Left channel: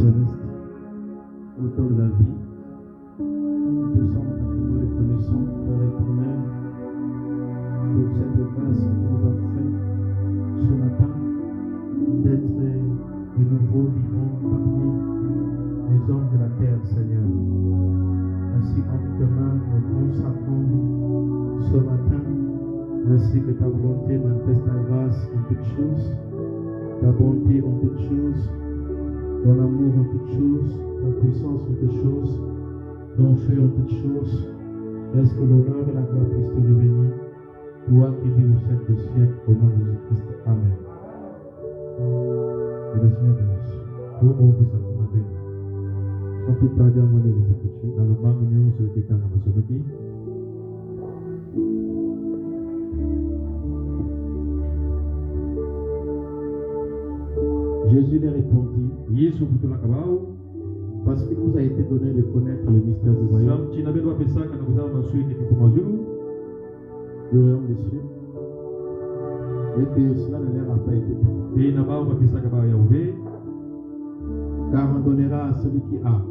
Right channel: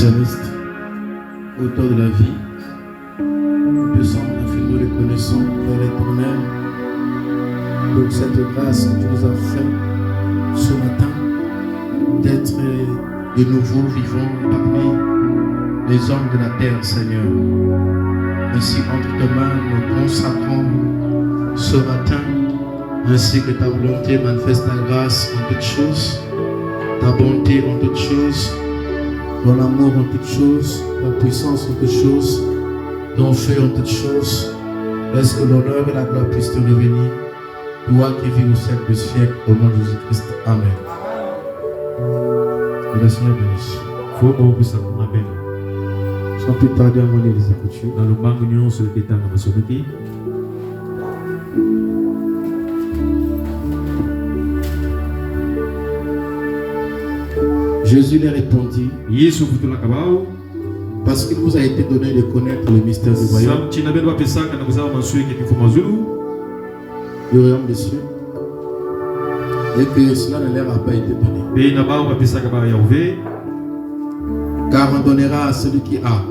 Céleste, auteur de la vie, nous sommes infiniment reconnaissants, Père éternel, pour cette grâce que tu nous as fait ce matin, d'être de nouveau vivants parmi les hommes de la terre, Seigneur. Ainsi, entre tes mains, nous consacrons ce matin, ainsi que ta volonté manifeste ta grâce en toutes choses, ta bonté en toutes choses, ton amour en toutes choses, ta puissance en toutes choses, ton feu en toutes choses. Laisse que l'honneur et la gloire puissent te revenir, toi qui vis au siècle des siècles, au nom de Jésus-Christ. Amen. Que le Seigneur bénisse. Sans plus tarder à mon les Écritures. Dans le magnon sur le kétan de Masonoki. Jésus lui répondit, parce qu'il vous a été donné de connaître le mystère du royaume, du royaume des cieux, et que cela ne leur a pas été donné. Car on donnera à celui qui a,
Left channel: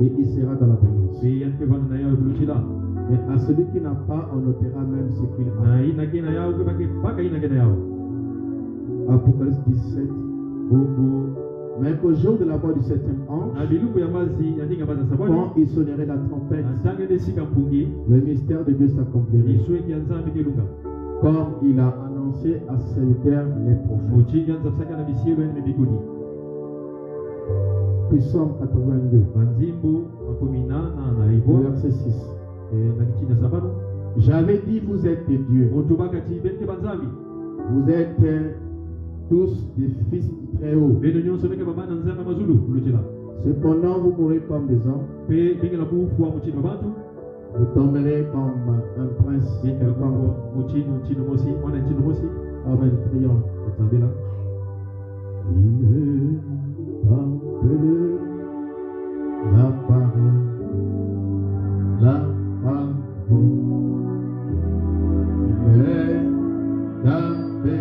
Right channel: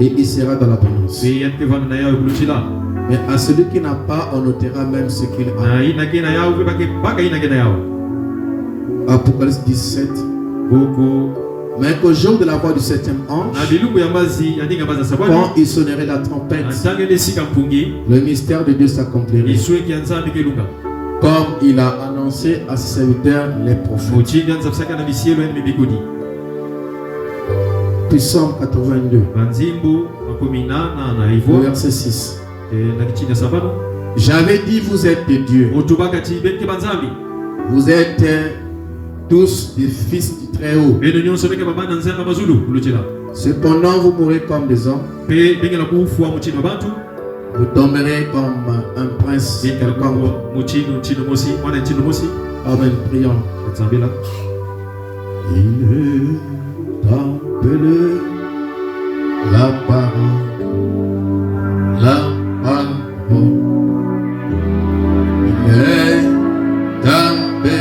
et il sera dans l'abondance. Mais à celui qui n'a pas, on ôtera même ce qu'il a. Apocalypse 17. Mais qu'au jour de la voix du septième ange, quand il sonnerait la trompette, le mystère de Dieu s'accomplirait, comme il a annoncé à ses serviteurs les prophètes. Puis Psaume 82, verset 6. J'avais dit, vous êtes des dieux. Vous êtes tous des fils du Très-Haut. Cependant, vous mourrez comme des hommes. Vous tomberez comme un prince quelconque. Amen. Prions. Il est appelé la parole. La parole. Il est appelé.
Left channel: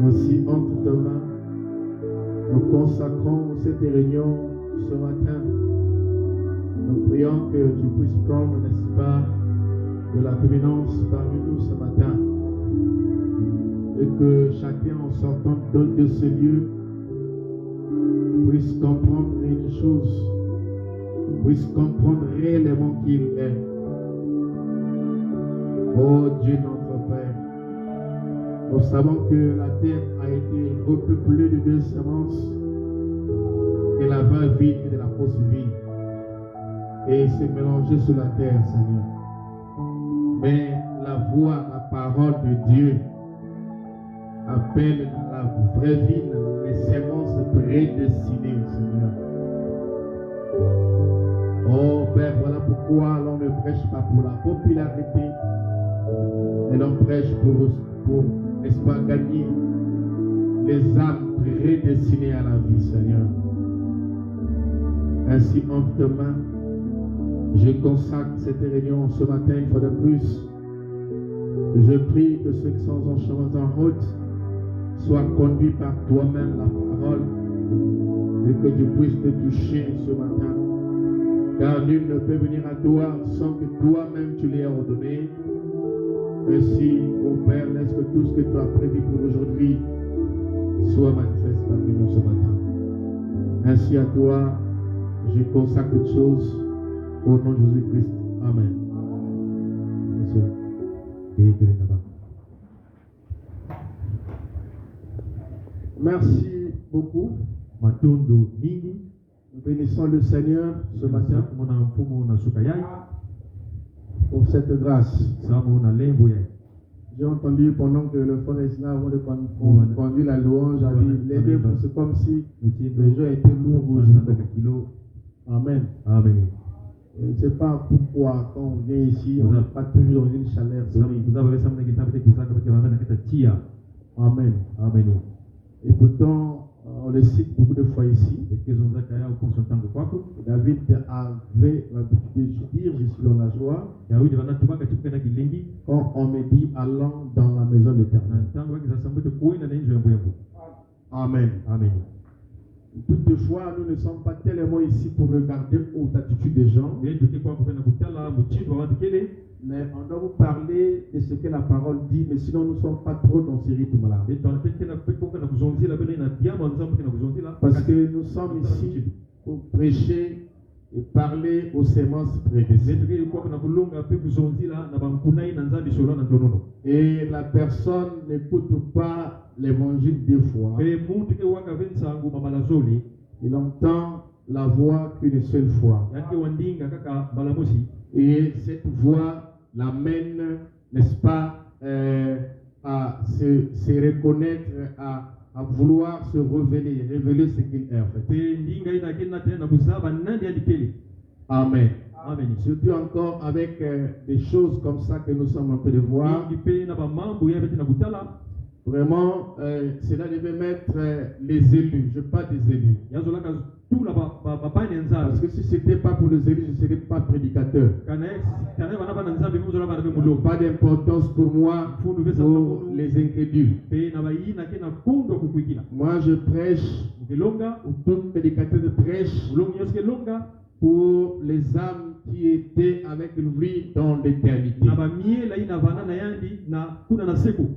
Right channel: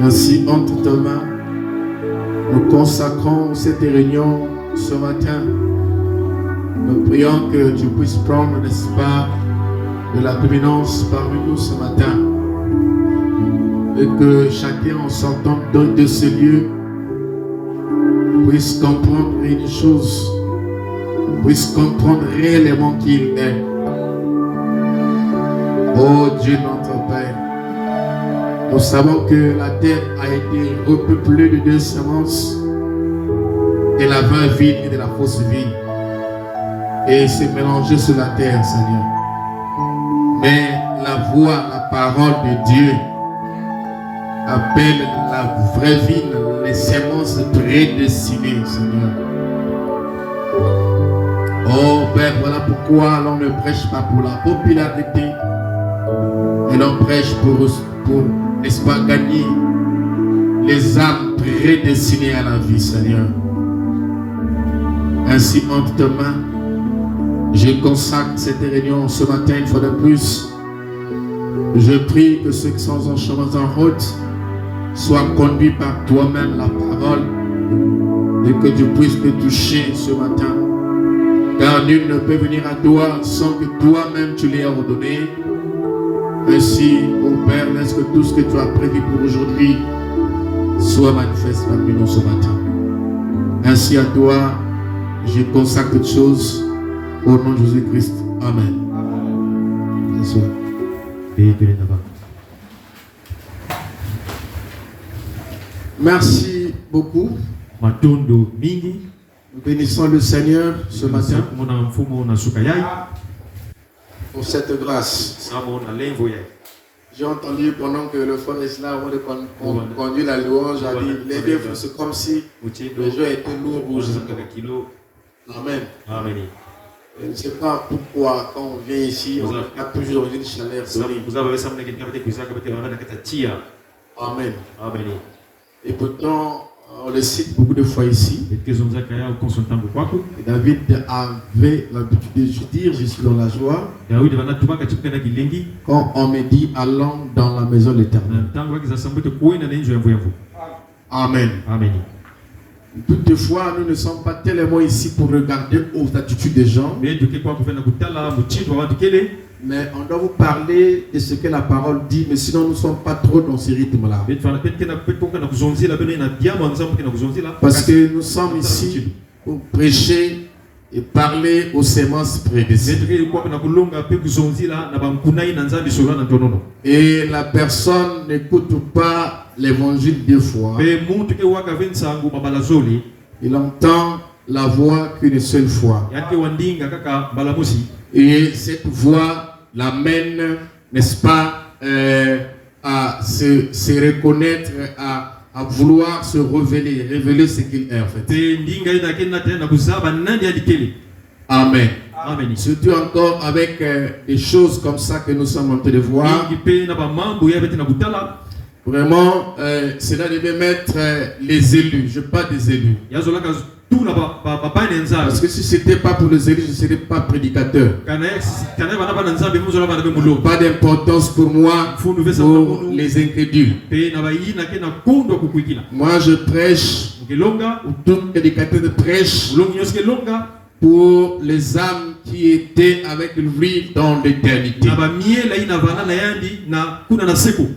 Ainsi, entre tes mains, nous consacrons cette réunion ce matin. Nous prions que tu puisses prendre, n'est-ce pas, de la dominance parmi nous ce matin. Et que chacun, en sortant de ce lieu, puisse comprendre une chose, puisse comprendre réellement qui il est. Oh Dieu, notre Père. Nous savons que la terre a été repeuplée de deux semences, de la vraie vie et de la fausse vie. Et c'est mélangé sur la terre, Seigneur. Mais la voix, la parole de Dieu appelle la vraie vie, les semences prédestinées, Seigneur. Oh Père, voilà pourquoi l'on ne prêche pas pour la popularité, mais l'on prêche pour n'est-ce pas, gagner les âmes prédestinées à la vie, Seigneur. Ainsi, entre tes mains, je consacre cette réunion ce matin une fois de plus. Je prie que ceux qui sont en chemin en route soient conduits par toi-même la parole et que tu puisses te toucher ce matin. Car nul ne peut venir à toi sans que toi-même tu l'aies ordonné. Ainsi, ô Père, laisse que tout ce que tu as prévu pour aujourd'hui soit manifeste parmi nous ce matin. Ainsi à toi, je consacre toutes choses au nom de Jésus-Christ. Amen. Bonsoir. Merci beaucoup. Nous bénissons le Seigneur ce matin pour cette grâce. J'ai entendu pendant que le frère Islam conduit la louange, a dit les deux, c'est comme si le jeu était lourd. Amen. Amen. Je ne sais pas pourquoi quand on vient ici, on a toujours une chaleur. Amen. Amen. Et pourtant, on le cite beaucoup de fois ici. Et David avait l'habitude de dire, je suis dans la joie. Quand on me dit, allons dans la maison de l'Éternel. Amen. Amen. Toutefois, nous ne sommes pas tellement ici pour regarder aux attitudes des gens. Mais on doit vous parler de ce que la parole dit, mais sinon nous ne sommes pas trop dans ce rythme-là. Parce que nous sommes ici pour prêcher et parler aux semences prédestinées. Et la personne n'écoute pas l'évangile deux fois. Il entend la voix qu'une seule fois. Et cette voix l'amène, n'est-ce pas, à se reconnaître, à vouloir se révéler ce qu'il est en fait. Amen. Amen. Surtout encore avec des choses comme ça que nous sommes en train de voir. Vraiment, cela devait mettre les élus. Je parle des élus. Parce que si ce n'était pas pour les élus, je ne serais pas prédicateur. Pas d'importance pour moi, pour les incrédules. Moi, je prêche, ou tout prédicateur de prêche, pour les âmes qui étaient avec lui dans l'éternité.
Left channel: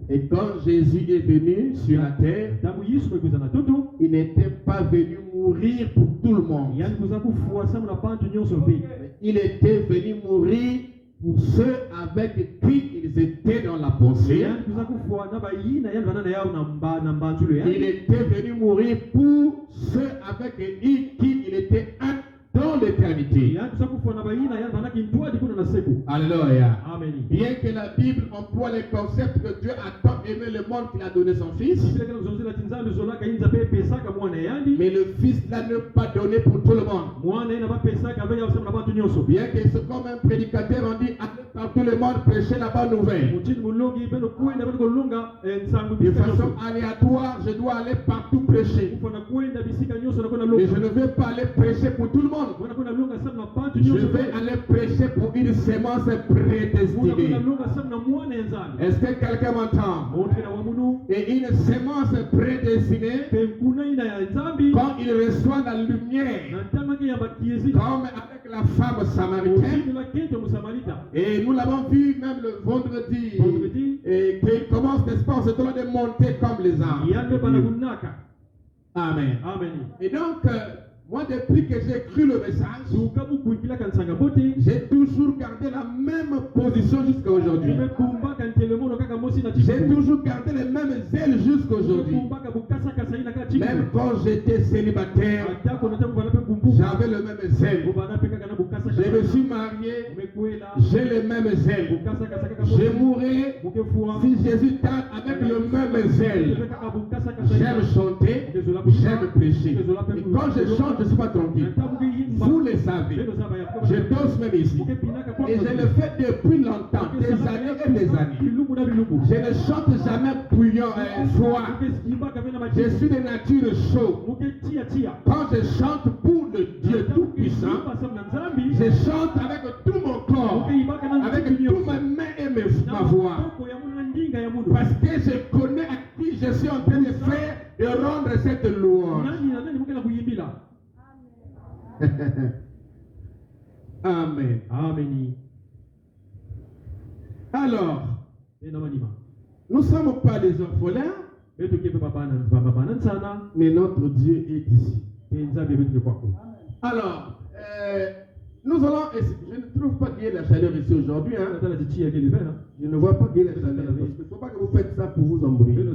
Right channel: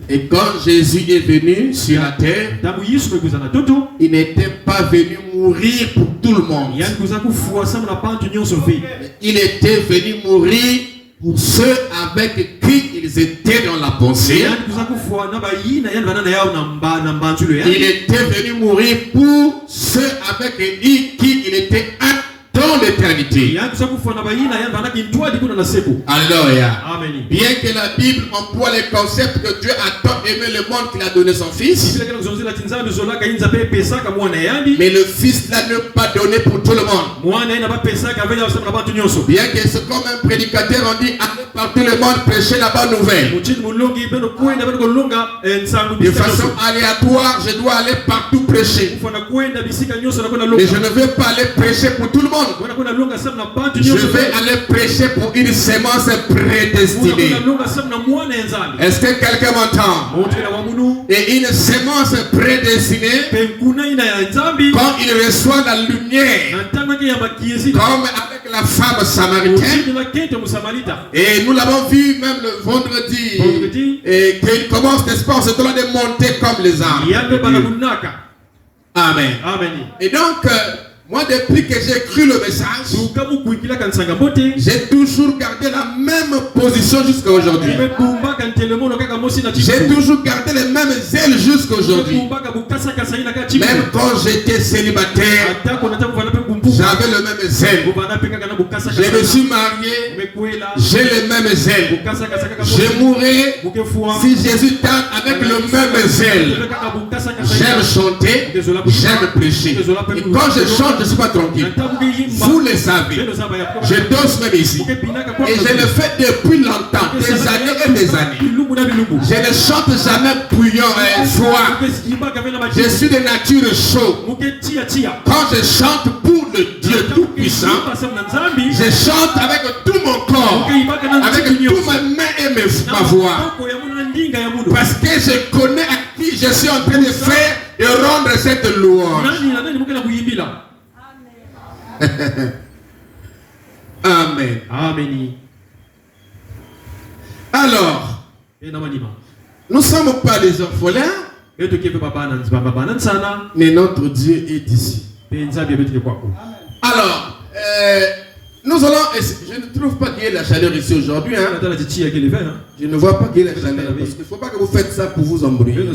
Et quand Jésus est venu sur la terre, il n'était pas venu mourir pour tout le monde. Il était venu mourir pour ceux avec qui ils étaient dans la pensée. Il était venu mourir pour ceux avec qui il était dans l'éternité. Alléluia. Bien que la Bible emploie les concepts que Dieu a tant aimé le monde qu'il a donné son Fils, mais le Fils l'a ne pas donné pour tout le monde. Bien que c'est comme un prédicateur, on dit allez par tout le monde prêcher la bonne nouvelle. De façon aléatoire, je dois aller partout prêcher. Mais je ne veux pas aller prêcher pour tout le monde. Je vais aller prêcher pour une sémence prédestinée. Est-ce que quelqu'un m'entend? Et une sémence prédestinée, quand il reçoit la lumière, comme avec la femme samaritaine, et nous l'avons vu même le vendredi, et qu'il commence, n'est-ce pas, on se doit de monter comme les arbres. Amen. Et donc, moi, depuis que j'ai cru le message, j'ai toujours gardé la même position jusqu'à aujourd'hui. J'ai toujours gardé les mêmes ailes jusqu'à aujourd'hui. Même quand j'étais célibataire, j'avais le même zèle. Je me suis marié, j'ai le même zèle. Je mourrai si Jésus tarde avec le même zèle. J'aime chanter, j'aime prêcher. Et quand je chante, je ne suis pas tranquille. Vous le savez. Je danse même ici. Et je le fais depuis longtemps, des années et des années. Je ne chante jamais bruyant et froid. Je suis de nature chaude. Quand je chante pour le Dieu tout puissant. Je chante avec tout mon corps, avec toutes mes mains et ma voix. Parce que je connais à qui je suis en train de faire et rendre cette louange. Amen. Amen. Alors, nous ne sommes pas des orphelins, mais notre Dieu est ici. Alors, nous allons. Je ne trouve pas qu'il y ait la chaleur ici aujourd'hui. Hein. Je ne vois pas qu'il y ait la chaleur. Parce qu'il ne faut pas que vous faites ça pour vous embrouiller. Il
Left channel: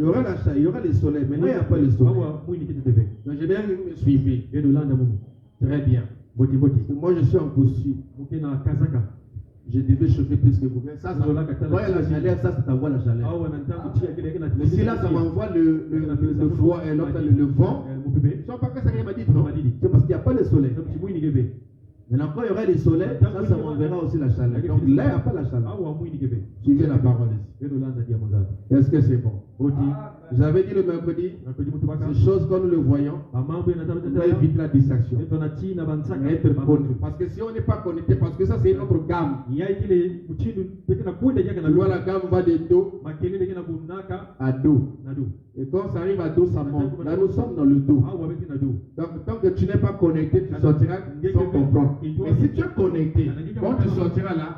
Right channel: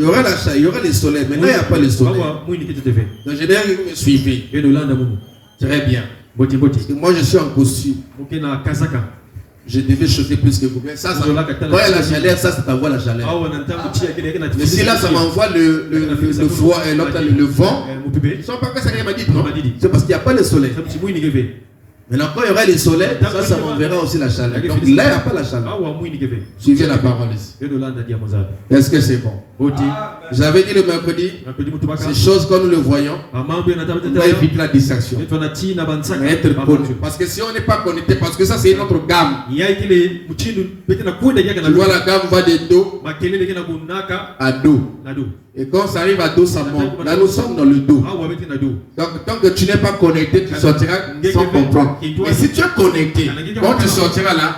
y aura la chaleur, il y aura le soleil. Maintenant, il n'y a pas le soleil. Donc, je dirais que vous me suivez. Très bien. Parce que moi, je suis en costume. Je devais chauffer plus que vous. Ça, quand il y a la chaleur, ça t'envoie la chaleur. Mais si là, ça m'envoie le froid et l'autre, le vent. Ils ne sont pas que ça m'a dit, non? C'est parce qu'il n'y a pas le soleil. Maintenant, quand il y aura le soleil, ça m'enverra aussi la chaleur. Donc là, il n'y a pas la chaleur. Suivez la parole ici. Est-ce que c'est bon? J'avais dit le mercredi, ces choses comme nous le voyons, on va éviter la distraction. Être connu. Parce que si on n'est pas connecté, parce que ça c'est notre gamme. Tu vois, la gamme va de Do à Do. Et quand ça arrive à Do, ça monte. Là, nous sommes dans le Do. Donc, tant que tu n'es pas connecté, tu sortiras sans comprendre. Mais si tu es connecté, quand tu sortiras là,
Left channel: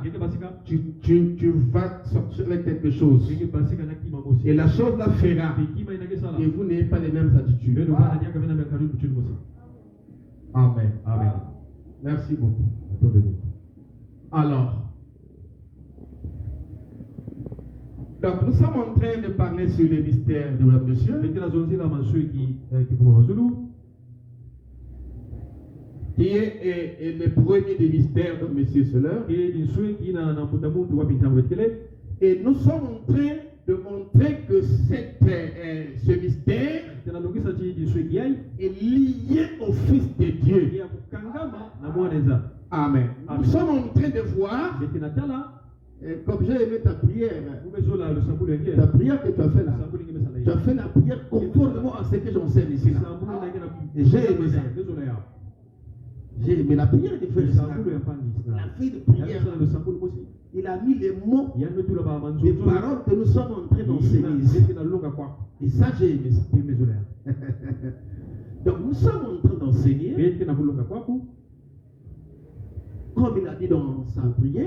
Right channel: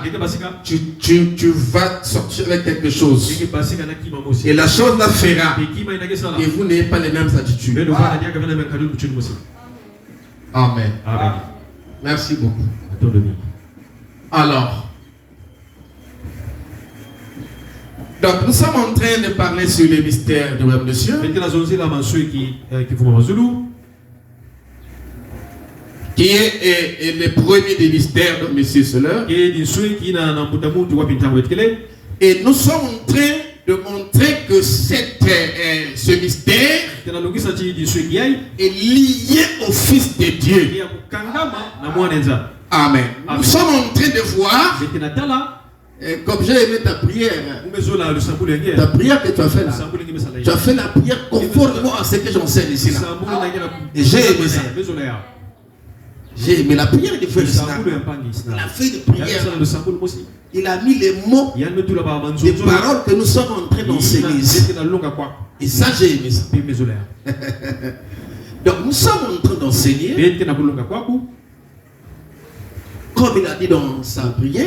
tu vas sortir avec quelque chose. Et la chose la fera. Et vous n'avez pas les mêmes attitudes. Amen. Merci beaucoup. Alors, donc nous sommes en train de parler sur les mystères de notre Monsieur, qui est le premier des mystères de Monsieur Soler. Et nous sommes en train de montrer que ce mystère est lié au Fils de Dieu. Amen. Nous sommes en train de voir, comme j'ai aimé ta prière, ta prière que tu as fait là, tu as fait la prière conformément à ce que j'enseigne ici là. Et j'ai aimé ça. J'ai aimé la prière du frère Sina. Il a fait une prière. Il a mis les mots, les paroles que nous sommes en train d'enseigner ici. Et ça, j'ai aimé ça. Donc, nous sommes en train d'enseigner, comme il a dit dans sa prière,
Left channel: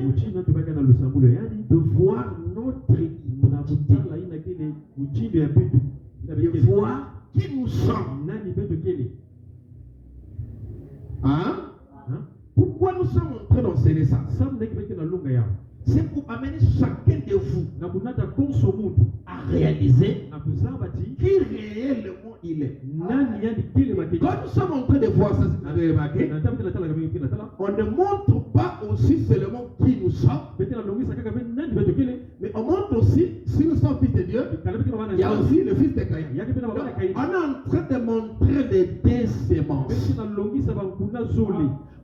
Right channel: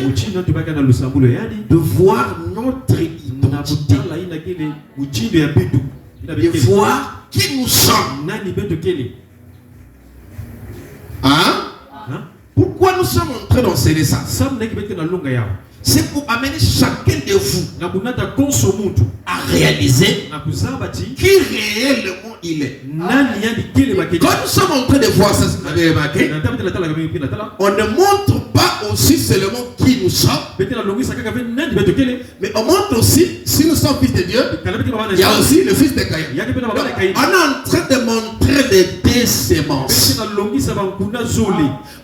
de voir notre identité, de voir qui nous sommes. Hein? Pourquoi nous sommes en train d'enseigner ça? C'est pour amener chacun de vous à réaliser qui réellement il est. Quand nous sommes en train de voir ça, vous avez remarqué, on ne montre pas aussi seulement qui nous sommes, mais on montre aussi, si nous sommes fils de Dieu, il y a aussi le fils de Caïn. On est en train de montrer les deux sémences.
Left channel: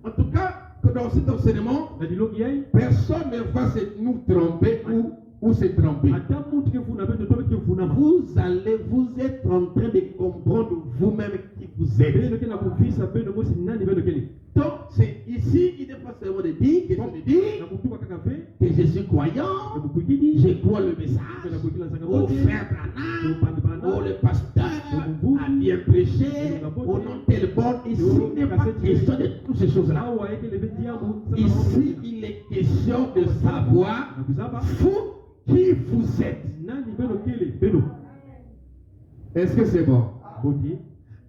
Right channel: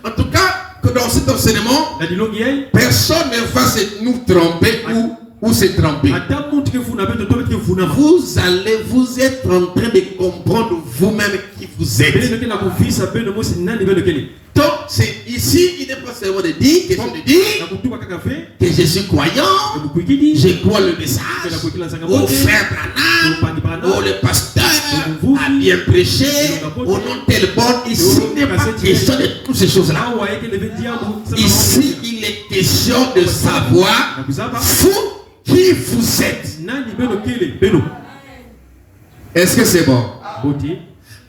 En tout cas, que dans cet enseignement, personne ne va nous tromper ou se tromper. Vous êtes en train de comprendre vous-même qui vous êtes. Donc, c'est ici, il n'est pas seulement de dire que je suis croyant, je crois le message, au frère Branham, au le pasteur a bien prêché, au nom tel bon. Ici, il n'est pas question de toutes ces choses-là. Ici, il est question de savoir vous qui vous êtes. Est-ce que c'est bon?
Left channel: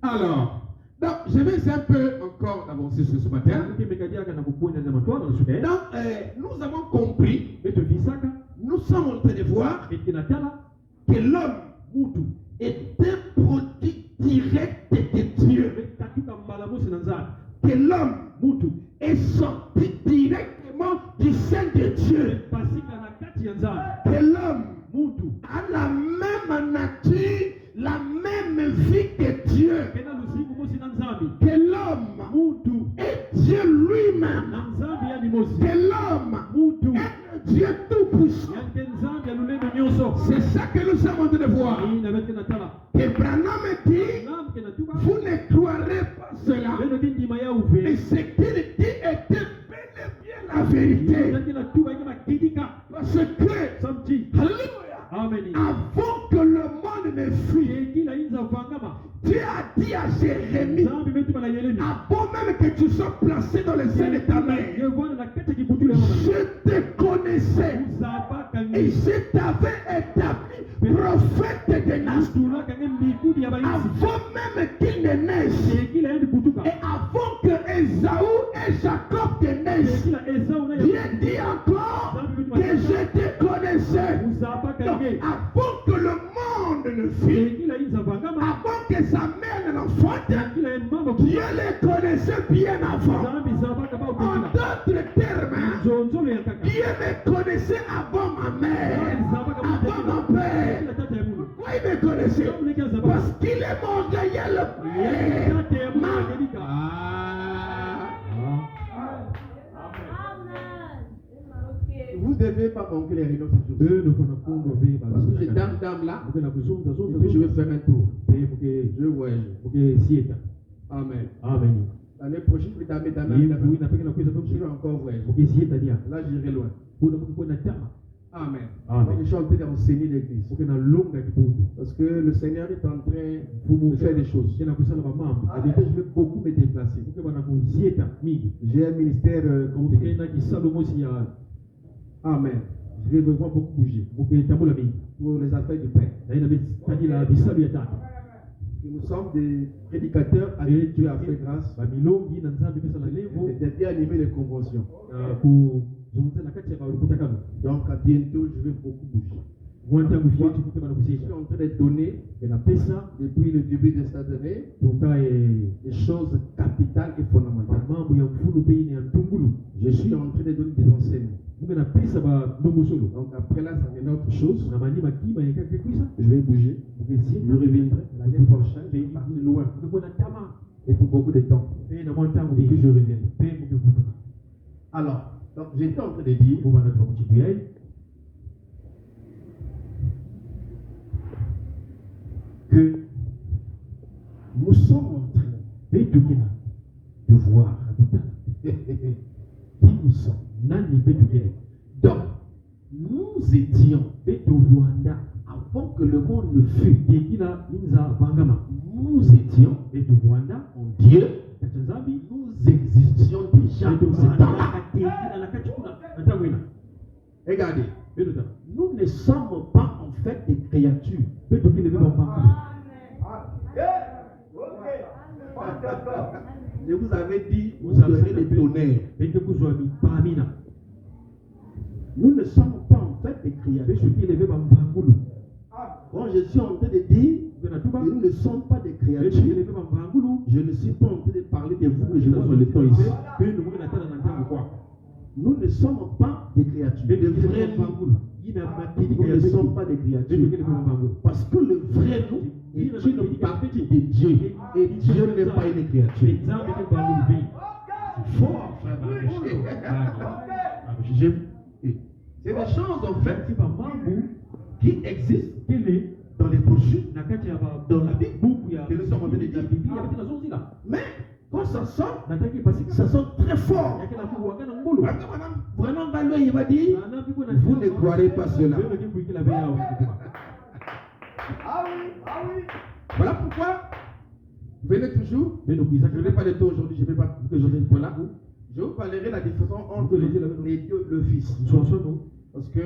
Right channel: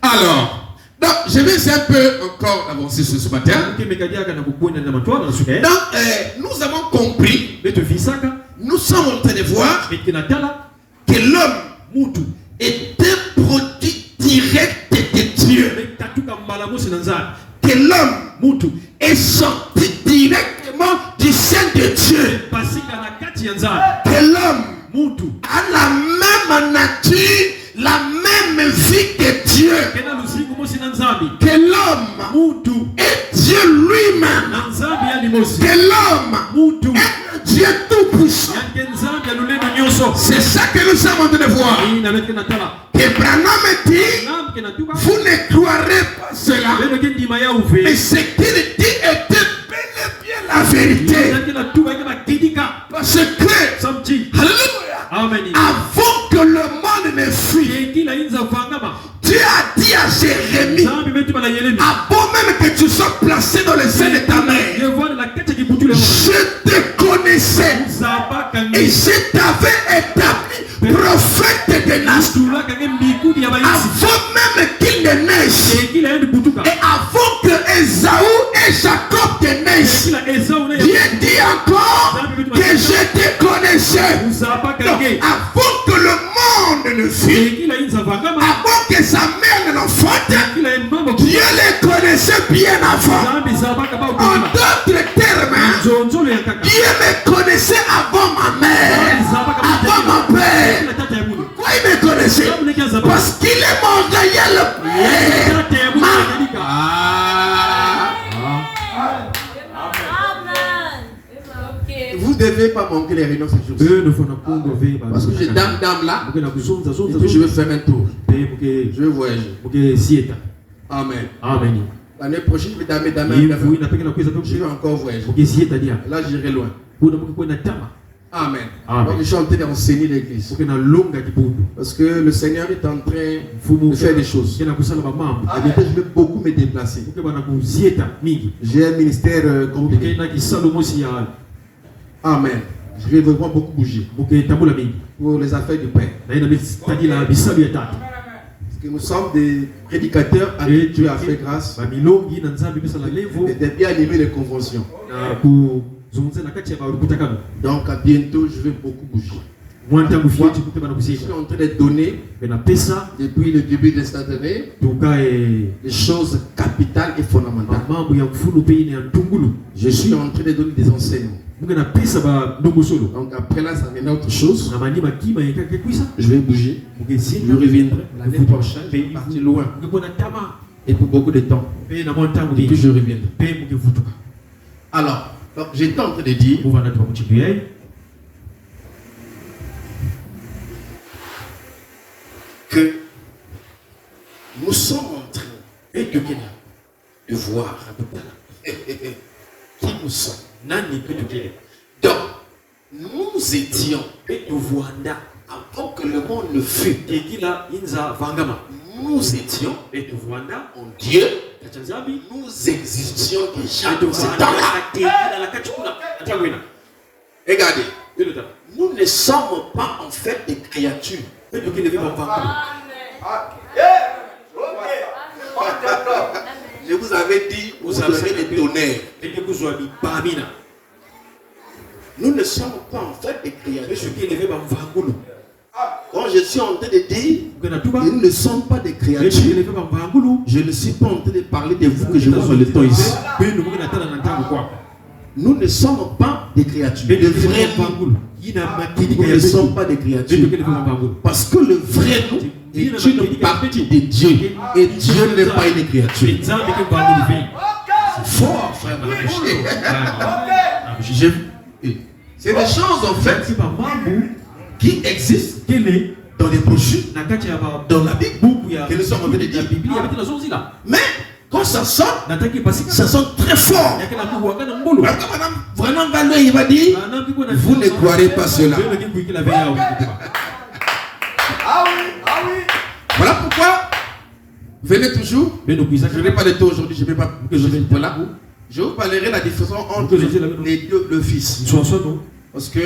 Alors, donc, je vais un peu encore avancer ce matin. Donc, nous avons compris, nous sommes en train de voir que l'homme est un produit direct de Dieu. Que l'homme est sorti directement du sein de Dieu. Que l'homme a la même nature, la même vie que Dieu. Que l'homme est Dieu lui-même. Que l'homme est Dieu tout-puissant. C'est ça que nous sommes en train de voir. Que Branham dit, vous ne croirez pas cela, ce qu'il dit était bel et bien la vérité. Parce que, alléluia, avant que le monde ne fuit, Dieu a dit à Jérémie, avant même que tu sois placé dans le sein de ta mère, je te connaissais et je t'avais établi prophète des nations. Avant même qu'il ne naisse et avant que Ésaü et Jacob te naissent, Dieu dit encore que je te connaissais. Donc, avant que le monde ne fuit, avant que sa mère ne l'enfante, Dieu les connaissait bien avant. En d'autres termes, Dieu me connaissait avant ma mère, avant mon père. Pourquoi il me connaissait? Parce qu'il est mon réel père. Vous ne devez pas manquer les réunions ces jours-ci. Parce que j'ai dame là, et puis je vais faire un tour. Je vais voyager. Amen. L'année prochaine, je vais damer. Je vais encore voyager. Là, j'irai loin. Amen. Donc, je suis en train d'enseigner l'église. Parce que le Seigneur est en train de faire des choses. Et je vais beaucoup me déplacer. J'ai un ministère compliqué. Amen. Je vais vraiment beaucoup bouger. Pour les affaires du Père. Parce que nous sommes des prédicateurs à qui Dieu a fait grâce. Et de bien animer les conventions. Donc à bientôt, je vais beaucoup bouger. Je suis en train de donner depuis le début de cette année des choses capitales et fondamentales. Je suis en train de donner des enseignements. Donc après là, ça mène à autre chose. Je vais bouger. Je reviendrai l'année prochaine. Je vais partir loin. Et pour beaucoup de temps. Et puis je reviendrai. Alors, donc j'étais en train de dire que nous sommes en train de voir qui nous sommes. Donc, nous étions avant que le monde ne fût. Nous étions en Dieu. Nous existions déjà dans ce temps-là. Regardez, nous ne sommes pas en fait des créatures. Je vous avais dit, vous avez des tonnerres. Nous ne sommes pas en fait des créatures. Quand je suis en train de dire que nous ne sommes pas des créatures, je ne suis pas en train de parler de vous que je vois le temps ici. Nous ne sommes pas des créatures. Le vrai nous ne sommes pas des créatures. Parce que le vrai nous est une partie de Dieu. Et Dieu n'est pas une créature. C'est fort, frère. C'est des choses en fait qui existent dans les brochures, dans la Bible, que nous sommes en train de dire. Mais quand ça sort très fort. Vraiment, il va dire, vous ne croirez pas cela. Voilà pourquoi, venez toujours. Je n'ai pas de temps aujourd'hui, je ne vais pas. Voilà. Je vous parlerai de la différence entre les deux, le Fils. Parce que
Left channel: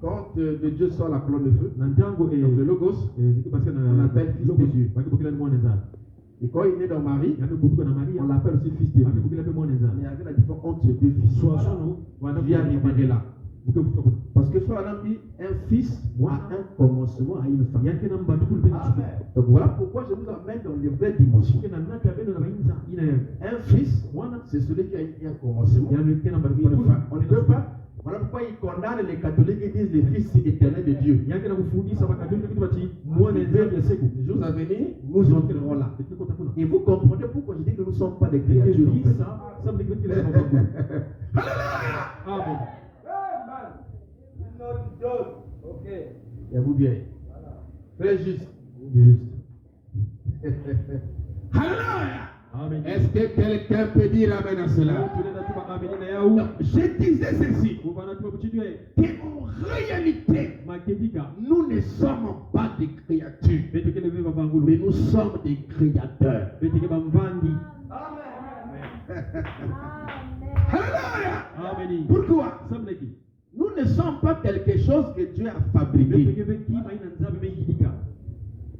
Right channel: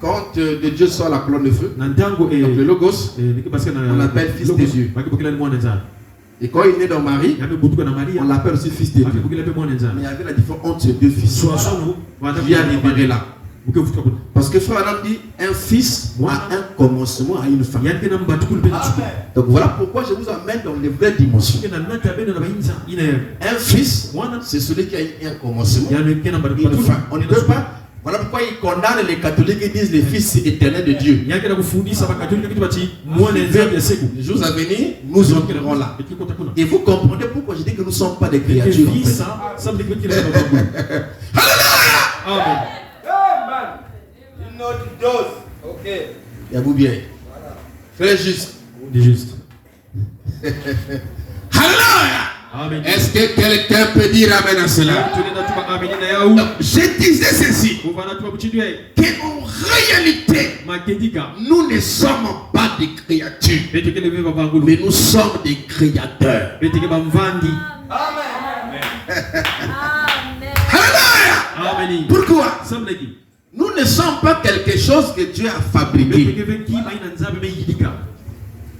quand de Dieu sort la colonne de feu, donc le Logos, on l'appelle Fils de Dieu. Et quand il est dans Marie, on l'appelle aussi Fils de Dieu. Mais il y avait la différence entre ces deux fils. Il y a libéré là. Parce que frère Adam dit, un fils a un commencement à une fin. Donc voilà pourquoi je vous amène dans les vraies dimensions. Un fils, c'est celui qui a un commencement, une fin. On ne peut pas. Voilà pourquoi ils condamnent les catholiques et disent les fils éternels de Dieu. Les jours à venir, nous entrerons là. Et vous comprenez pourquoi je dis que nous ne sommes pas des créatures. Alléluia! Une autre dose. Ok. Il y a vous bien. Frère juste. Alléluia! Amen. Est-ce que quelqu'un peut dire amen à cela? Donc, je disais ceci, qu'en réalité, nous ne sommes pas des créatures, mais nous sommes des créateurs. Alléluia. Pourquoi? Nous ne sommes pas quelque chose que Dieu a fabriqué.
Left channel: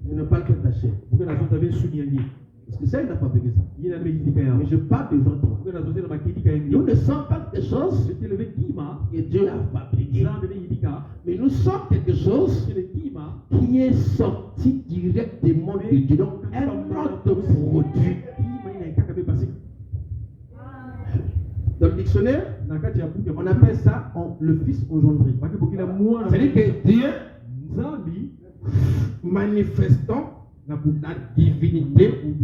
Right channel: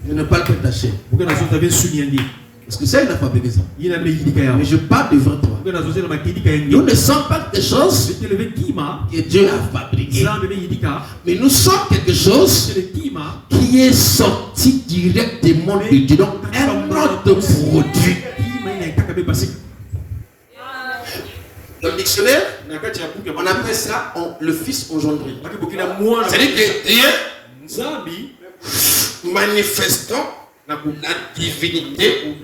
Je ne parle pas de ta chair. Parce que ça, il a fabriqué ça. Mais je parle devant toi. Nous ne sommes pas quelque chose que Dieu a fabriqué. Mais nous sommes quelque chose qui est sorti directement de Dieu. Donc, un autre produit. Dans le dictionnaire, on appelle ça le fils engendré. C'est-à-dire que Dieu, manifestant la divinité,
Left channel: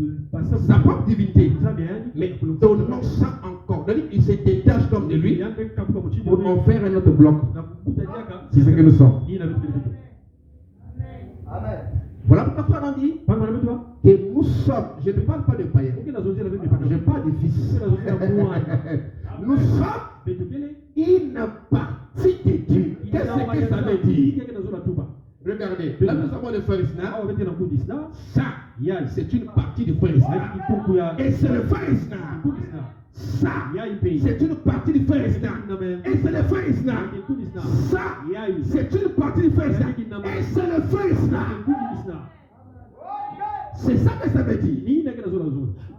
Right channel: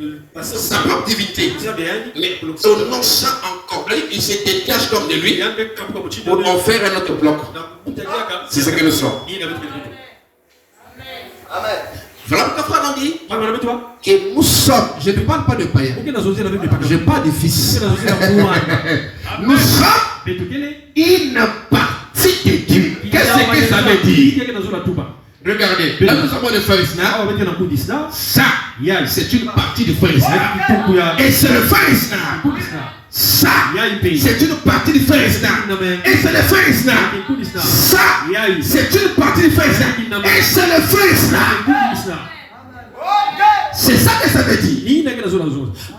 sa propre divinité, mais donnant ça encore, il se détache comme de lui pour en faire un autre bloc. C'est ce que nous sommes. Amen. Voilà pourquoi frère on dit que nous sommes, je ne parle pas de païens, je parle de fils. Nous sommes une partie de Dieu. Qu'est-ce que ça veut dire? Regardez, là nous sommes des frères Isna. Ça, c'est une partie du frère Isna. Et c'est le frère Isna. Ça, c'est une partie du frère Isna. Et c'est le frère Isna. Ça, c'est une partie du frère Isna. Et c'est le frère Isna. C'est ça que ça veut dire.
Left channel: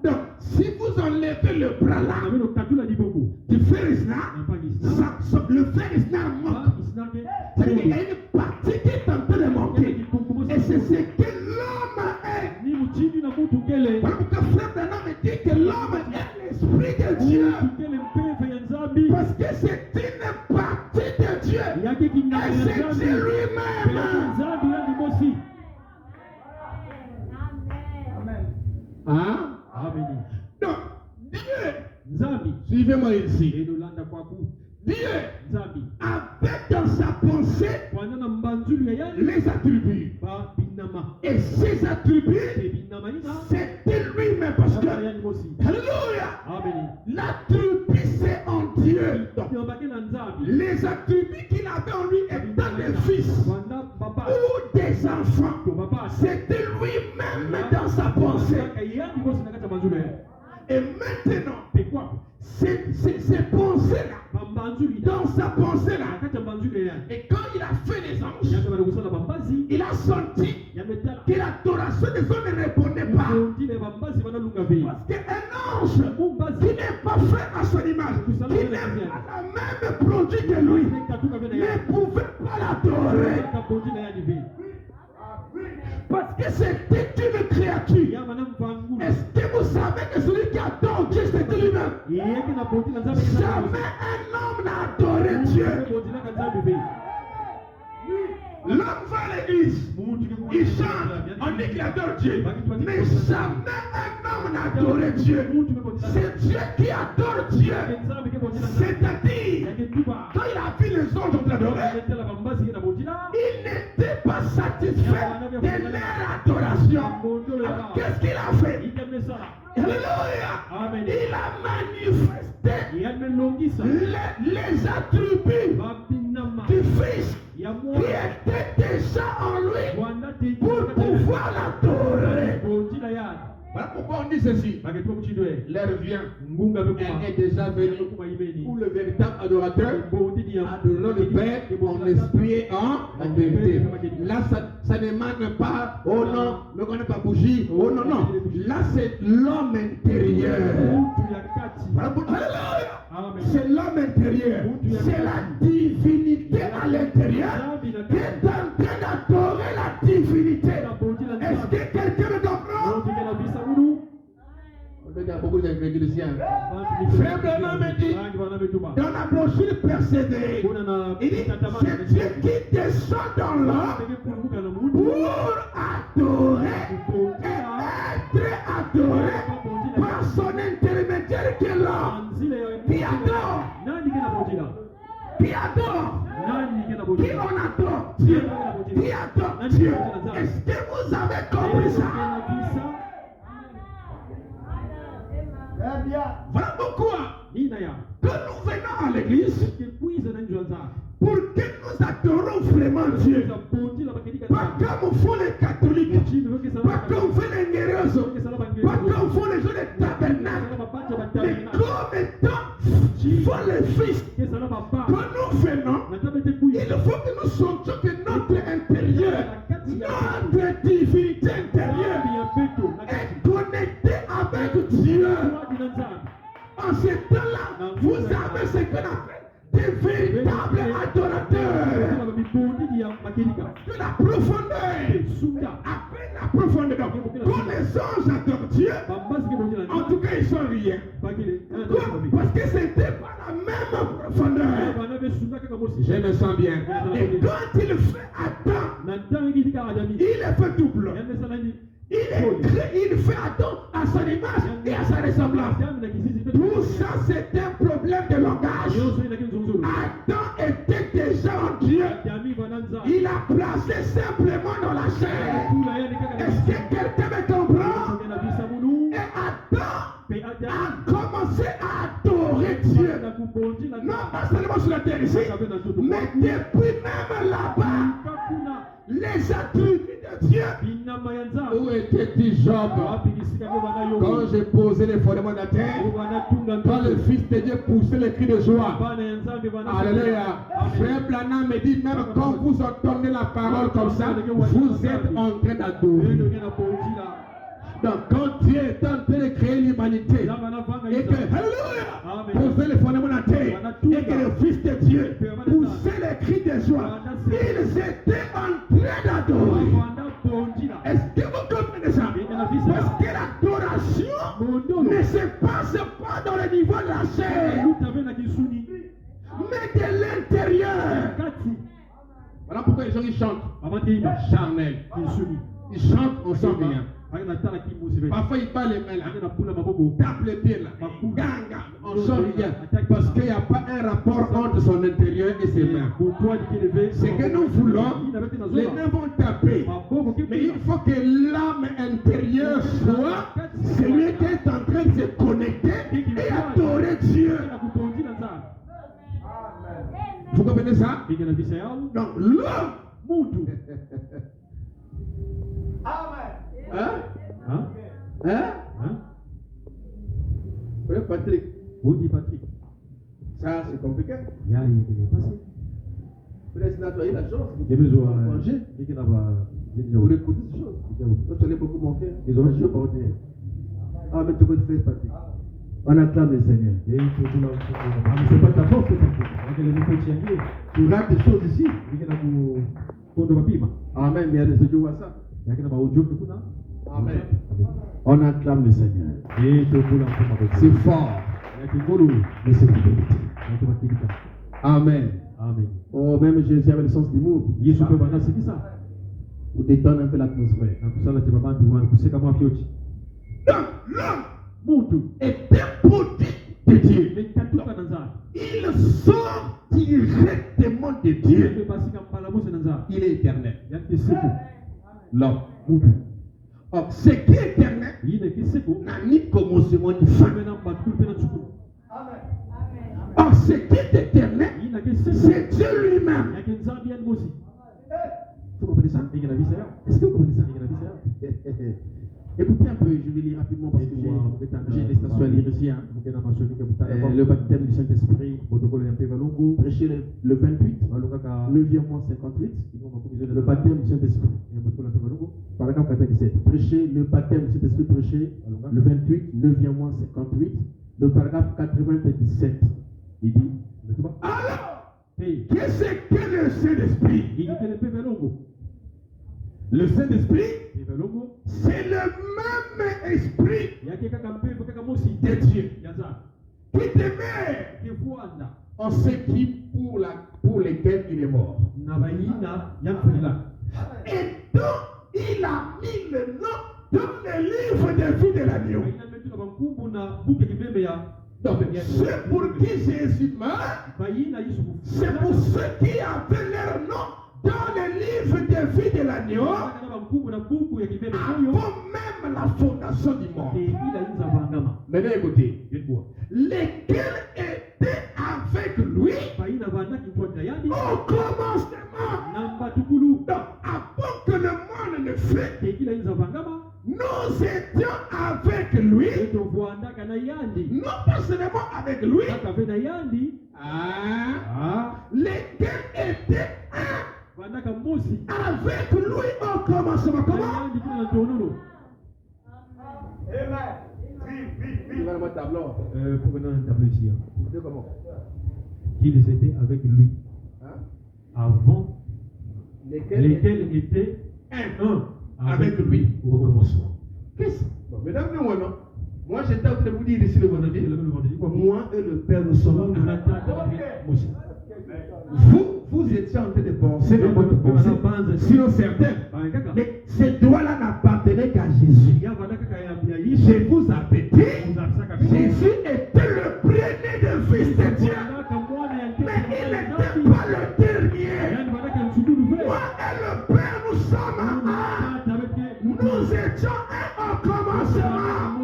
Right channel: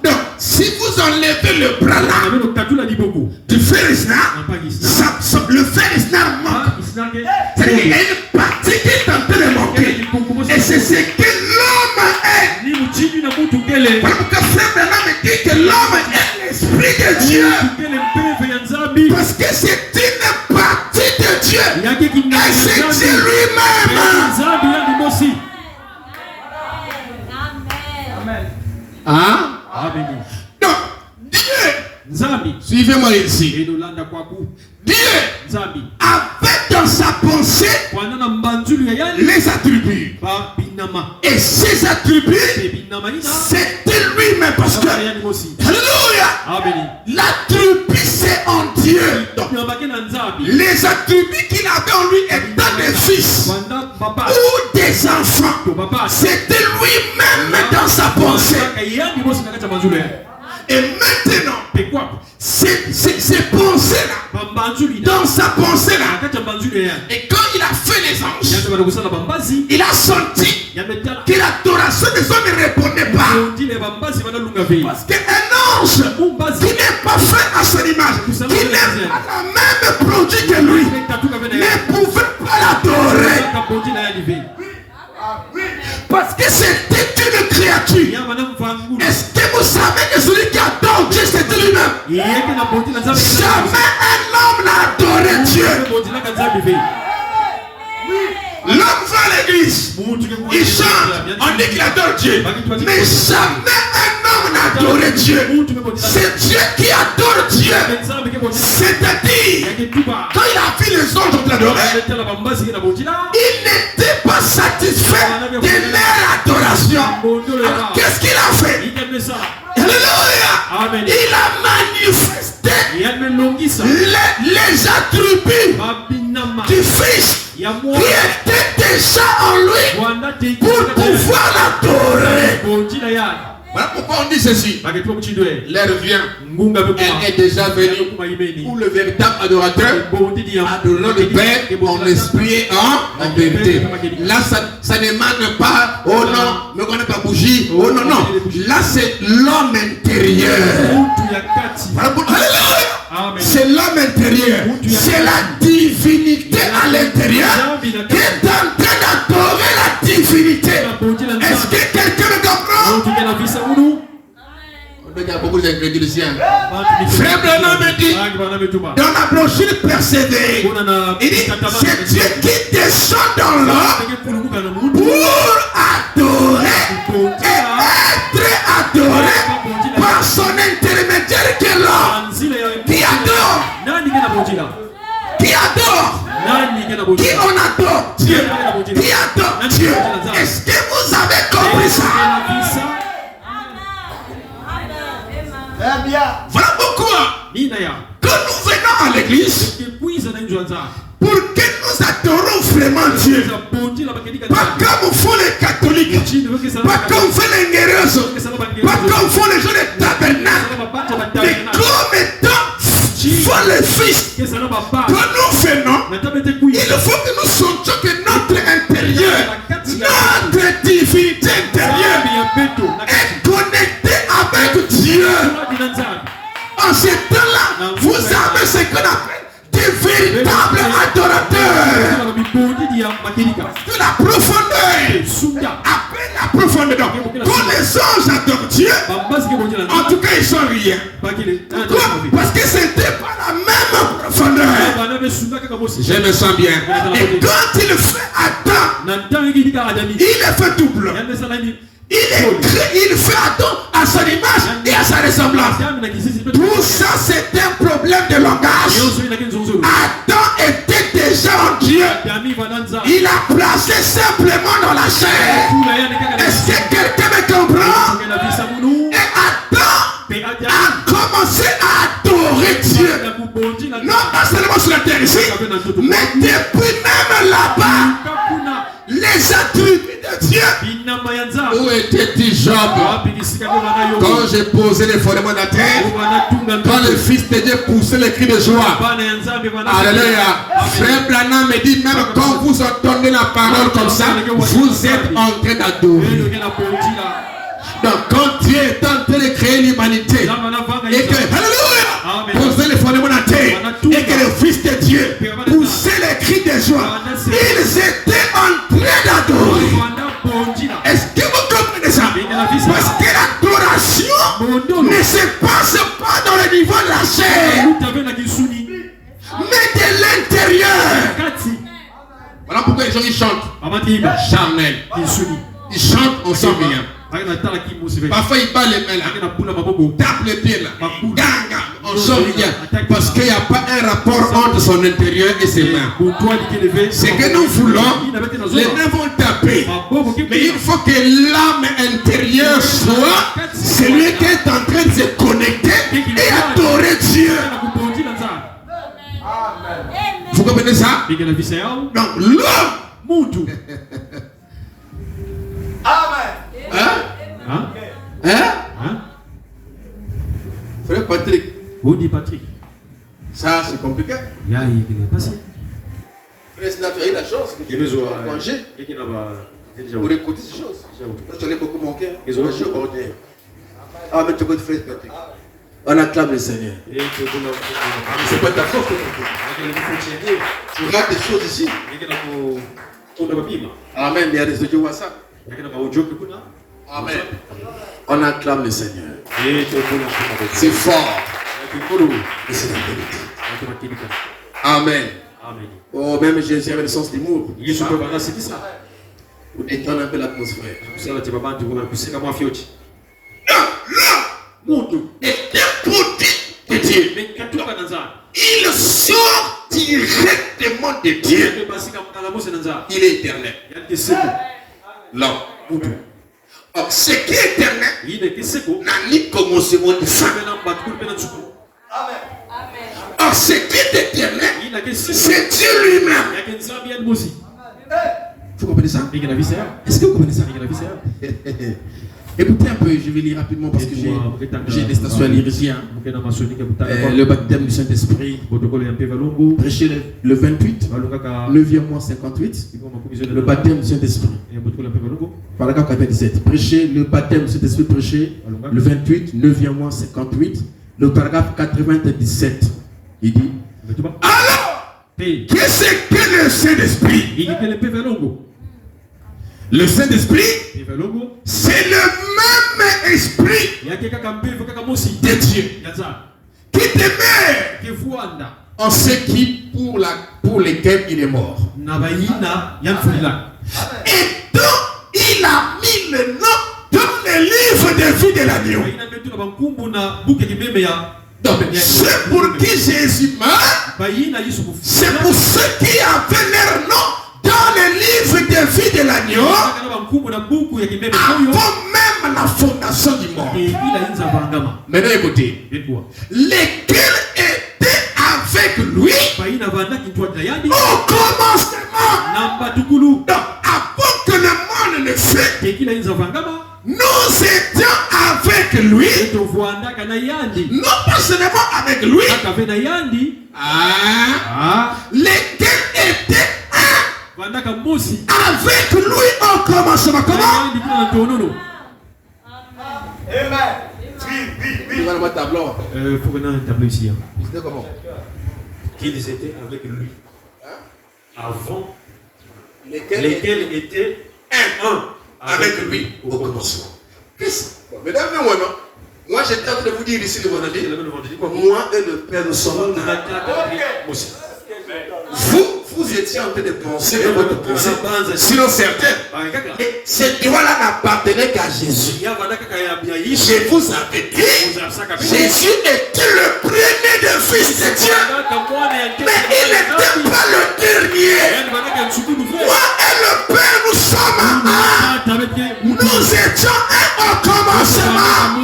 Donc, si vous enlevez le bras là du frère Isna, le frère Isna manque. C'est-à-dire qu'il y a une partie qui est en train de manquer. Et c'est ce que l'homme est. Parce que frère Branham dit que l'homme est l'esprit de Dieu. Parce que c'est une partie de Dieu. Et c'est Dieu lui-même. Hein? Donc, Dieu, suivez-moi ici. Dieu avait dans sa pensée les attributs. Et ces attributs, c'était lui-même. Parce que, alléluia, l'attribut c'est en Dieu. Donc, les attributs qu'il avait en lui étant des fils ou des enfants, c'était lui-même dans sa pensée. Et maintenant, ces pensées-là, dans sa pensée-là, et quand il a fait les anges, il a senti que l'adoration des hommes ne répondait pas. Parce qu'un ange qui n'est pas fait à son image, qui n'est pas le même produit que lui, ne pouvait pas l'adorer. Parce que c'était une créature. Est-ce que vous savez que celui qui adore Dieu, c'était lui-même? Jamais un homme n'a adoré Dieu. L'homme va à l'église, il chante, on dit qu'il adore Dieu. Mais jamais un homme n'a adoré Dieu. C'est Dieu qui adore Dieu. C'est-à-dire, quand il a vu les anges l'adorer, il n'était pas satisfait de leur adoration. Alors, qu'est-ce qu'il a fait? Alléluia! Il a manifesté les attributs du Fils qui était déjà en lui pour pouvoir l'adorer. Voilà pourquoi on dit ceci. L'heure vient, elle est déjà venue où le véritable adorateur adore le Père en esprit et en vérité. Là, ça ne demande pas, oh non, ne connais pas bougie, oh non, non. Là, c'est l'homme intérieur. Alléluia. C'est l'homme intérieur. C'est la divinité à l'intérieur qui est en train d'adorer la divinité. Est-ce que quelqu'un me comprend? Il y a beaucoup d'incréduliciens. Frère Branham me dit, dans la brochure persévérée, il dit, c'est Dieu qui descend dans l'homme pour adorer et être adoré par son intermédiaire qui est l'homme. Qui adore? Qui adore? Qui on adore? Dieu. Qui adore Dieu? Est-ce que vous avez compris ça? Eh bien. Voilà pourquoi, quand nous venons à l'église, pour que nous adorons vraiment Dieu, pas comme font les catholiques, pas comme font les guerreuses, pas comme font les gens des tabernacles, mais comme étant font les fils que nous venons, il faut que nous sentions que notre intérieur, notre divinité intérieure est connectée avec Dieu. En ce temps-là, vous avez ce qu'on appelle des véritables adorateurs de la profondeur. Après la profondeur, quand les anges adorent Dieu, en tout cas ils sont rien. Parce que c'était pas la même profondeur. Je me sens bien. Et quand il fait Adam, il est fait double. Il fait Adam à son image et à sa ressemblance. Tout ça, c'est un problème de langage. Adam était déjà en Dieu. Il a placé simplement dans la chair. Est-ce que quelqu'un me comprend? Et Adam a commencé à adorer Dieu. Non pas seulement sur la terre ici, mais depuis même là-bas. Les attributs de Dieu. Où était-il Job? Quand j'ai posé les fondements de la terre, quand le Fils de Dieu poussait les cris de joie. Alléluia. Frère Branham me dit, même quand vous entendez la parole comme ça, vous êtes en train d'adorer. Donc quand Dieu est en train de créer l'humanité, et que, alléluia, posait les fondements de la terre, et que le Fils de Dieu poussait les cris de joie, ils étaient en train d'adorer. Est-ce que vous comprenez ça? Parce que l'adoration ne se passe pas dans le niveau de la chair, mais de l'intérieur. Voilà pourquoi les gens ils chantent. Charnel. Ils chantent, on sent rien. Parfois il parle les mains là, tape les pieds là, ganga, on sent rien. Parce qu'il n'y a pas un rapport entre son intérieur et ses mains. C'est que nous voulons, les mains vont taper. Mais il faut que l'âme intérieure soit celui qui est en train de se connecter et adorer Dieu. Vous comprenez ça? Donc l'homme. Amen. Frère Patrick. Où dit Patrick? Ça c'est compliqué. Il est passé. Frère Sina, tu as eu la chance. Tu as congé pour écouter ces choses. Tu as beaucoup manqué. Ah, mais tu écoutes Frère Patrick. On acclame le Seigneur. C'est pas ta faute. Tu rates des choses ici. Amen. Il y a des audios WhatsApp. Amen. On acclame le Seigneur. C'est fort. Mais c'est la vérité. Amen. Oh, même Jésus avait le sens d'humour. Pour détendre un peu l'atmosphère. Non, est un produit de Dieu. Il sort directement de Dieu. Il est éternel. Non. Or, ce qui est éternel n'a ni commencement ni fin. Or, ce qui est éternel, c'est Dieu lui-même. Vous comprenez ça? Est-ce que vous comprenez ça? Écoutez un peu, je vais lire rapidement parce que j'ai des stations à lire ici. Le baptême du Saint-Esprit, prêché le 28, 9e mois 58. Le baptême du Saint-Esprit. Paragraphe 97. Prêché, le baptême du Saint-Esprit prêché le 28, 9e mois 58. Le paragraphe 97. Il dit alors, qu'est-ce que le Saint-Esprit? Le Saint-Esprit, c'est le même esprit de Dieu qui demeure en ceux qui pour lesquels il est mort. Et donc il a mis le nom dans le livre de vie de l'agneau. Donc c'est pour qui Jésus meurt, c'est pour ceux qui avaient leur nom dans le livre de vie de l'agneau avant même la fondation du monde. Maintenant écoutez. Viens-toi. Lesquels étaient avec lui Baina vanda kitwa tayandi. au commencement. Namba tukulu. Donc, avant que le monde ne fût, Tekila inza vangama. nous étions avec lui. Eto vanda kana yandi. Non pas seulement avec lui. Akave na yandi. Ah. Lesquels étaient Vanda ka mosi. avec lui au commencement. Comment? Yandi kuna tonono. Amen. Oui. Voilà mon tableau. Faut qu'on ait un tableau ici. Hein. C'était comment? Qu'ils étaient avec lui. Avant. Lesquels étaient un avec lui au commencement. Qu'est-ce? Mesdames et messieurs, moi j'étais en train de vous dire ici le vendredi. Moi et le Père nous sommes. Vous étiez en train de penser votre pensée. Sinon certains. Mais ce droit-là n'appartenait qu'à Jésus. Je vous avais dit, Jésus était le premier des fils de Dieu. Mais il n'était pas le dernier. Moi et le Père, nous sommes un. Nous étions un au commencement.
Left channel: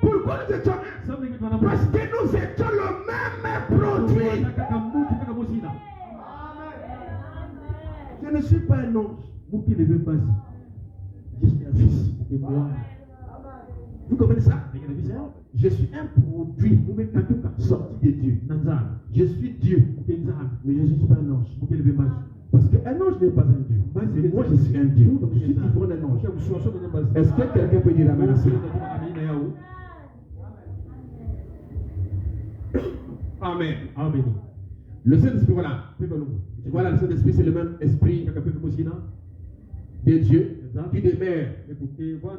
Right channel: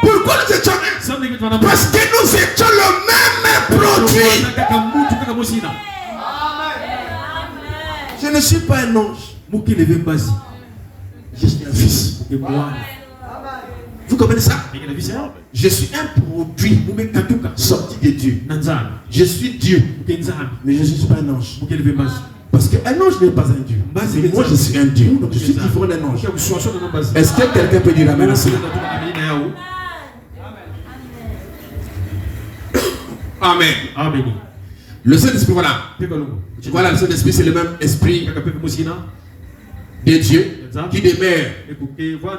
Pourquoi nous étions un? Parce que nous étions le même produit. Je ne suis pas un ange. Je suis un fils. Vous comprenez ça? Je suis un produit sorti de Dieu. Je suis Dieu. Mais je ne suis pas un ange. Parce qu'un ange n'est pas un Dieu. Et moi je suis un Dieu. Donc je suis différent d'un ange. Est-ce que quelqu'un peut dire amen à cela? Amen. Amen. Le Saint-Esprit, voilà. Voilà, le Saint-Esprit, c'est le même esprit de Dieu qui demeure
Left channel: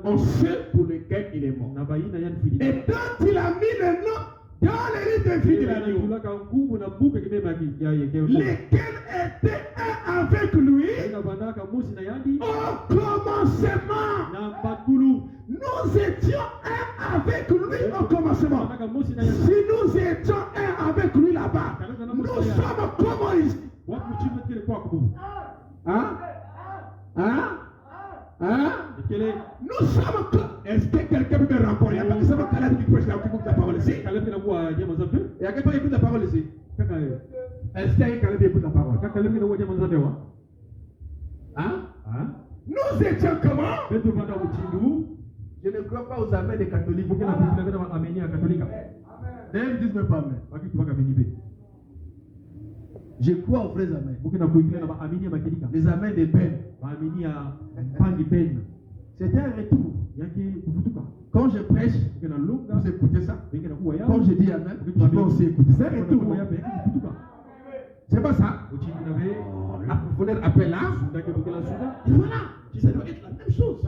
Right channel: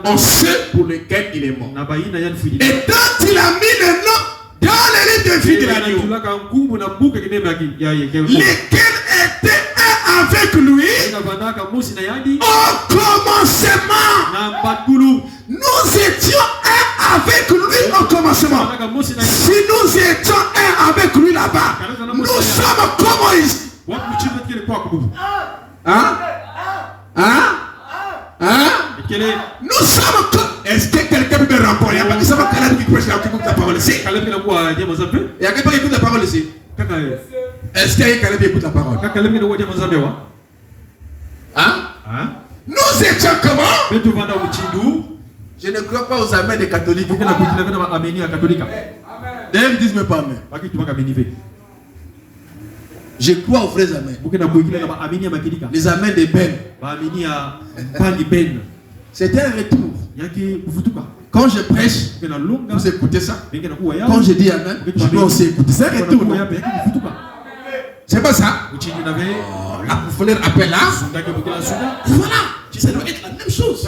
en ceux pour lesquels il est mort. Et quand il a mis le nom dans les livres de vie de l'agneau, lesquels étaient avec lui au commencement. Nous étions un avec lui au commencement. Si nous étions un avec lui là-bas, nous sommes comme Moïse. Hein? Nous sommes comme... Est-ce que quelqu'un peut me rappeler? Parce que ça va Caleb qui prêche la parole ici. Il y a quelqu'un qui écoute la parole ici. Est-ce qu'il y a quelqu'un qui écoute la parole? Hein? Nous étions comment? Je ne crois pas aux amens des catholiques. D'ailleurs, ils disent même pas amen. Je crois aux vrais amens. Les amens des Ben. C'est un retour. Quand je prêche, vous écoutez ça. Quand je dis amen, je dois aussi écouter. C'est un retour. C'est pas ça? La profondeur appelle là. Voilà. Ça doit être la même chose.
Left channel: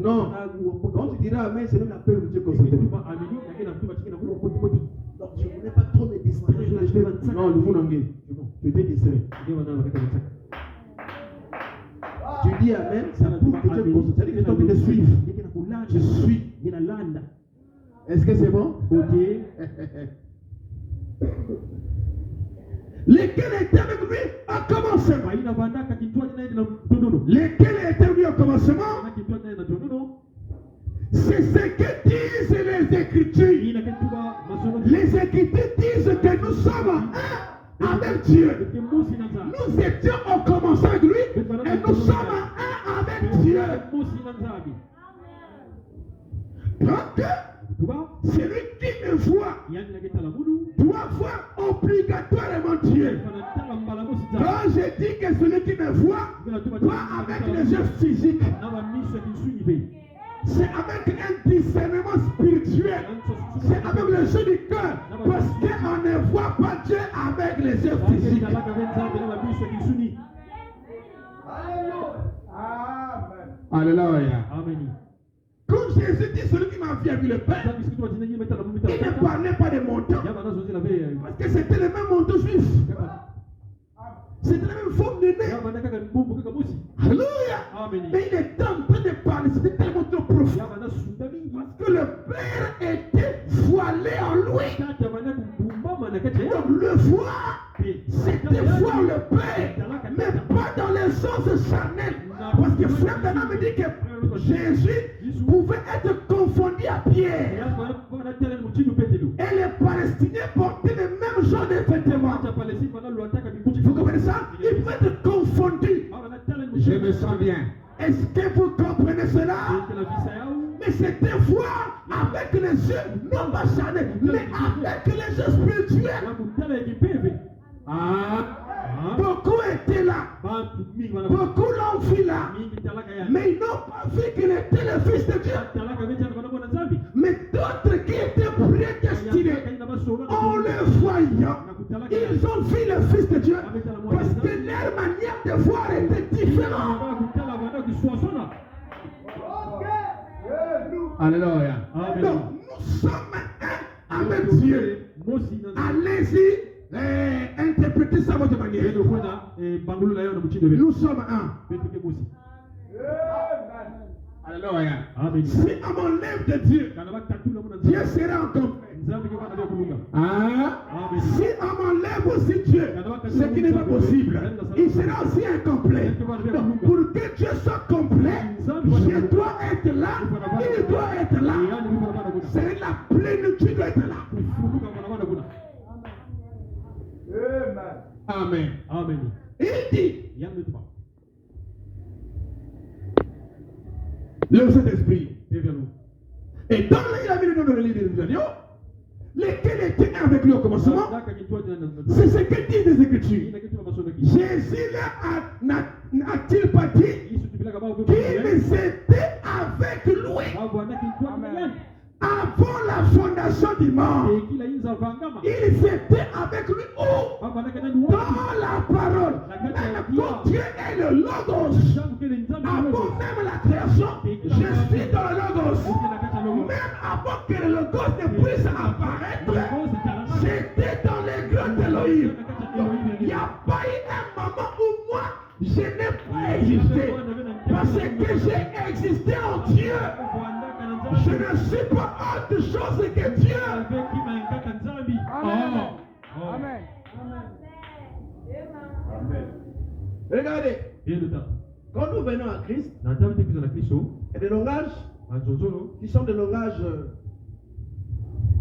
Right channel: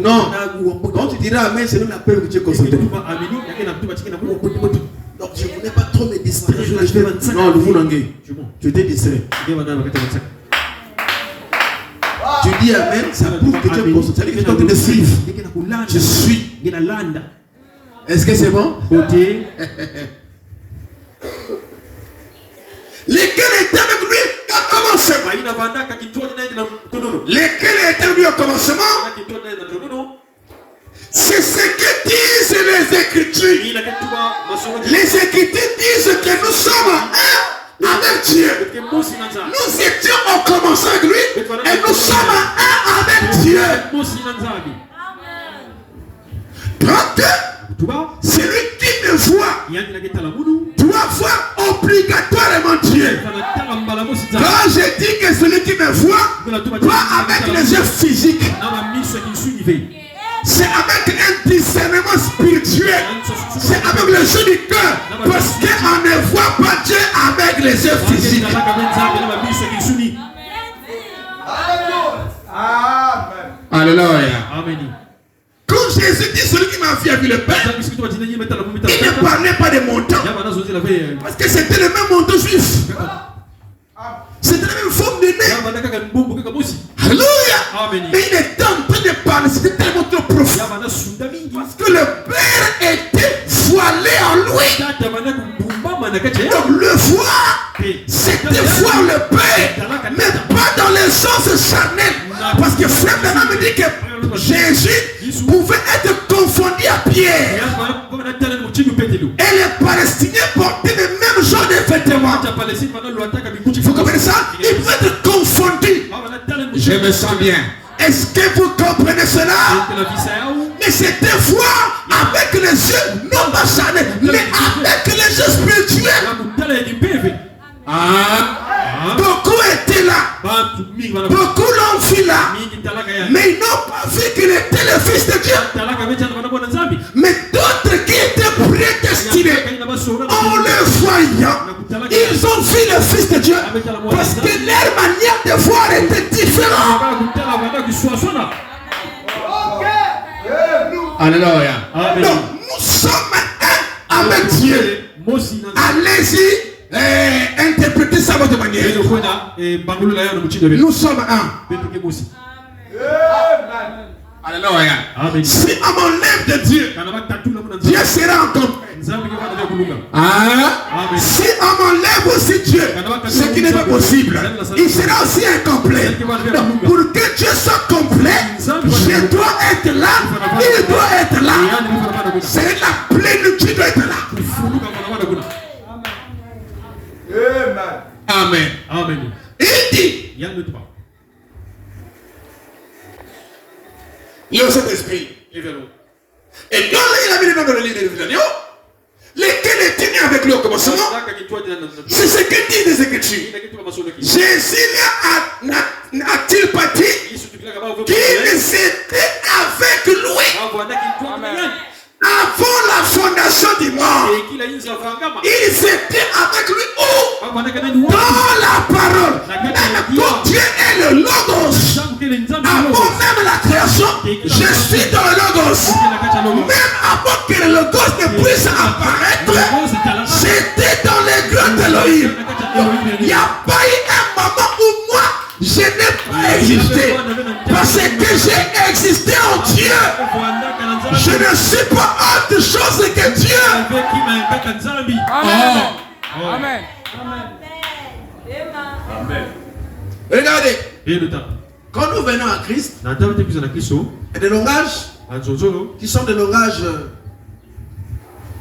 Non, quand tu diras amen, c'est nous l'appel que tu es consulté. Donc je ne voulais pas trop me distraire. Non, le vous l'angez. Tu étais distrait. Tu dis amen, ça prouve que tu es consulté. Ça veut dire que tu es en train de suivre. Je suis. Est-ce que c'est bon? Lesquels étaient avec lui au commencement? Lesquels étaient avec lui au commencement? C'est ce que disent les Écritures. Les Écritures disent que nous sommes un avec Dieu. Nous étions au commencement avec lui et nous sommes un avec Dieu. Donc, celui qui me voit doit voir obligatoirement Dieu. Quand je dis que celui qui me voit voit avec les yeux physiques, c'est avec un discernement spirituel. C'est avec les yeux du cœur. Parce qu'on ne voit pas Dieu avec les yeux physiques. Alléluia. Quand Jésus dit celui qui m'a vu le Père, il ne parlait pas de montant. Parce que c'était le même montant juif. C'était la même forme de nez. Alléluia. Mais il était en train de parler. C'était tellement trop profond. Parce que le Père était voilé en lui. Donc le voir, c'était voir le Père. Mais pas dans les sens charnels. Parce que frère Bernard me dit que Jésus Et les Palestiniens portaient le même genre de vêtements. Vous comprenez ça? Ils peuvent être confondus. Je me sens bien. Est-ce que vous comprenez cela? Mais c'était voir avec les yeux, non pas charnels, mais avec les yeux spirituels. Beaucoup étaient là. Beaucoup l'ont vu là. Mais ils n'ont pas vu qu'il était le Fils de Dieu. Mais d'autres qui étaient prédestinés, en le voyant, ils ont vu le Fils de Dieu. Parce que leur manière de voir était différente. Alléluia. Donc nous sommes un avec Dieu. Allez-y. Interprétez ça à votre manière. Nous sommes un. Alléluia. Si on m'enlève de Dieu, Dieu sera incomplet. Si on m'enlève aussi Dieu, ce qui n'est pas possible, il sera aussi incomplet. Donc, pour que Dieu soit complet, je dois être là, il doit être là. C'est la plénitude doit être là. Amen. Amen. Il dit, le Saint-Esprit. Et donc, il a mis les noms dans le livre de l'agneau, lesquels étaient nés avec lui au commencement. C'est ce que dit les Écritures. Jésus n'a-t-il pas dit qu'il était avec lui avant la fondation du monde? Ils étaient avec lui où? Dans la parole. Quand Dieu est le Logos, avant même la création, je suis dans le Logos. Même avant que le Logos ne puisse apparaître, j'étais dans les grottes d'Élohim. Il n'y a pas eu un moment où moi, je n'ai pas existé. Parce que j'ai existé en Dieu. Je ne suis pas autre chose que Dieu. Amen. Amen. Amen. Regardez. Quand nous venons à Christ, il y a des langages qui sont des langages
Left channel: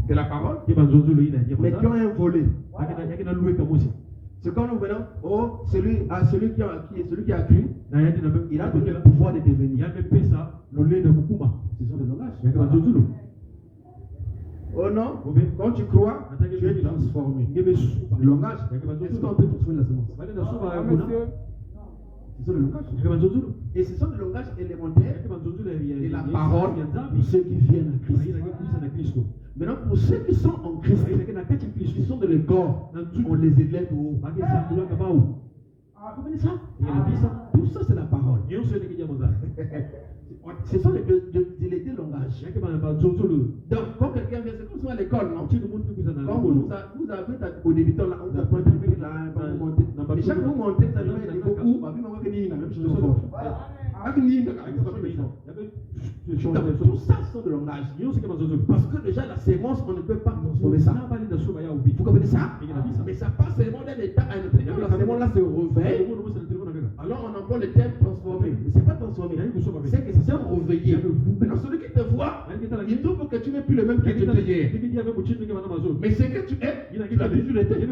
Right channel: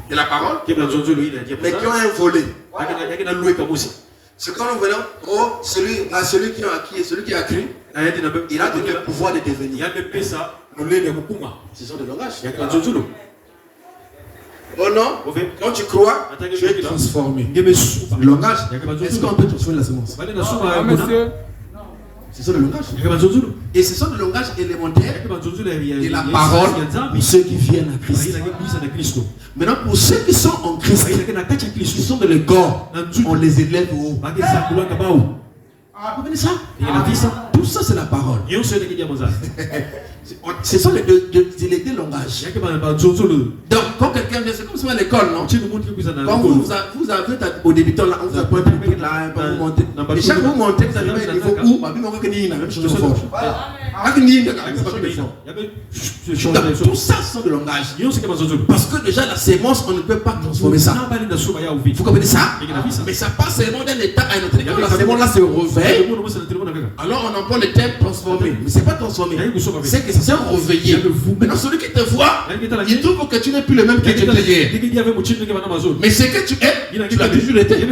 de la parole, mais qui ont un volet. C'est quand nous venons, celui qui a acquis et celui qui a cru, il a donné le pouvoir de devenir. Ce sont des langages. Oh non, quand tu crois, tu es transformé. Le langage, est-ce qu'on peut transformer la semence? Monsieur. Ce sont des langages. Et ce sont des langages élémentaires de la parole pour ceux qui viennent à Christ. Maintenant, pour ceux qui sont en Christ, qui sont dans le corps, on les élève au haut. Vous comprenez ça? Tout ça, c'est la parole. Ce sont les deux langages. Donc, quand quelqu'un vient, c'est comme ça à l'école, non? Quand vous avez au débutant, là, on vous apprend là, vous montez. Et chaque fois que vous montez, vous arrivez à un niveau où, la même chose de forge. Tout ça sont des langages. Parce que déjà, la sémence, on ne peut pas transformer ça. Vous comprenez ça? Mais ça passe seulement d'un état à un autre. La sémence là se réveille. Alors on emploie le terme transformer. Mais ce n'est pas transformer. C'est que c'est réveillé. Maintenant, celui qui te voit, il trouve que tu n'es plus le même que tu étais hier. Mais ce que tu es, tu l'as toujours été.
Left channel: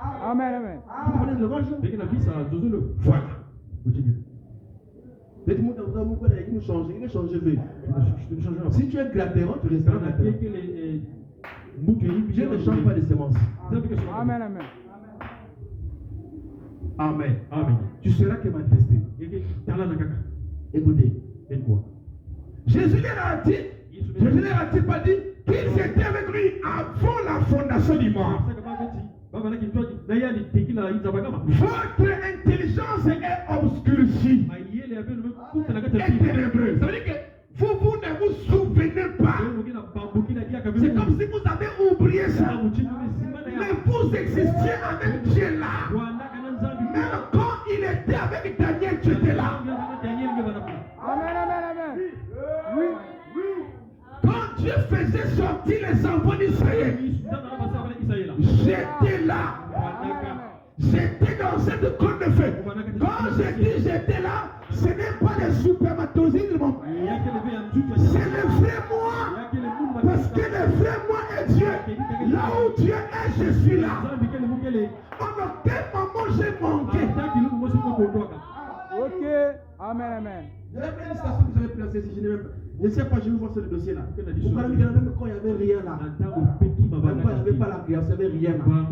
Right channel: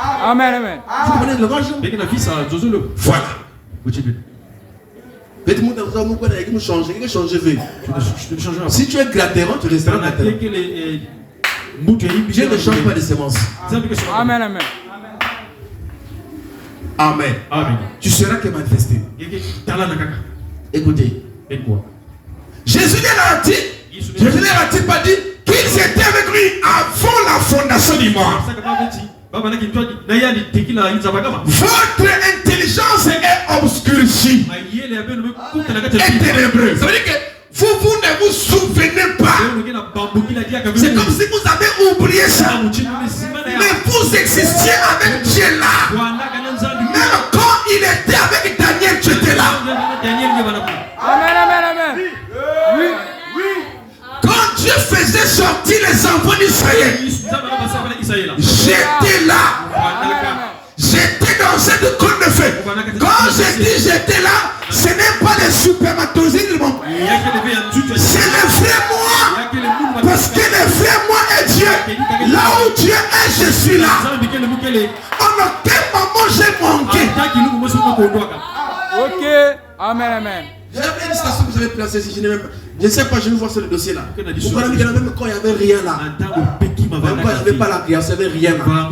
Amen, amen. Vous comprenez le langage? Voilà. Si tu es gratérant, tu resteras gratérant. Dieu ne change pas de sémence. Amen, amen. Amen. Tu seras que manifesté. Écoutez. Jésus leur a-t-il pas dit qu'ils étaient avec lui avant la fondation du monde? Votre intelligence est obscurcie et ténébreuse. Ça veut dire que vous ne vous souvenez pas. C'est comme si vous avez oublié ça. Mais vous existiez avec Dieu là. Même quand il était avec Daniel, tu étais là. Amen, amen, amen. Oui, oui. Quand Dieu faisait sortir les enfants d'Israël, j'étais là. J'étais dans cette côte de feu. Quand je dis j'étais là, ce n'est pas les supermatozoïdes de mon père. C'est le vrai moi. Parce que le vrai moi est Dieu. Là où Dieu est, je suis là. En aucun moment j'ai manqué. Ok. Amen, amen. J'avais une station que vous avez placée ici. Je ne sais pas, je vais voir sur le dossier là. Pourquoi il y en a même quand il n'y avait rien là. Même quand il n'y avait pas la création, il n'y avait rien là.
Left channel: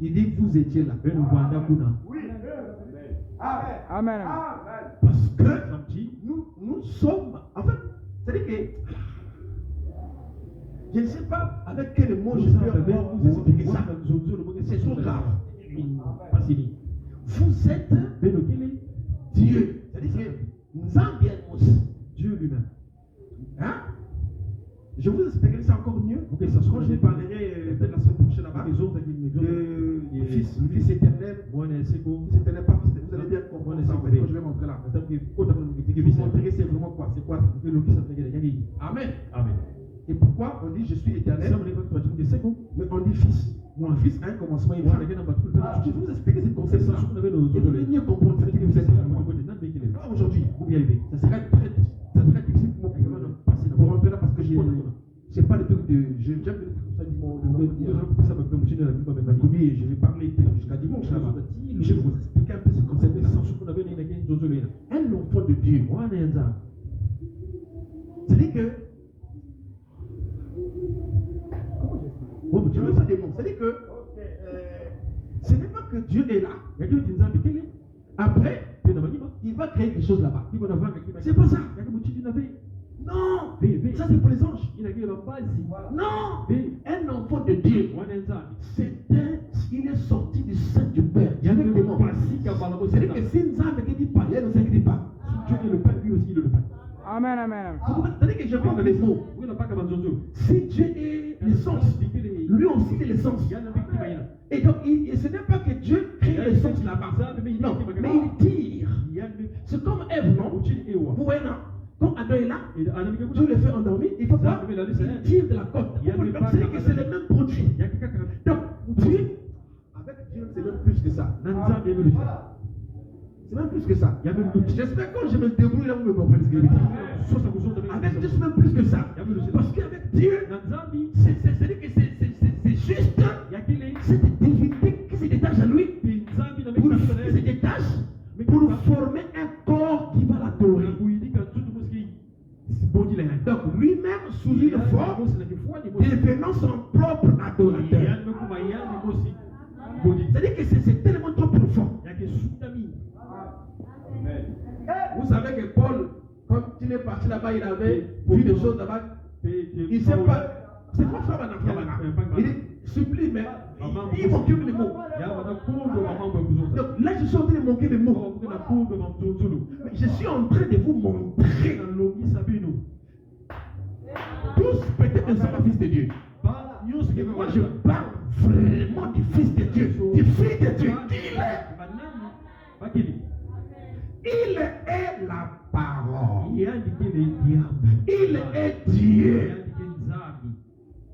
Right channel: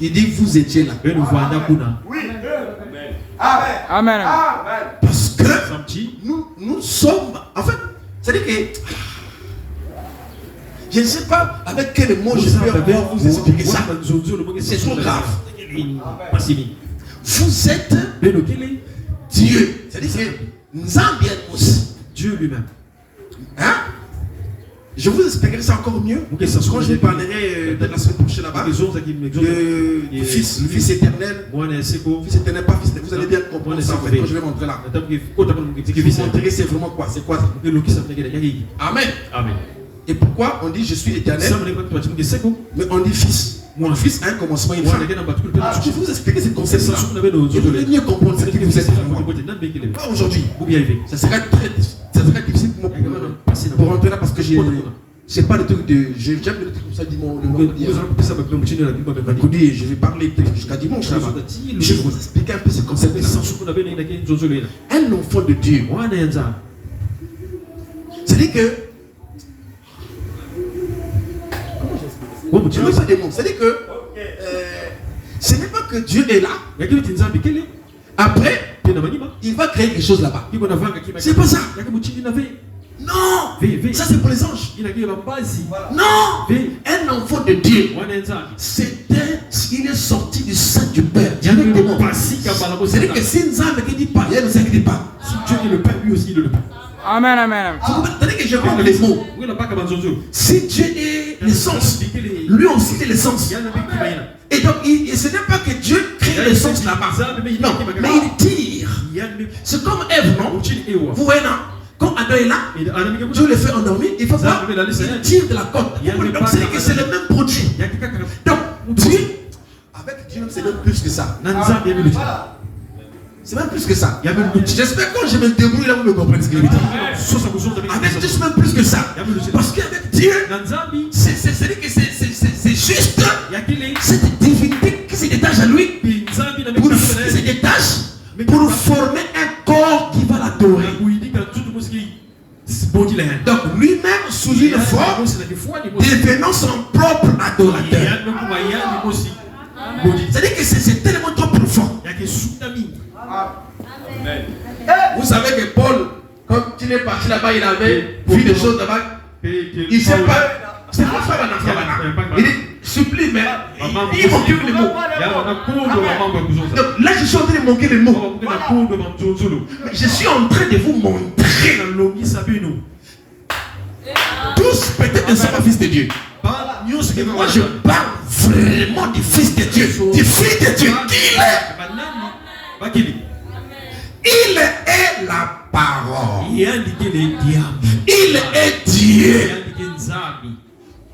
Il dit vous étiez là. Oui. Amen, amen. Parce que nous sommes. En fait, c'est-à-dire que. Je ne sais pas avec quel mot je peux encore vous expliquer ça. C'est trop grave. Vous êtes Dieu. C'est-à-dire que Nzambi est Dieu lui-même. Hein? Je vous expliquerai ça encore mieux quand je parlerai de la semaine prochaine là-bas. Le Fils éternel. Fils éternel, pas Fils éternel. Vous allez bien comprendre ça en fait quand je vais montrer là. C'est vraiment quoi? C'est quoi ça? Amen. Amen. Et pourquoi on dit je suis l'éternel? Mais on dit Fils. Mon Fils a un commencement, une fin. Je vais vous expliquer ce concept-là. Je voudrais mieux comprendre ce que vous êtes vraiment. Pas aujourd'hui. Ça serait très difficile pour moi pour rentrer là parce que j'ai pas le truc de. J'aime le truc comme ça dimanche. Je vais parler jusqu'à dimanche là-bas. Je vais vous expliquer un peu ce concept-là. Un enfant de Dieu. C'est-à-dire que. C'est-à-dire que ce n'est pas que Dieu est là. Après, il va créer quelque chose là-bas. C'est pas ça. Non. Ça c'est pour les anges. Non. Un enfant de Dieu, il est sorti du sein du Père. C'est-à-dire que si Nzambe qui dit pas, il ne dit pas. Si Dieu est le Père, lui aussi il est le Père. Amen, amen. C'est-à-dire que je parle les mots. Si Dieu est l'essence, lui aussi est l'essence. Et donc, ce n'est pas que Dieu crée l'essence là-bas. Non, mais il tire. C'est comme Ève, non? Vous voyez, non? Quand Adam est là, Dieu le fait endormir, il faut voir, il tire de la corde. Donc, c'est que c'est le même produit. Donc, Dieu, avec Dieu, c'est même plus que ça. C'est même plus que ça. J'espère que quand je me débrouille là, vous me comprenez ce que je veux dire. Avec Dieu, c'est même plus que ça. Parce qu'avec Dieu, c'est-à-dire que c'est juste cette divinité qui se détache à lui, pour former un corps qui va l'adorer. Donc lui-même, sous une forme, devenant son propre adorateur. C'est-à-dire que c'est tellement trop profond. Vous savez que Paul, quand il est parti là-bas, il avait vu des choses là-bas. Il ne sait pas. C'est pas ça, il dit, supplie, mais il manque les mots. Donc là, je suis en train de manquer les mots. Mais je suis en train de vous montrer. Tous peut-être ne sont pas fils de Dieu. Moi, je parle vraiment du fils de Dieu, du fils de Dieu. Il est la parole. Il est Dieu.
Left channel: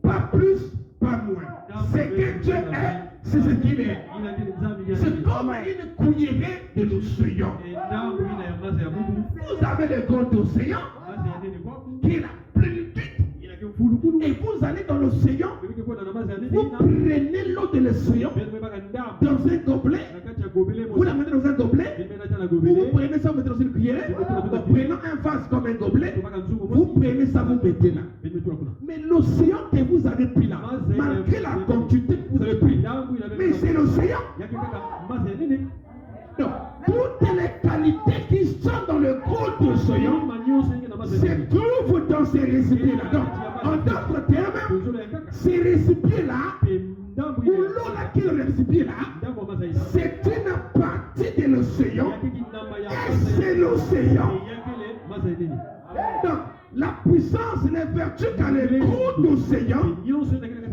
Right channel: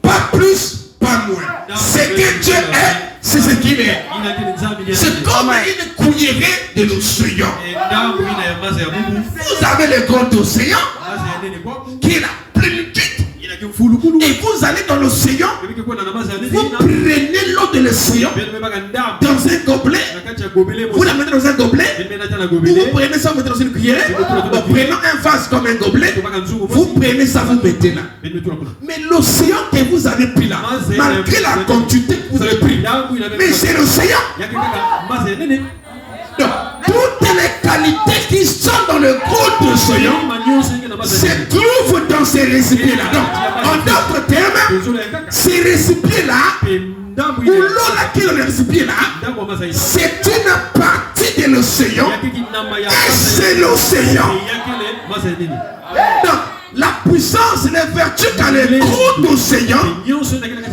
Pas plus, pas moins. Ce que Dieu est, c'est ce qu'il est. C'est comme une cuillerée de l'océan. Vous avez le grand océan qui est la plénitude. Et vous allez dans l'océan, vous prenez l'eau de l'océan dans un gobelet, vous la mettez dans un gobelet, vous prenez ça, vous mettez dans une cuillère, en prenant un vase comme un gobelet, vous prenez ça, vous mettez là. Mais l'océan que vous avez pris là, malgré la quantité que vous avez pris, mais c'est l'océan. Donc, toutes les qualités qui sont dans le gros océan se trouvent dans ces récipients-là. Donc, en d'autres termes, ces récipients-là, ou l'eau qui est dans les récipients-là, c'est une partie de l'océan. Et c'est l'océan. Donc, la puissance et les vertus dans le gros océan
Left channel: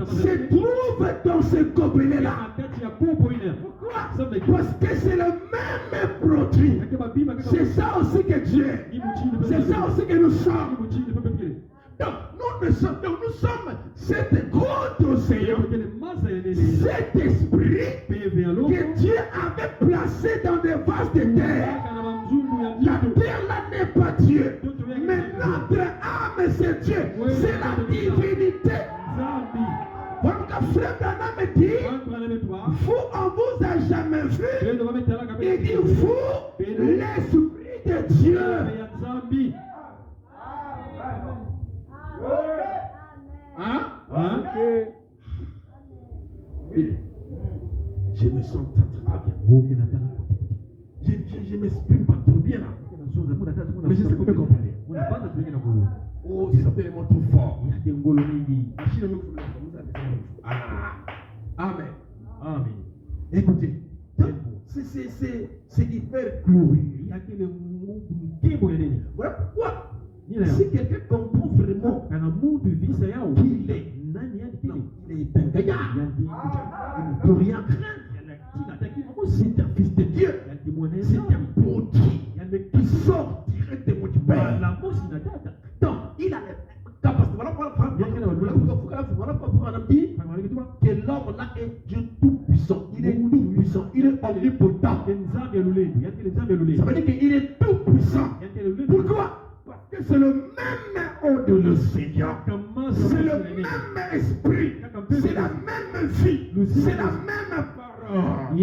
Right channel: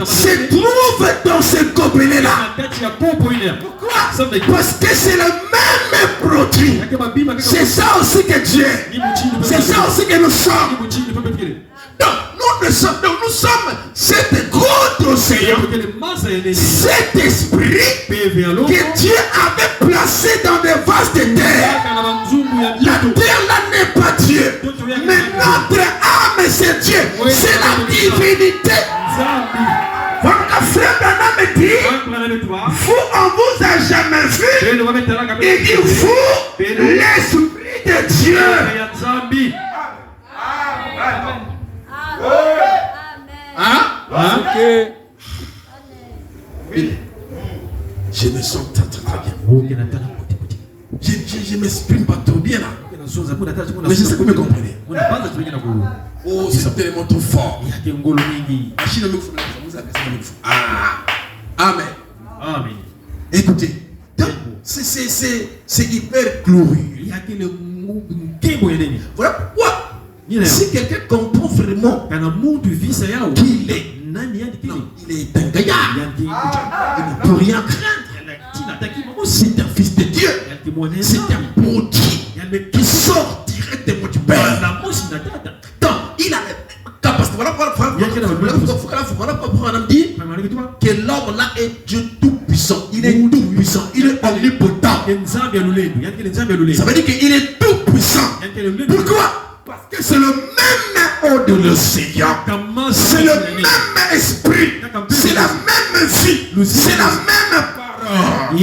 se trouvent dans ce gobelet-là. Pourquoi? Parce que c'est le même produit. C'est ça aussi que Dieu est. C'est ça aussi que nous sommes. Donc nous sommes cet gros océan, cet esprit que Dieu avait placé dans des vases de terre. La terre là n'est pas Dieu, mais notre âme c'est Dieu. C'est la divinité. Votre frère Branham dit, vous, on vous a jamais vu. Il dit, vous, l'Esprit de Dieu. Hein? Ok. Je me sens très très bien. Je ne m'exprime pas trop bien là. Mais je sais que vous me comprenez. Oh, c'est tellement trop fort. Amen. Amen. Écoutez, c'est hyper glorieux. Voilà pourquoi, si quelqu'un comprend vraiment qu'il est, non, il est un gaillard, il ne peut rien craindre. C'est un fils de Dieu, c'est un produit qui sort directement du Père. Donc, il a la capacité. Voilà pourquoi on dit que l'homme là est Dieu tout-puissant. Il est tout-puissant, il est omnipotent. Ça veut dire qu'il est tout-puissant. Pourquoi? Parce que c'est le même eau de l'océan, c'est le même esprit, c'est la même vie, c'est la même parole.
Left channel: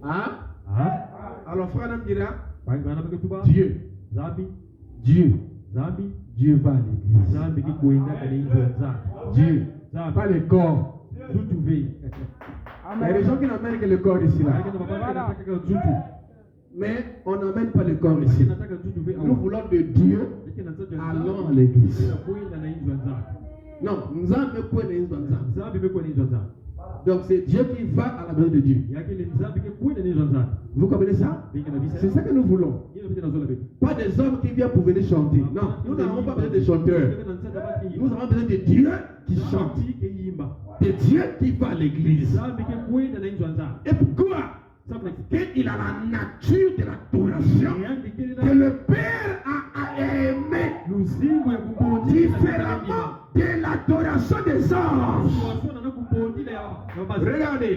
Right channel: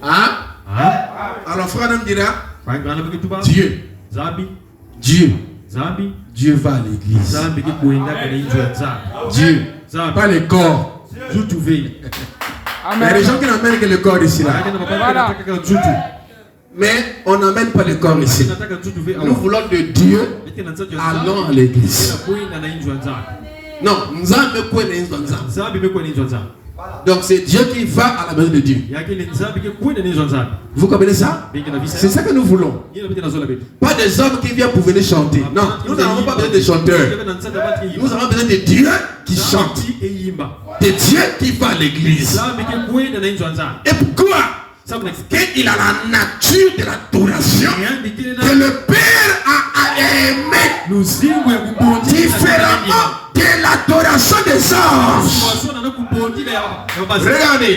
Hein? Alors frère me dira, Dieu va à l'église. Dieu, pas le corps. Il y a des gens qui n'amènent que le corps ici là. Voilà. Mais on n'amène pas le corps ici. Nous voulons de Dieu, allons à l'église. Non, nous avons quoi. Donc c'est Dieu qui va à la maison de Dieu. Vous comprenez ça? C'est ça que nous voulons. Pas des hommes qui viennent pour venir chanter. Non, nous n'avons pas besoin de chanteurs. Nous avons besoin de Dieu qui chante. De Dieu qui va à l'église. Et pourquoi? Qu'il a la nature de l'adoration que le Père a aimé différemment de l'adoration des anges. Regardez.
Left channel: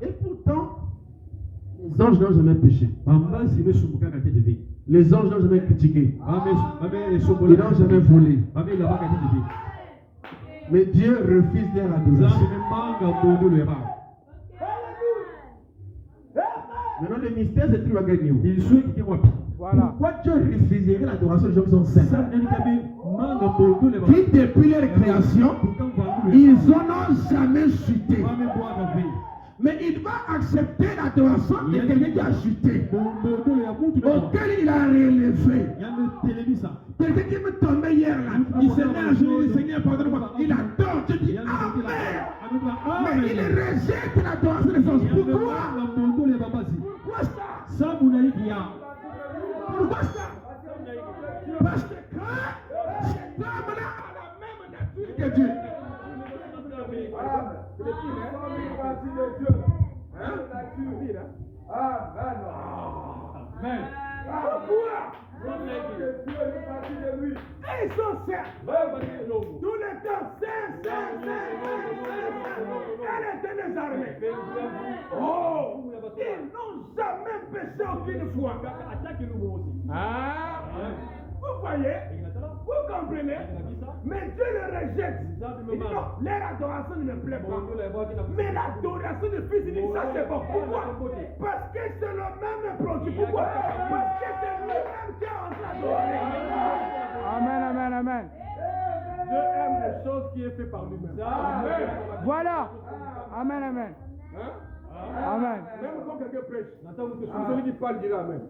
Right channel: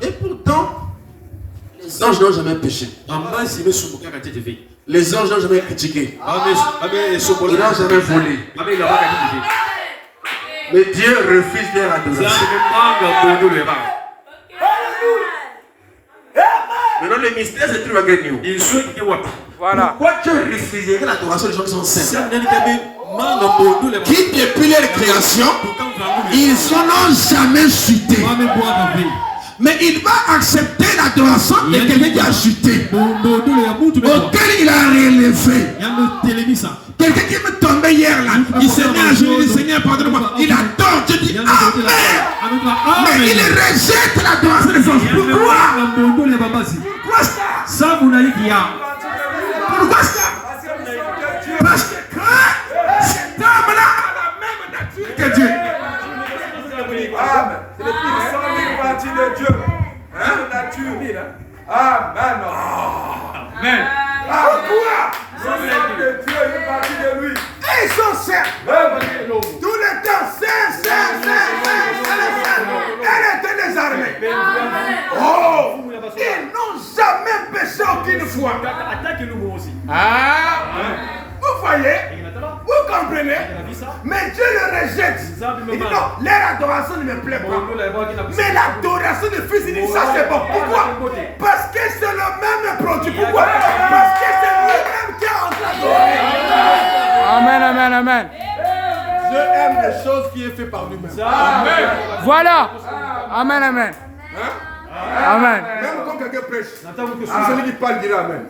Et pourtant, les anges n'ont jamais péché. Les anges n'ont jamais critiqué. Ils n'ont jamais volé. Mais Dieu refuse leur adoration. Maintenant, le mystère se trouve à nous. Voilà. Pourquoi Dieu refuserait l'adoration des gens qui sont saints? Qui depuis leur création, ils n'ont jamais chuté. Mais il va accepter l'adoration de quelqu'un qui a chuté, auquel il a relevé. Quelqu'un qui me tombait hier là, il s'est mis à genoux, il dit Seigneur, pardonne-moi. Il adore, je dis Amen. Mais il rejette l'adoration des anges. Pourquoi? Pourquoi ça? Pourquoi ça? Parce que cet homme-là a la même nature que Dieu. Amen. C'est le puissant qui partie de Dieu. Hein? La nature. Amen. Amen. Pourquoi? Le sang de Dieu est parti de lui. Et ils sont saints. Tout le temps, saints. Elle était les armées. Oh! Ils n'ont jamais péché aucune fois. Vous voyez? Vous comprenez? Mais Dieu le rejette. Il dit non, leur adoration ne me plaît pas. Mais l'adoration du Fils, il dit ça c'est bon. Pourquoi? Parce que c'est le même produit. Pourquoi? Parce que c'est lui-même qui a adoré. Amen. Dieu aime les choses qui est fait par lui-même. Amen. Voilà. Amen. Hein? Amen. Même quand quelqu'un prêche, celui qui parle dira Amen.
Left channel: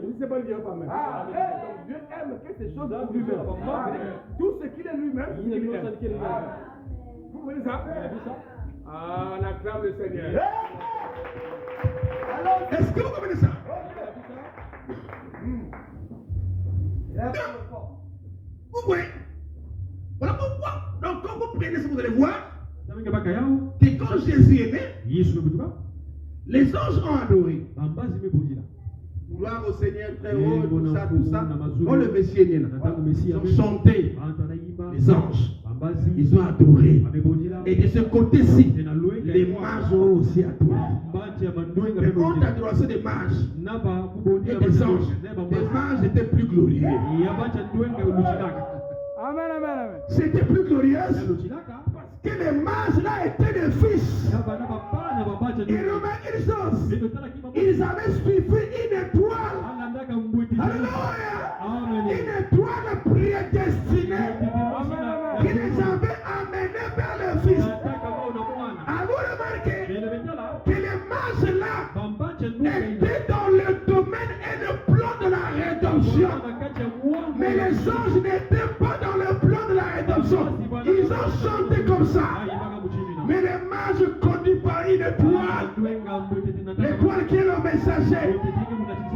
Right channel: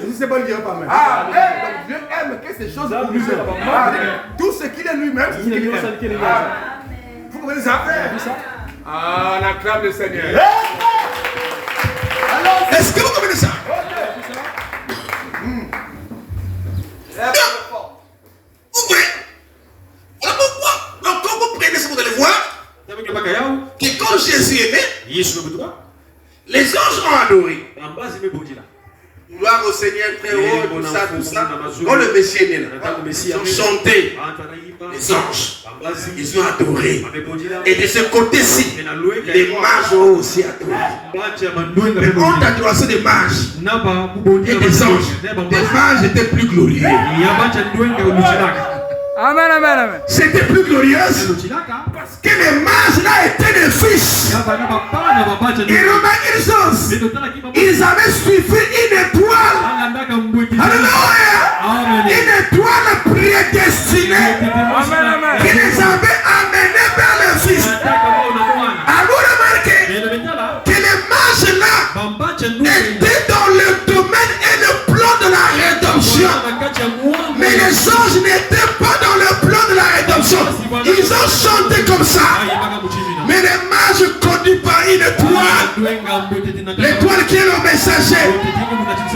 Si c'est pas, il dira pas Amen. Donc Dieu aime que ces choses pour lui-même. Tout ce qu'il est lui-même, c'est ce qu'il aime. Vous comprenez ça? On acclame le Seigneur. Est-ce que vous comprenez ça? Vous voyez? Voilà pourquoi, quand vous prenez ça, vous allez voir que quand Jésus est né, les anges ont adoré. Gloire au Seigneur très haut, tout ça. Quand le Messie est né, ils ont chanté les anges. ils ont adoré. Et de ce côté-ci, les mages ont aussi adoré. Mais honte d'adoration des mages et des anges. Les mages étaient plus glorieux. Amen, amen, amen. C'était plus glorieux parce que les mages là étaient des fils. Et remarquez une chose, ils avaient suivi une étoile. Alléluia. Une étoile prédestinée qui les avait amenés vers le fils. Alors remarquez que les mages là étaient dans le domaine et le plan de la rédemption. Mais les anges n'étaient pas dans le plan de la rédemption. Ils ont chanté comme ça. Mais les mages conduits par une étoile. L'étoile qui est le messager.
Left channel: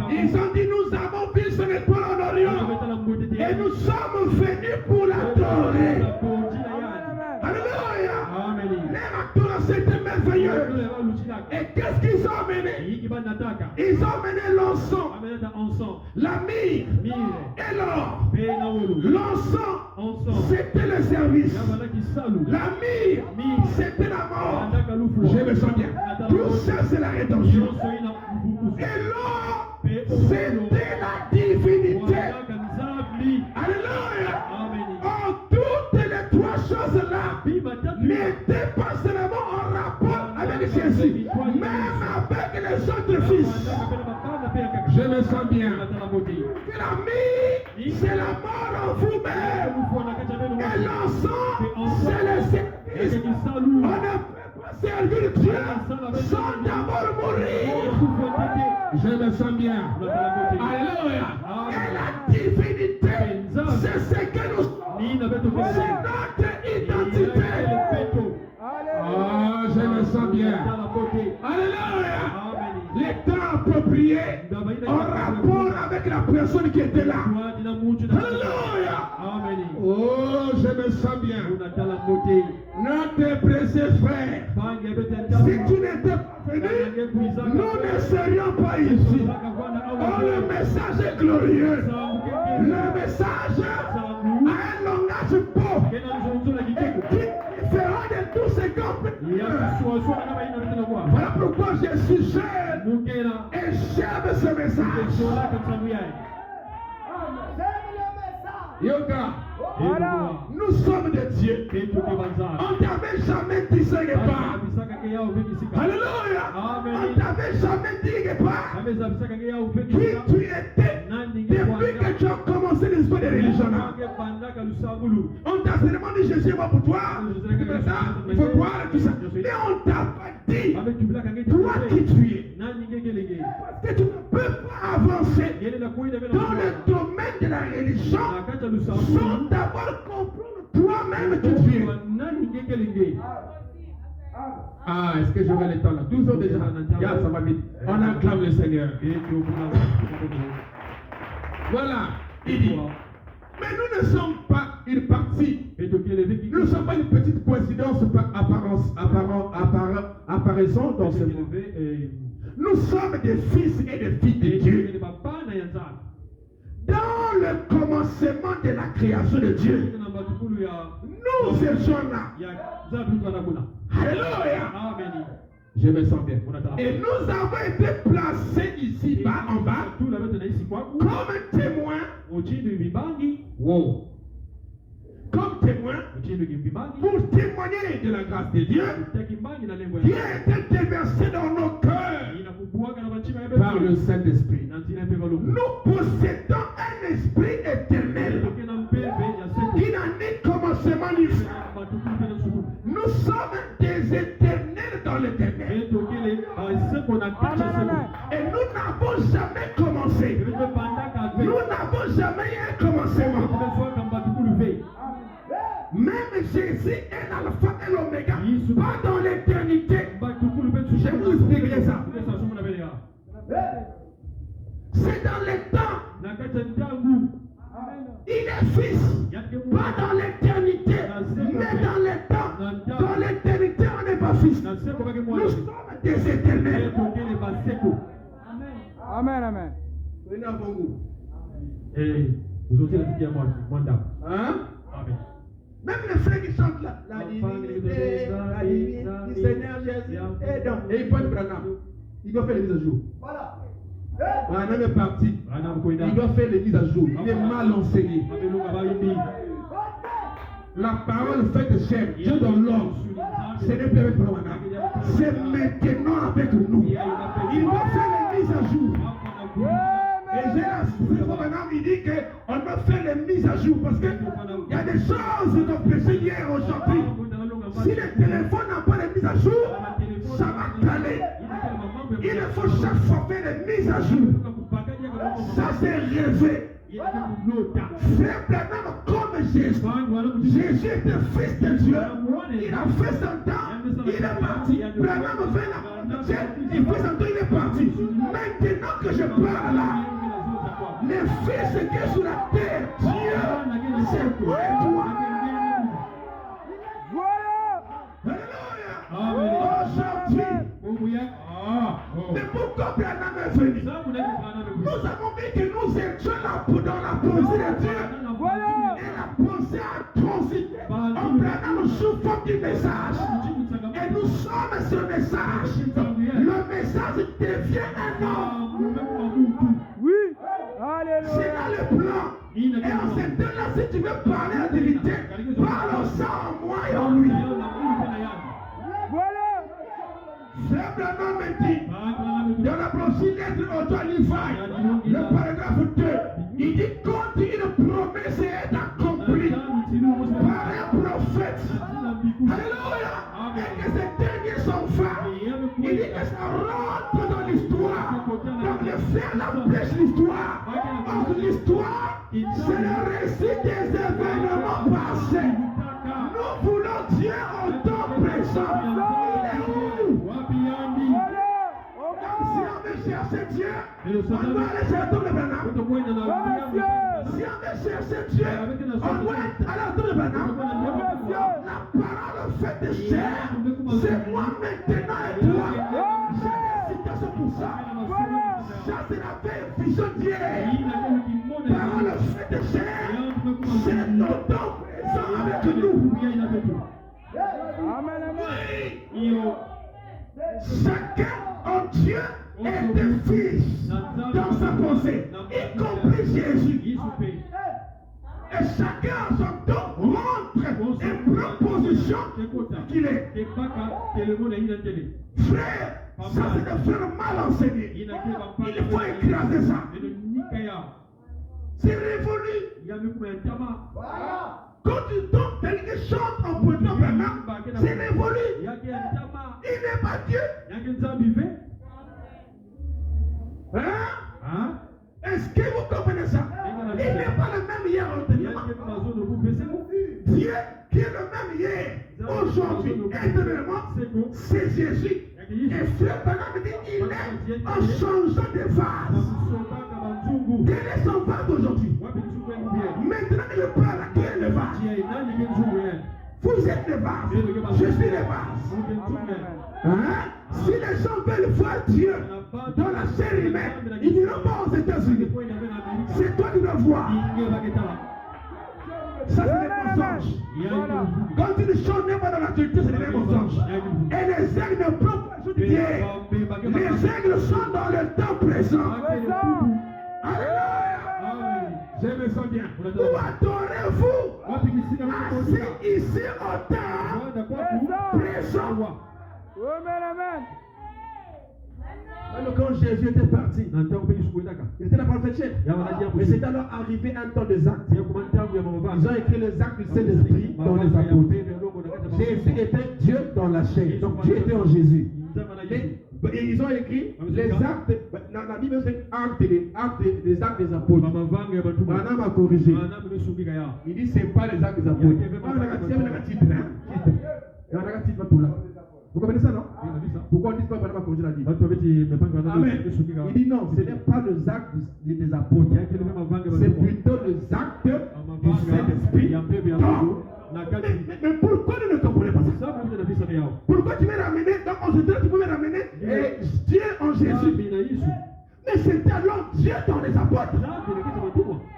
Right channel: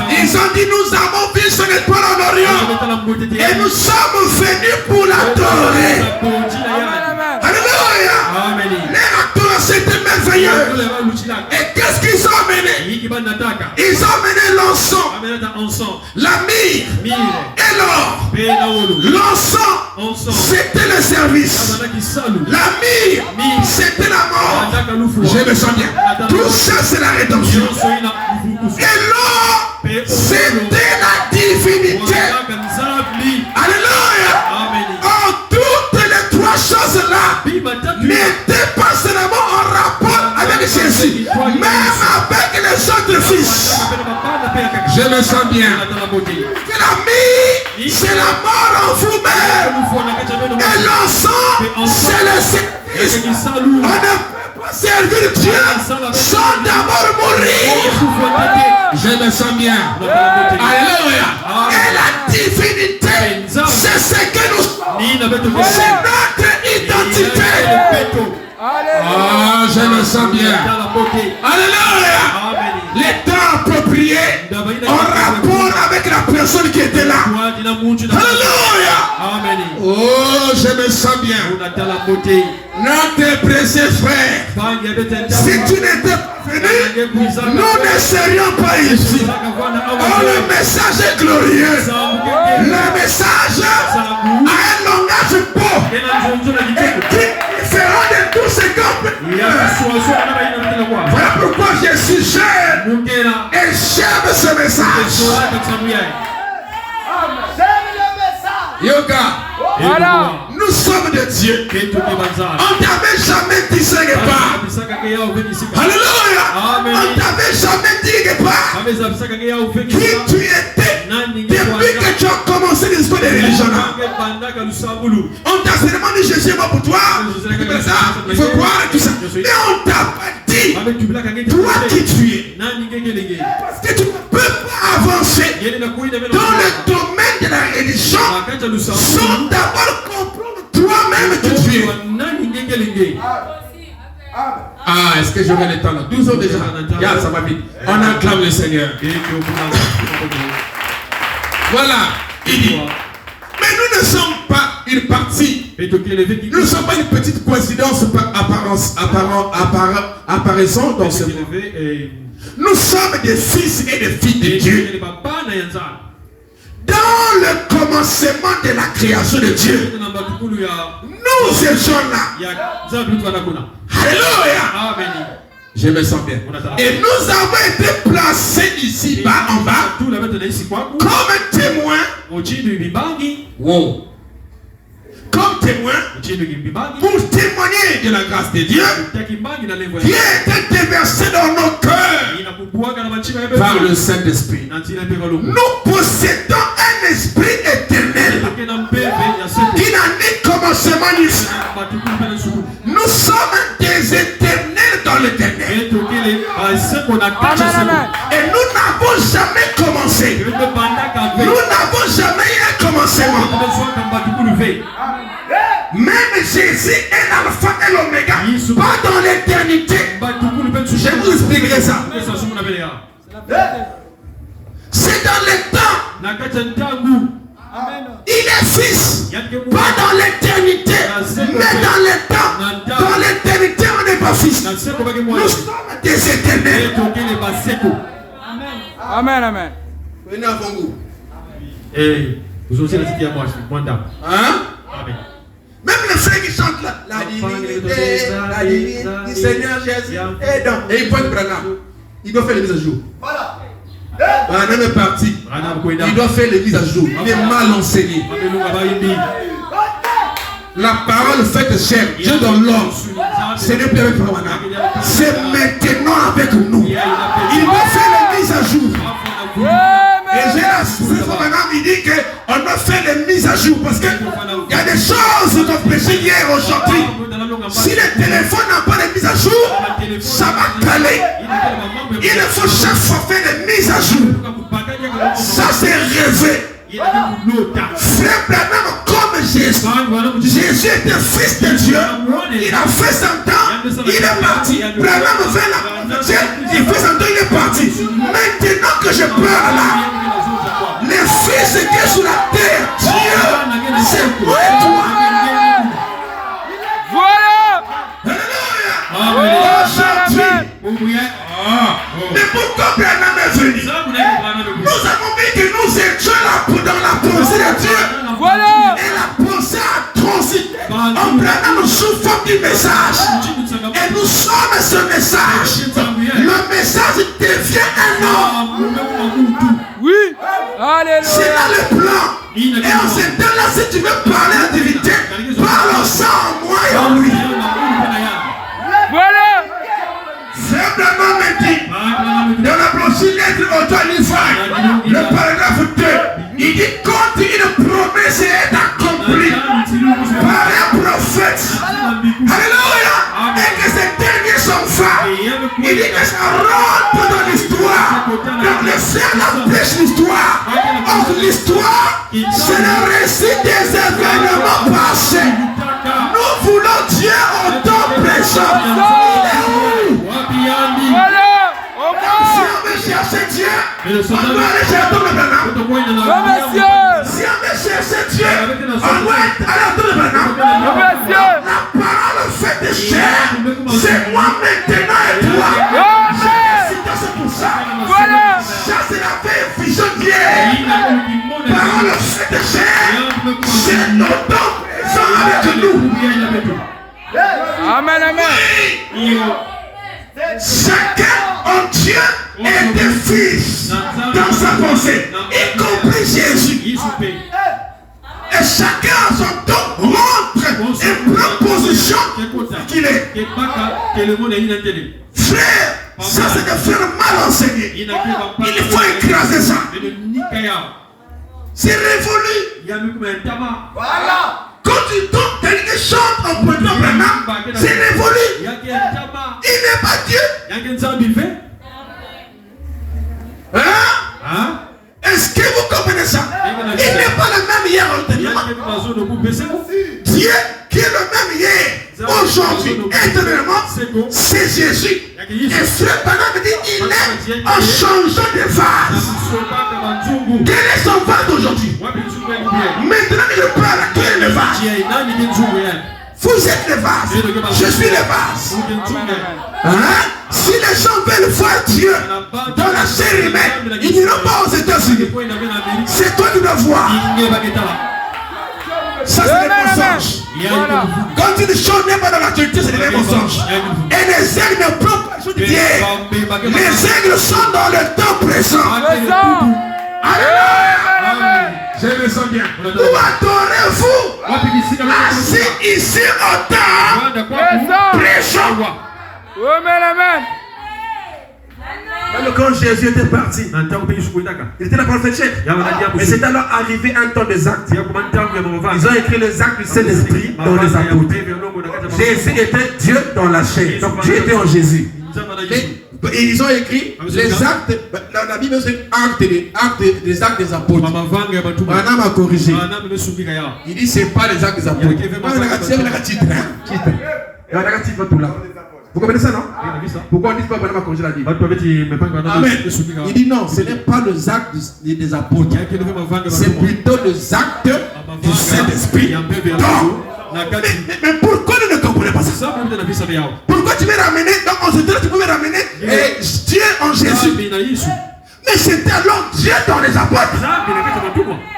Ils ont dit nous avons vu son étoile en Orient. Et nous sommes venus pour l'adorer. Alléluia. Les adorateurs c'était merveilleux. Et qu'est-ce qu'ils ont amené? Ils ont amené l'encens, la myrrhe et l'or. L'encens, c'était le service. La myrrhe, c'était la mort. Je me sens bien. Tout ça, c'est la rédemption. Et l'or, c'était la divinité. Alléluia. Oh, toutes les trois choses-là n'étaient pas seulement en rapport avec Jésus, même avec les autres fils. Je me sens bien. Que la myrrhe, c'est la mort en vous-même. Et l'encens, c'est le service. On ne peut pas servir Dieu sans d'abord mourir. Je me sens bien. Alléluia. Et la divinité, c'est ce que nous sommes. C'est notre identité. Ah, je me sens bien. Alléluia. Les temps appropriés en rapport avec la personne qui était là. Alléluia. Oh, je me sens bien. Notre précieux frère, si tu n'étais pas venu, nous ne serions pas ici. Oh, le message est glorieux. Le message a un langage beau qui fera de tout ce qu'on. Voilà pourquoi je suis jeune et j'aime ce message. Yoga, Voilà. nous sommes de Dieu. On t'avait jamais dit ce n'est pas. Alléluia. On t'avait jamais dit quelque part qui tu étais depuis que tu as commencé l'histoire de religion. On t'a seulement dit je suis mort pour toi. Il faut croire tout ça. Mais on t'a pas dit toi qui tu es. Parce que tu ne peux pas avancer dans le domaine de la religion sans d'abord comprendre toi-même qui tu es. Ah, est-ce que j'aurai le temps là? 12 ans déjà. Yeah, ça va vite. On acclame le Seigneur. Voilà, il dit. Mais nous ne sommes pas une partie. Nous ne sommes pas une petite coïncidence par apparaissant dans ce monde. Nous sommes des fils et des filles de Dieu. Dans le commencement de la création de Dieu, nous étions là. Alléluia. Je me sens bien. Et nous avons été placés ici bas en bas comme témoins. Wow. Comme témoins pour témoigner de la grâce de Dieu qui est déversée dans nos cœurs par le Saint-Esprit. Nous possédons un esprit éternel qui n'a ni commencement ni fin. Nous sommes des éternels dans l'éternel. Et nous n'avons jamais commencé. Nous n'avons jamais eu un commencement. Même Jésus est l'alpha et l'oméga. Pas dans l'éternité. Je vous expliquerai ça. C'est dans le temps. Il est fils. Pas dans l'éternité. Mais dans le temps. Dans l'éternité, on n'est pas fils. Nous sommes des éternels. Amen, amen. Venez avant vous. Vous aussi, la cité à moi, Hein? Amen. Même les frères qui chantent là, la divinité du Seigneur Jésus est dans. Et ils pointent Branham. Il doit faire les mises à jour. Voilà. Branham est parti. Il doit faire les mises à jour. Il est mal enseigné. La parole faite chair, Dieu dans l'homme. Ce n'est plus avec Branham. C'est maintenant avec nous. Il doit faire les mises à jour. Et j'ai la surprise Branham, il dit qu'on doit faire les mises à jour. Parce qu'il y a des choses qu'on a prêchées hier, aujourd'hui. Si le téléphone n'a pas de mise à jour, ça va caler. Il faut chaque fois faire des mises à jour. Ça c'est rêvé. Frère Branham comme Jésus. Jésus était fils de Dieu. Il a fait son temps. Il est parti. Branham fait la il fait son temps, il est parti. Maintenant que je parle là, les fils qui sont sur la terre, Dieu, c'est moi et toi. Mais pourquoi Branham est venu? Nous avons dit que nous étions là dans la pensée de Dieu. Voilà. Et la pensée a transité. En Branham souffre du message. Et nous sommes ce message. Le message devient un homme. Oui. Alléluia. C'est là le plan. Et en ce temps-là, si tu veux parler à divinité, parle ça en moi et en lui. Voilà. Frère Branham me dit, dans la prochaine lettre au Tonify, le paragraphe 2, il dit quand une promesse est accomplie par un prophète, alléluia, et que ces derniers sont faits, il dit que ça rentre dans l'histoire. Donc les frères empêchent l'histoire. Or l'histoire, c'est le récit des événements passés. Nous voulons Dieu en temps présent. Si on veut chercher Dieu, on doit aller chercher le Branham. Si on veut chercher Dieu, on doit aller à le Branham. La parole faite de chair, c'est moi maintenant et toi. C'est pour ça. Ça c'est la vraie vision d'hier. Parole faite de chair, c'est nos temps présents avec nous. Amen, amen. Chacun en Dieu est des fils dans sa pensée, y compris Jésus. Et chacun à son tour rentre et prend position qu'il est. Frère, ça c'est des frères mal enseignés. Il faut écraser ça. C'est révolu. Voilà. Quand tu tombes, quelqu'un chante en prenant Branham, c'est révolu. Il n'est pas Dieu. Hein? Est-ce que vous comprenez ça? Il n'est pas le même hier ultérieurement. Dieu qui est le même hier, aujourd'hui, éternellement, c'est Jésus. Et frère Branham dit il est en changeant de vase. Quel est son vase d'aujourd'hui? Maintenant il parle à qui est le vase? Vous êtes le vase. Je suis le vase. Hein? Si les gens veulent voir Dieu dans la chair humaine, ils n'iront pas aux États-Unis. C'est toi qui dois voir. Ça c'est les mensonges. Quand une chose n'est pas dans l'actualité, c'est des mensonges. Et les aigles ne prennent pas les choses d'hier. Les aigles sont dans le temps présent. Alléluia. Je me sens bien. Où adorez-vous? Assis ici au temps présent. Amen, amen. Même quand Jésus était parti, il était la prophète chef. Mais c'est alors arrivé un temps des actes. Ils ont écrit les actes du Saint-Esprit dans les apôtres. Jésus était Dieu dans la chair. Donc Dieu était en Jésus. Et ils ont écrit les actes. La Bible c'est les actes des apôtres. Branham a corrigé. Il dit c'est pas les actes des apôtres. Vous comprenez ça, non? Pourquoi on dit pas Branham a corrigé la Bible? Amen. Il dit non, ce n'est pas les actes des apôtres. C'est plutôt les actes du Saint-Esprit. Mais pourquoi vous ne comprenez pas ça? Pourquoi tu veux ramener, donc en ce temps tu peux ramener Dieu en Jésus? Mais c'était alors Dieu dans les apôtres.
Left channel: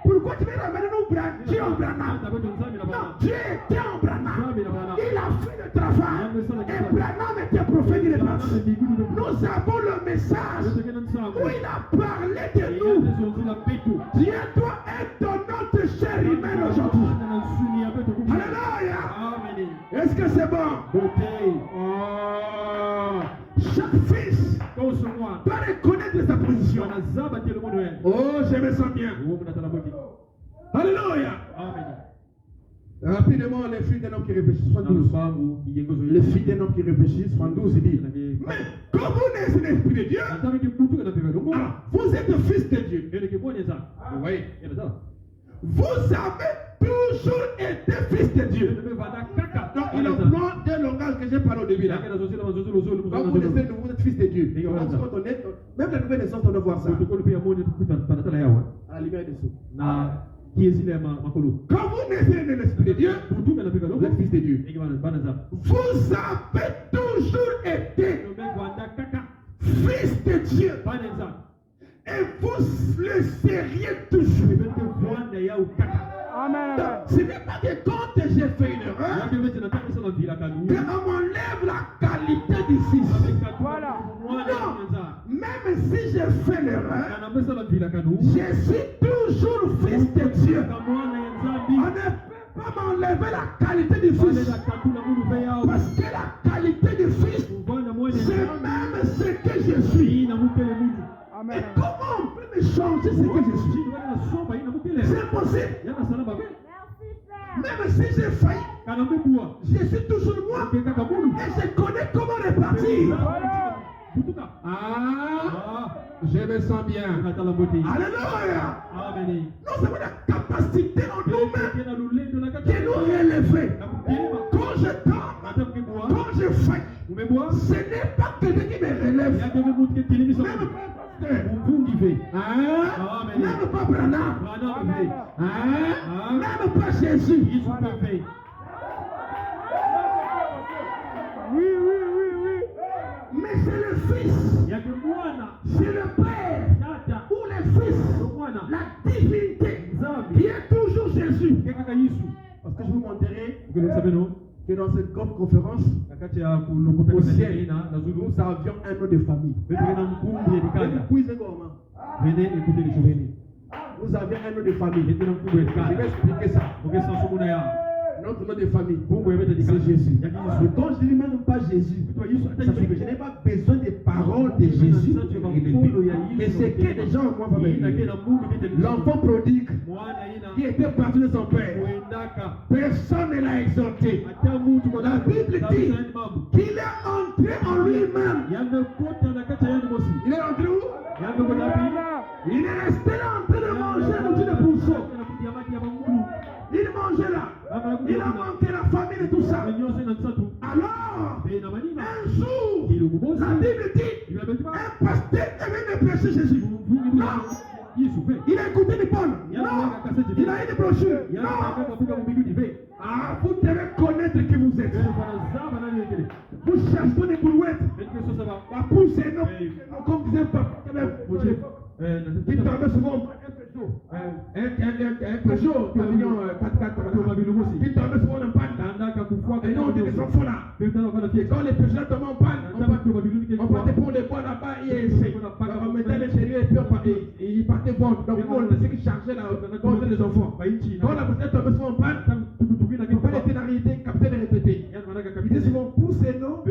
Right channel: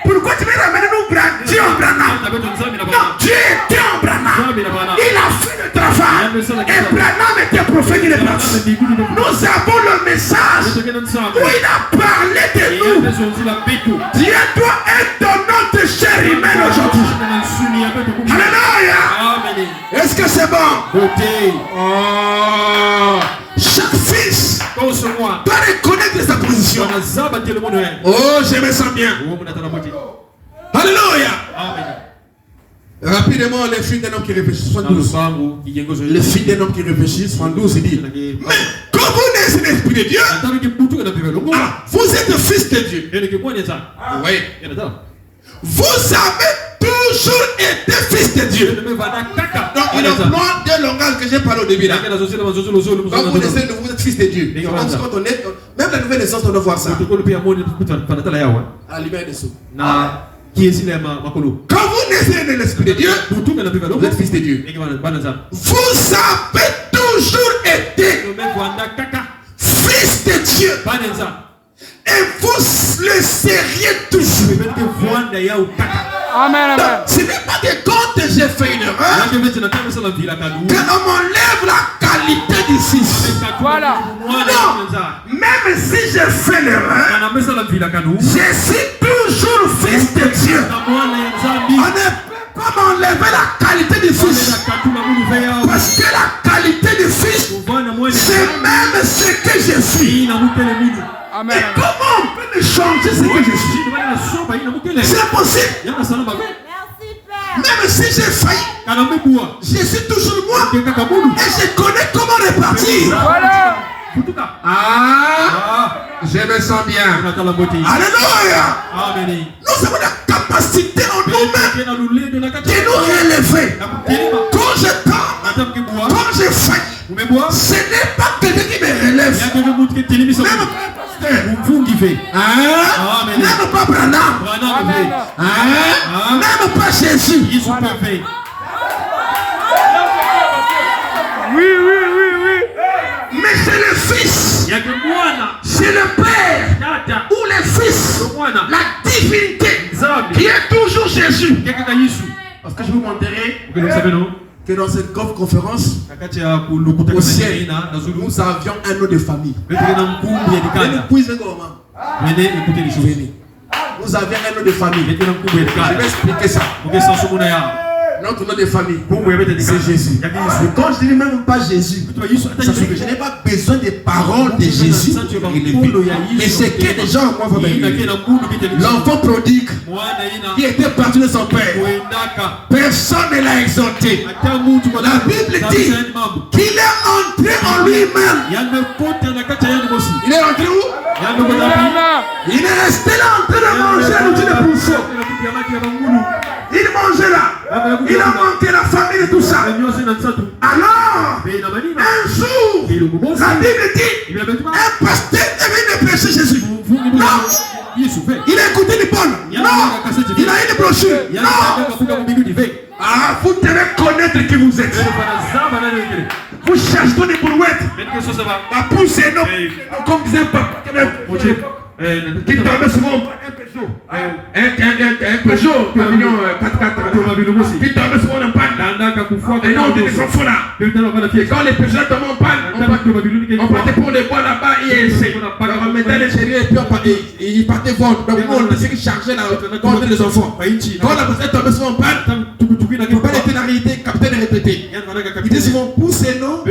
Pourquoi tu veux ramener nous Dieu en Branham? Branham. Non, Dieu était en Branham. Il a fait le travail. Et Branham était prophète, il est parti. Nous avons le message où il a parlé de nous. Dieu doit être notre chair humaine aujourd'hui. Alléluia. Est-ce que c'est bon? Chaque fils doit reconnaître sa position. Oh, je me sens bien. Alléluia. Rapidement, les filles d'un homme qui réfléchit, 72. Les filles d'un homme qui réfléchit, 72, il dit, mais quand vous naissez l'Esprit de Dieu, vous êtes fils de Dieu. Oui. Vous avez toujours été fils de Dieu. Donc, il emploie deux langages que j'ai parlé au début. Là. Quand vous naissez, vous êtes fils de Dieu. Quand on est, même la nouvelle naissance, on doit voir ça. À la lumière des sceaux. Quand vous naissez de l'Esprit de Dieu, vous êtes fils de Dieu. Vous avez toujours été fils de Dieu. Et vous le seriez toujours. Amen, amen. Ce n'est pas que quand j'ai fait une erreur, qu'on m'enlève la qualité du fils. Voilà. Non, même si j'ai fait l'erreur, je suis toujours fils de Dieu. On ne peut pas m'enlever la qualité du fils. Parce que la qualité du fils, c'est même ce que je suis. Amen. Et comment on peut me changer ce que je suis? C'est impossible. Même si j'ai failli, je suis toujours moi. Et je connais comment repartir. Voilà. Je me sens bien. Alléluia. Nous avons la capacité en nous-mêmes de nous relever. Quand je tombe, quand je faille, ce n'est pas quelqu'un qui me relève. Même pas Branham. Même pas Jésus. Oui. Mais c'est le Fils. C'est le Père ou le Fils. La divinité qui est toujours Jésus. Parce que je vous montrerai que dans cette grande conférence, au ciel, nous avions un nom de famille. Nous avions un nom de famille. Je vais expliquer ça. Notre nom de famille, c'est Jésus. Et quand je dis même pas Jésus, ça veut dire que je n'ai pas besoin des paroles de Jésus. Mais c'est que les gens moi vont venir. L'enfant prodigue qui était parti de son père, personne ne l'a exalté. La Bible dit qu'il est entré en lui-même. Il est entré où? Il est resté là en train de manger l'outil de pousseau. Il mangeait là. Il a manqué la famille et tout ça. Alors, un jour, la Bible dit, un pasteur est venu prêcher Jésus. Non. Il a écouté les Paul. Non. Il a eu des brochures. Non. Ah, vous devez connaître qui vous êtes. Vous cherchez des brouettes. La pousse est non. Comme disait Papa. Qui tombait souvent un Peugeot. Un Peugeot, pavillon 4x4. Qui tombait souvent en panne. Et non, on était sans fou là. Quand les Peugeot tombaient en panne, on partait pour les bois là-bas et on mettait les chéris et puis ils partaient vendre. Donc nous, on essayait de charger là contre les enfants. Quand la personne tombait souvent en panne, le père était la réalité, capitaine est répété. Il disait souvent, poussez-nous.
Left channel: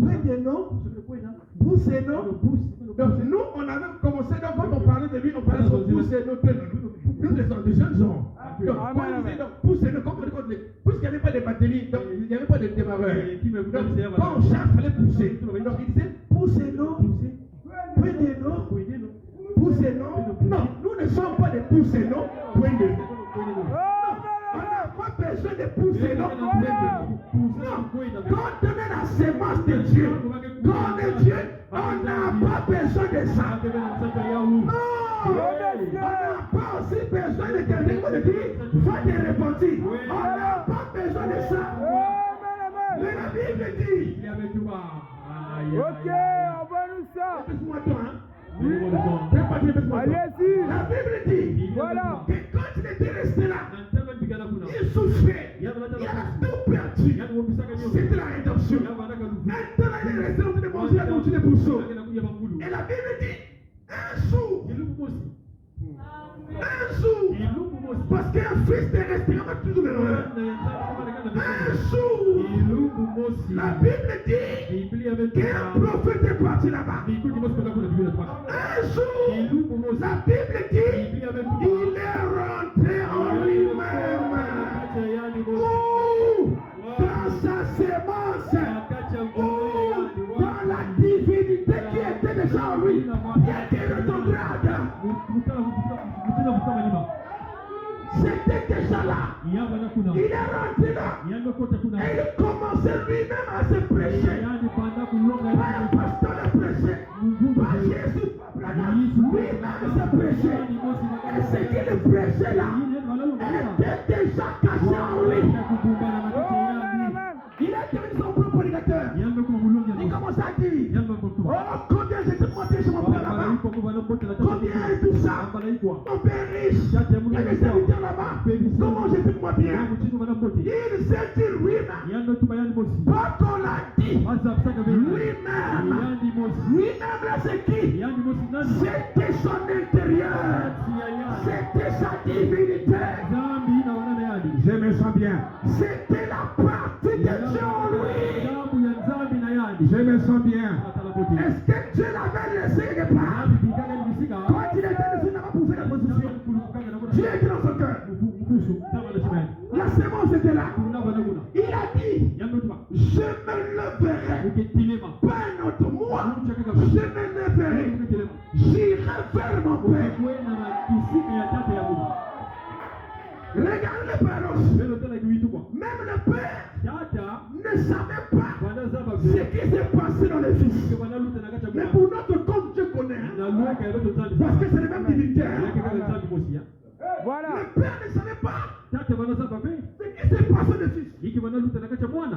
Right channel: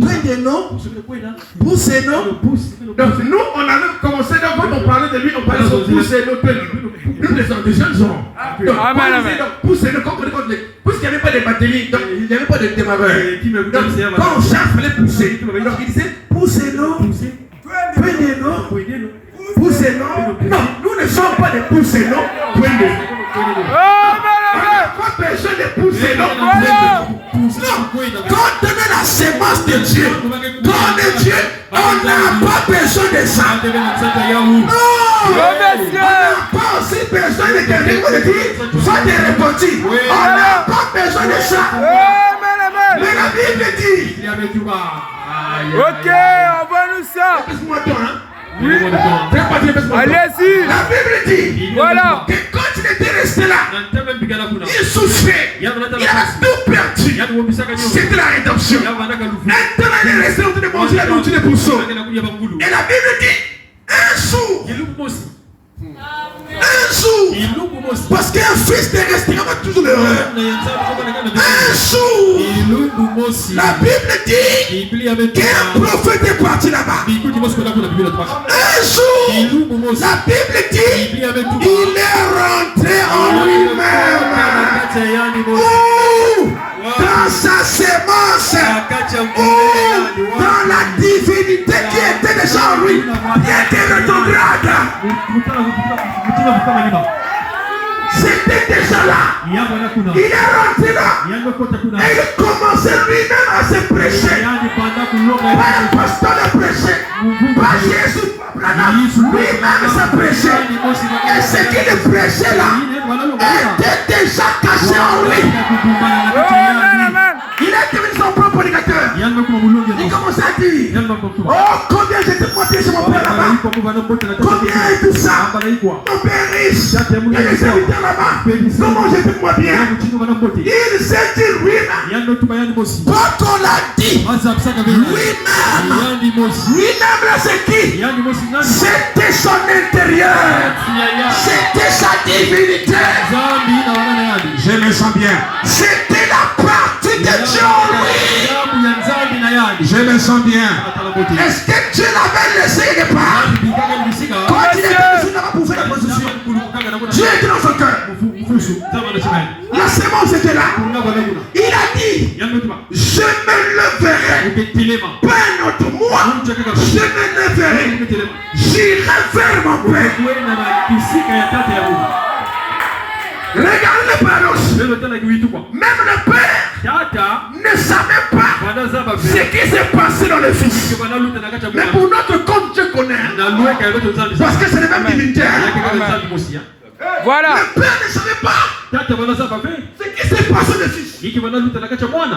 Prenez-nous. Poussez-nous. Donc nous, on avait commencé, quand on parlait de lui, on parlait de poussez-nous. Nous, les jeunes gens. Donc, poussez-nous, puisqu'il n'y avait pas de batterie, donc il n'y avait pas de démarreur. Donc, quand on cherche, il fallait pousser. Donc il disait, poussez-nous. Prenez-nous. Poussez-nous. Non, nous ne sommes pas des poussez-nous. Prenez-nous. Pas besoin de pousser, non. Quand on est la sémence de Dieu, quand on est Dieu, on n'a pas besoin de ça. Non. On n'a pas aussi besoin de quelqu'un qui dit, soit des repentis. On n'a pas besoin de ça. Mais la Bible dit. Ok, envoie-nous ça. Oui. Allez-y. La Bible dit. Voilà. Que quand il était était resté là, il souffrait, il a tout perdu. C'était la rédemption. Maintenant, il est resté en train de manger la nourriture des poussons. Et la Bible dit un jour. Un jour, parce qu'un fils est resté toujours l'erreur. Un jour, la Bible dit qu'un prophète est parti là-bas. Un jour, la Bible dit il est rentré en lui-même. Dans sa sémence, dans la divinité qui était déjà en lui, il était rétrograde. C'était déjà là. Il est rentré là. Et il commençait lui-même à se prêcher. Pas un pasteur de prêcher. Pas Jésus. Lui-même se prêchait. Et ce qu'il prêchait là était déjà caché en lui. Il a devenu son propre prédicateur. Il commençait à dire oh, combien j'étais moitié chez mon père là-bas. Combien est tout ça. Mon père riche. Il y a des serviteurs là-bas. Comment j'étais moi bien. Il s'est dit lui-même. Quand on l'a dit, lui-même. Lui-même là c'est qui. C'était son intérieur. C'était sa divinité. Je me sens bien. C'était la partie de Dieu en lui. Je me sens bien. Est-ce que Dieu l'avait laissé quelque part? Quand il était ici là-bas pour faire la position, Dieu était dans son cœur. La sémence était là. Il a dit je me leverai. Pas un autre moi. Je me leverai. J'irai vers mon Père. Regardez le paradoxe. Même le Père ne savait pas ce qui s'est passé dans le Fils. Mais pour notre compte, Dieu connaît. Parce que c'est le même divinitaire. Voilà. Le Père ne savait pas ce qui s'est passé dans le Fils.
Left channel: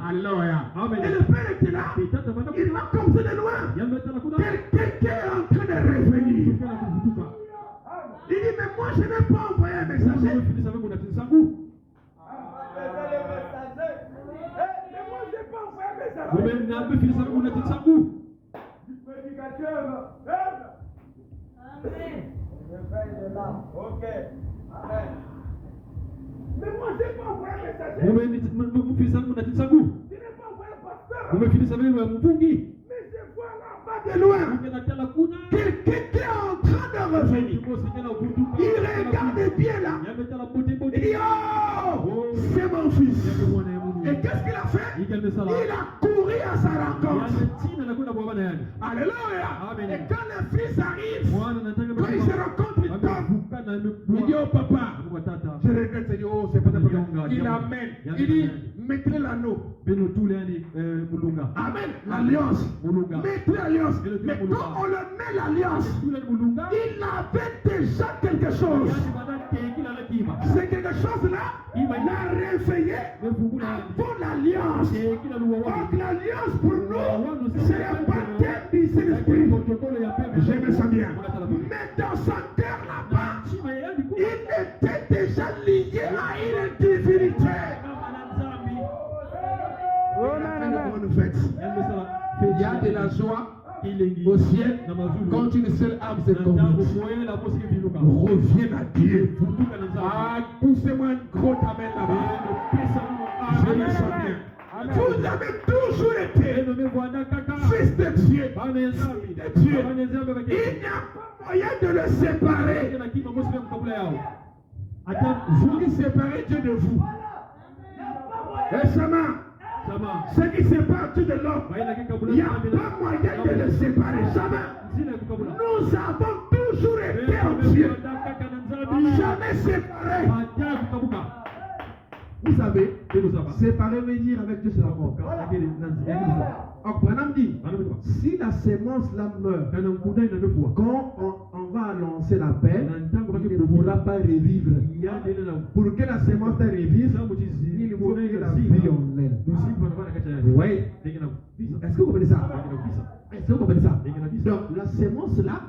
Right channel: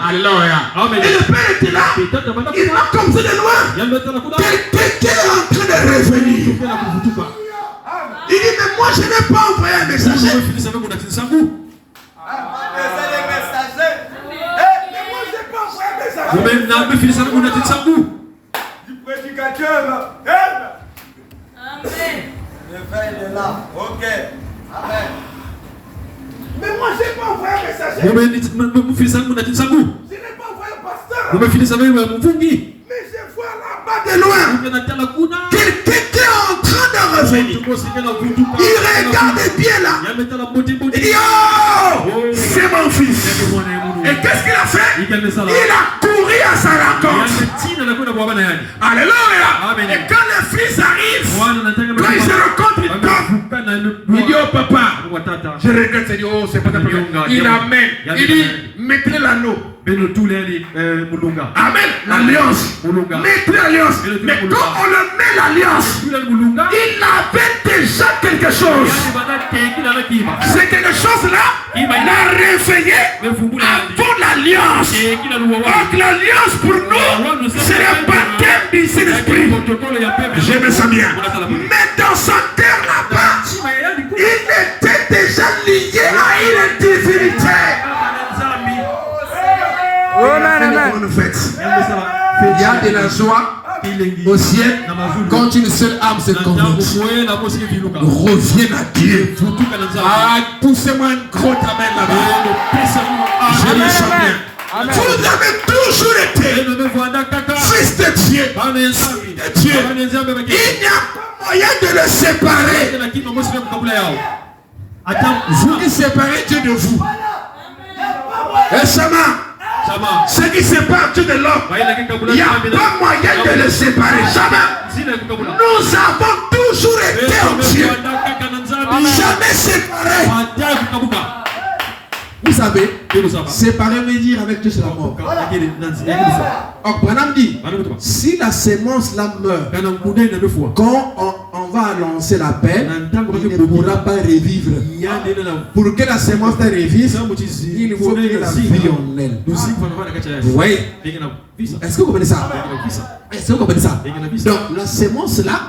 Alléluia. Et le Père était là. Il m'a comme ça de loin. Quelqu'un est en train de revenir. Il dit, mais moi je n'ai pas envoyé un messager. Mais moi je n'ai pas envoyé un messager. Du prédicateur. Amen. Le frère est là. Ok. Amen. Mais moi je n'ai pas envoyé un messager. Je n'ai pas envoyé un pasteur. Mais je vois là-bas de loin. Quelqu'un qui est en train de revenir. Il regarde bien là. Il dit oh, c'est mon fils. Et qu'est-ce qu'il a fait? Il a couru à sa rencontre. Alléluia. Et quand le fils arrive, quand il se rencontre, il tombe. Il dit oh papa, je regrette, il dit oh c'est pas ta prière. Il amène. Il dit mettez l'anneau. Amen. L'alliance. Mettez l'alliance. Mais quand on le met l'alliance, il avait déjà quelque chose. C'est quelque chose là. Il a réveillé avant l'alliance. Donc l'alliance pour nous, c'est le baptême du Saint-Esprit. Je me sens bien. Mais dans sa terre là-bas, il était déjà lié à une divinité. Il y a de la joie au ciel quand une seule âme se convertit. Reviens à Dieu. Ah, poussez-moi un gros amen là-bas. Je me sens bien. Vous avez toujours été fils de Dieu. Il n'y a pas moyen de le séparer. Vous qui séparez Dieu de vous. Et ce qui sépare Dieu de l'homme, il n'y a pas moyen de le séparer. Jamais. Nous avons toujours été en Dieu. Jamais séparés. Vous savez, séparer veut dire avec Dieu c'est la mort. Or, Branham dit, si la sémence là meurt, quand on va annoncer la paix, il ne pourra pas revivre. Pour que la sémence revive, il faut que la vie en elle. Vous voyez? Est-ce que vous comprenez ça? Est-ce que vous comprenez ça? Donc la sémence là,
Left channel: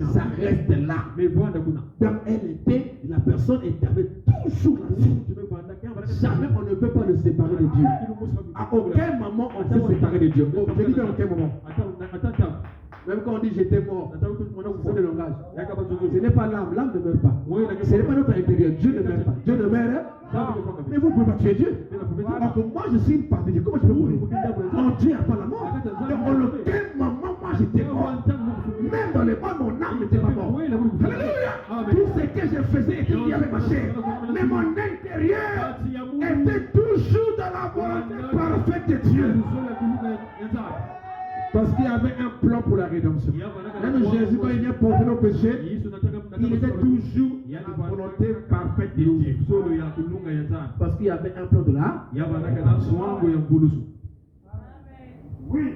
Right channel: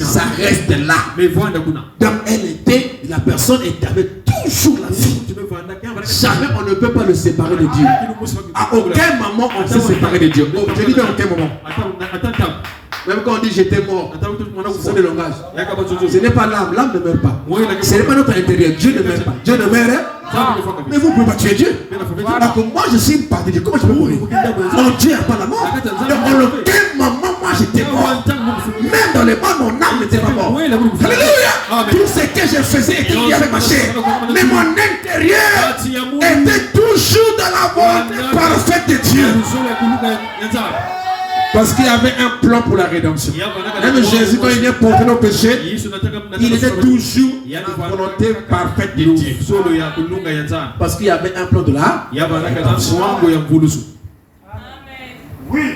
ça reste là. Donc la personne avait toujours la vie. Jamais on ne peut pas le séparer de Dieu. À aucun moment on s'est séparé de Dieu. Oh, je dis à aucun moment. Même quand on dit j'étais mort, c'est le langage. Ce n'est pas l'âme, l'âme ne meurt pas. Ce n'est pas notre intérieur, Dieu ne meurt pas. Dieu ne meurt, hein? Mais vous ne pouvez pas tuer Dieu. Alors que moi je suis une partie de Dieu, comment je peux mourir? Mon Dieu n'a pas la mort. Dans lequel moment moi j'étais mort. Même dans les morts, mon âme n'était pas morte. Alléluia! Tout ce que je faisais était lié avec ma chair. Mais mon intérieur était toujours dans la volonté parfaite de Dieu. Parce qu'il y avait un plan pour la rédemption. Même Jésus, quand il vient porter nos péchés, il était toujours dans la volonté parfaite de Dieu. Parce qu'il y avait un plan de la rédemption. Oui.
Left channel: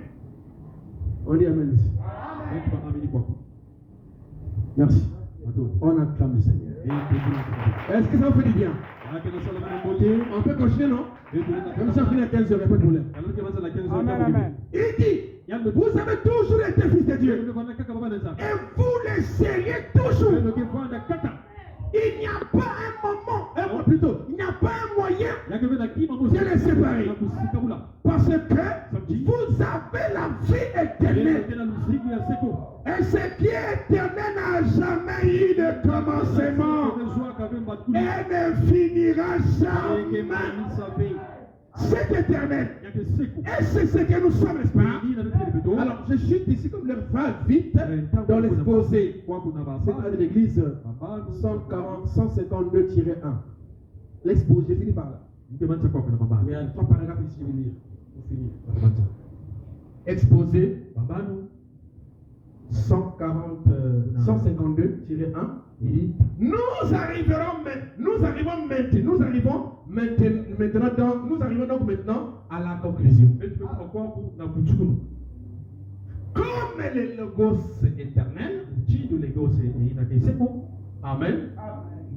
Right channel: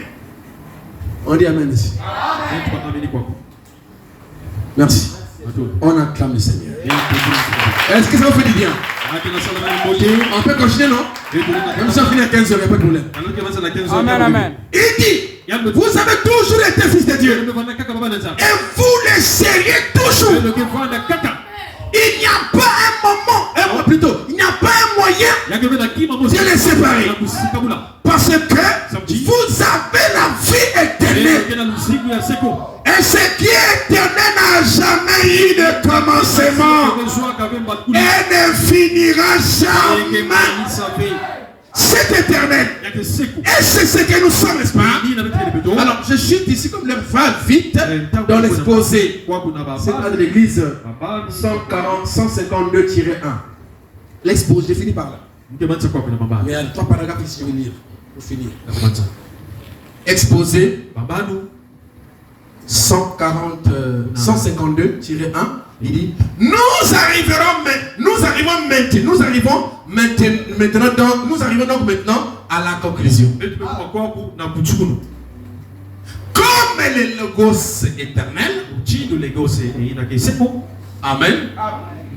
On dit Amen ici. Merci. On acclame le Seigneur. Est-ce que ça vous fait du bien? On peut continuer, non? Même si on finit à 15h, il n'y a pas de problème. Amen, amen. Il dit, vous avez toujours été fils de Dieu. Et vous le serez toujours. Il n'y a pas un moment, plutôt, il n'y a pas un moyen de les séparer. Parce que vous avez la vie éternelle. Et ce qui est éternel n'a jamais eu de commencement. Et ne finira jamais. C'est éternel. Et c'est ce que nous sommes, n'est-ce pas? Alors, je chute ici comme l'heure va vite dans l'exposé. C'est dans l'église 152-1. L'exposé, j'ai fini par là. Mais il y a 3 paragraphes ici, je vais lire pour finir. Exposé 152-1, il dit nous arrivons donc maintenant à la conclusion. Comme le logos éternel, amen.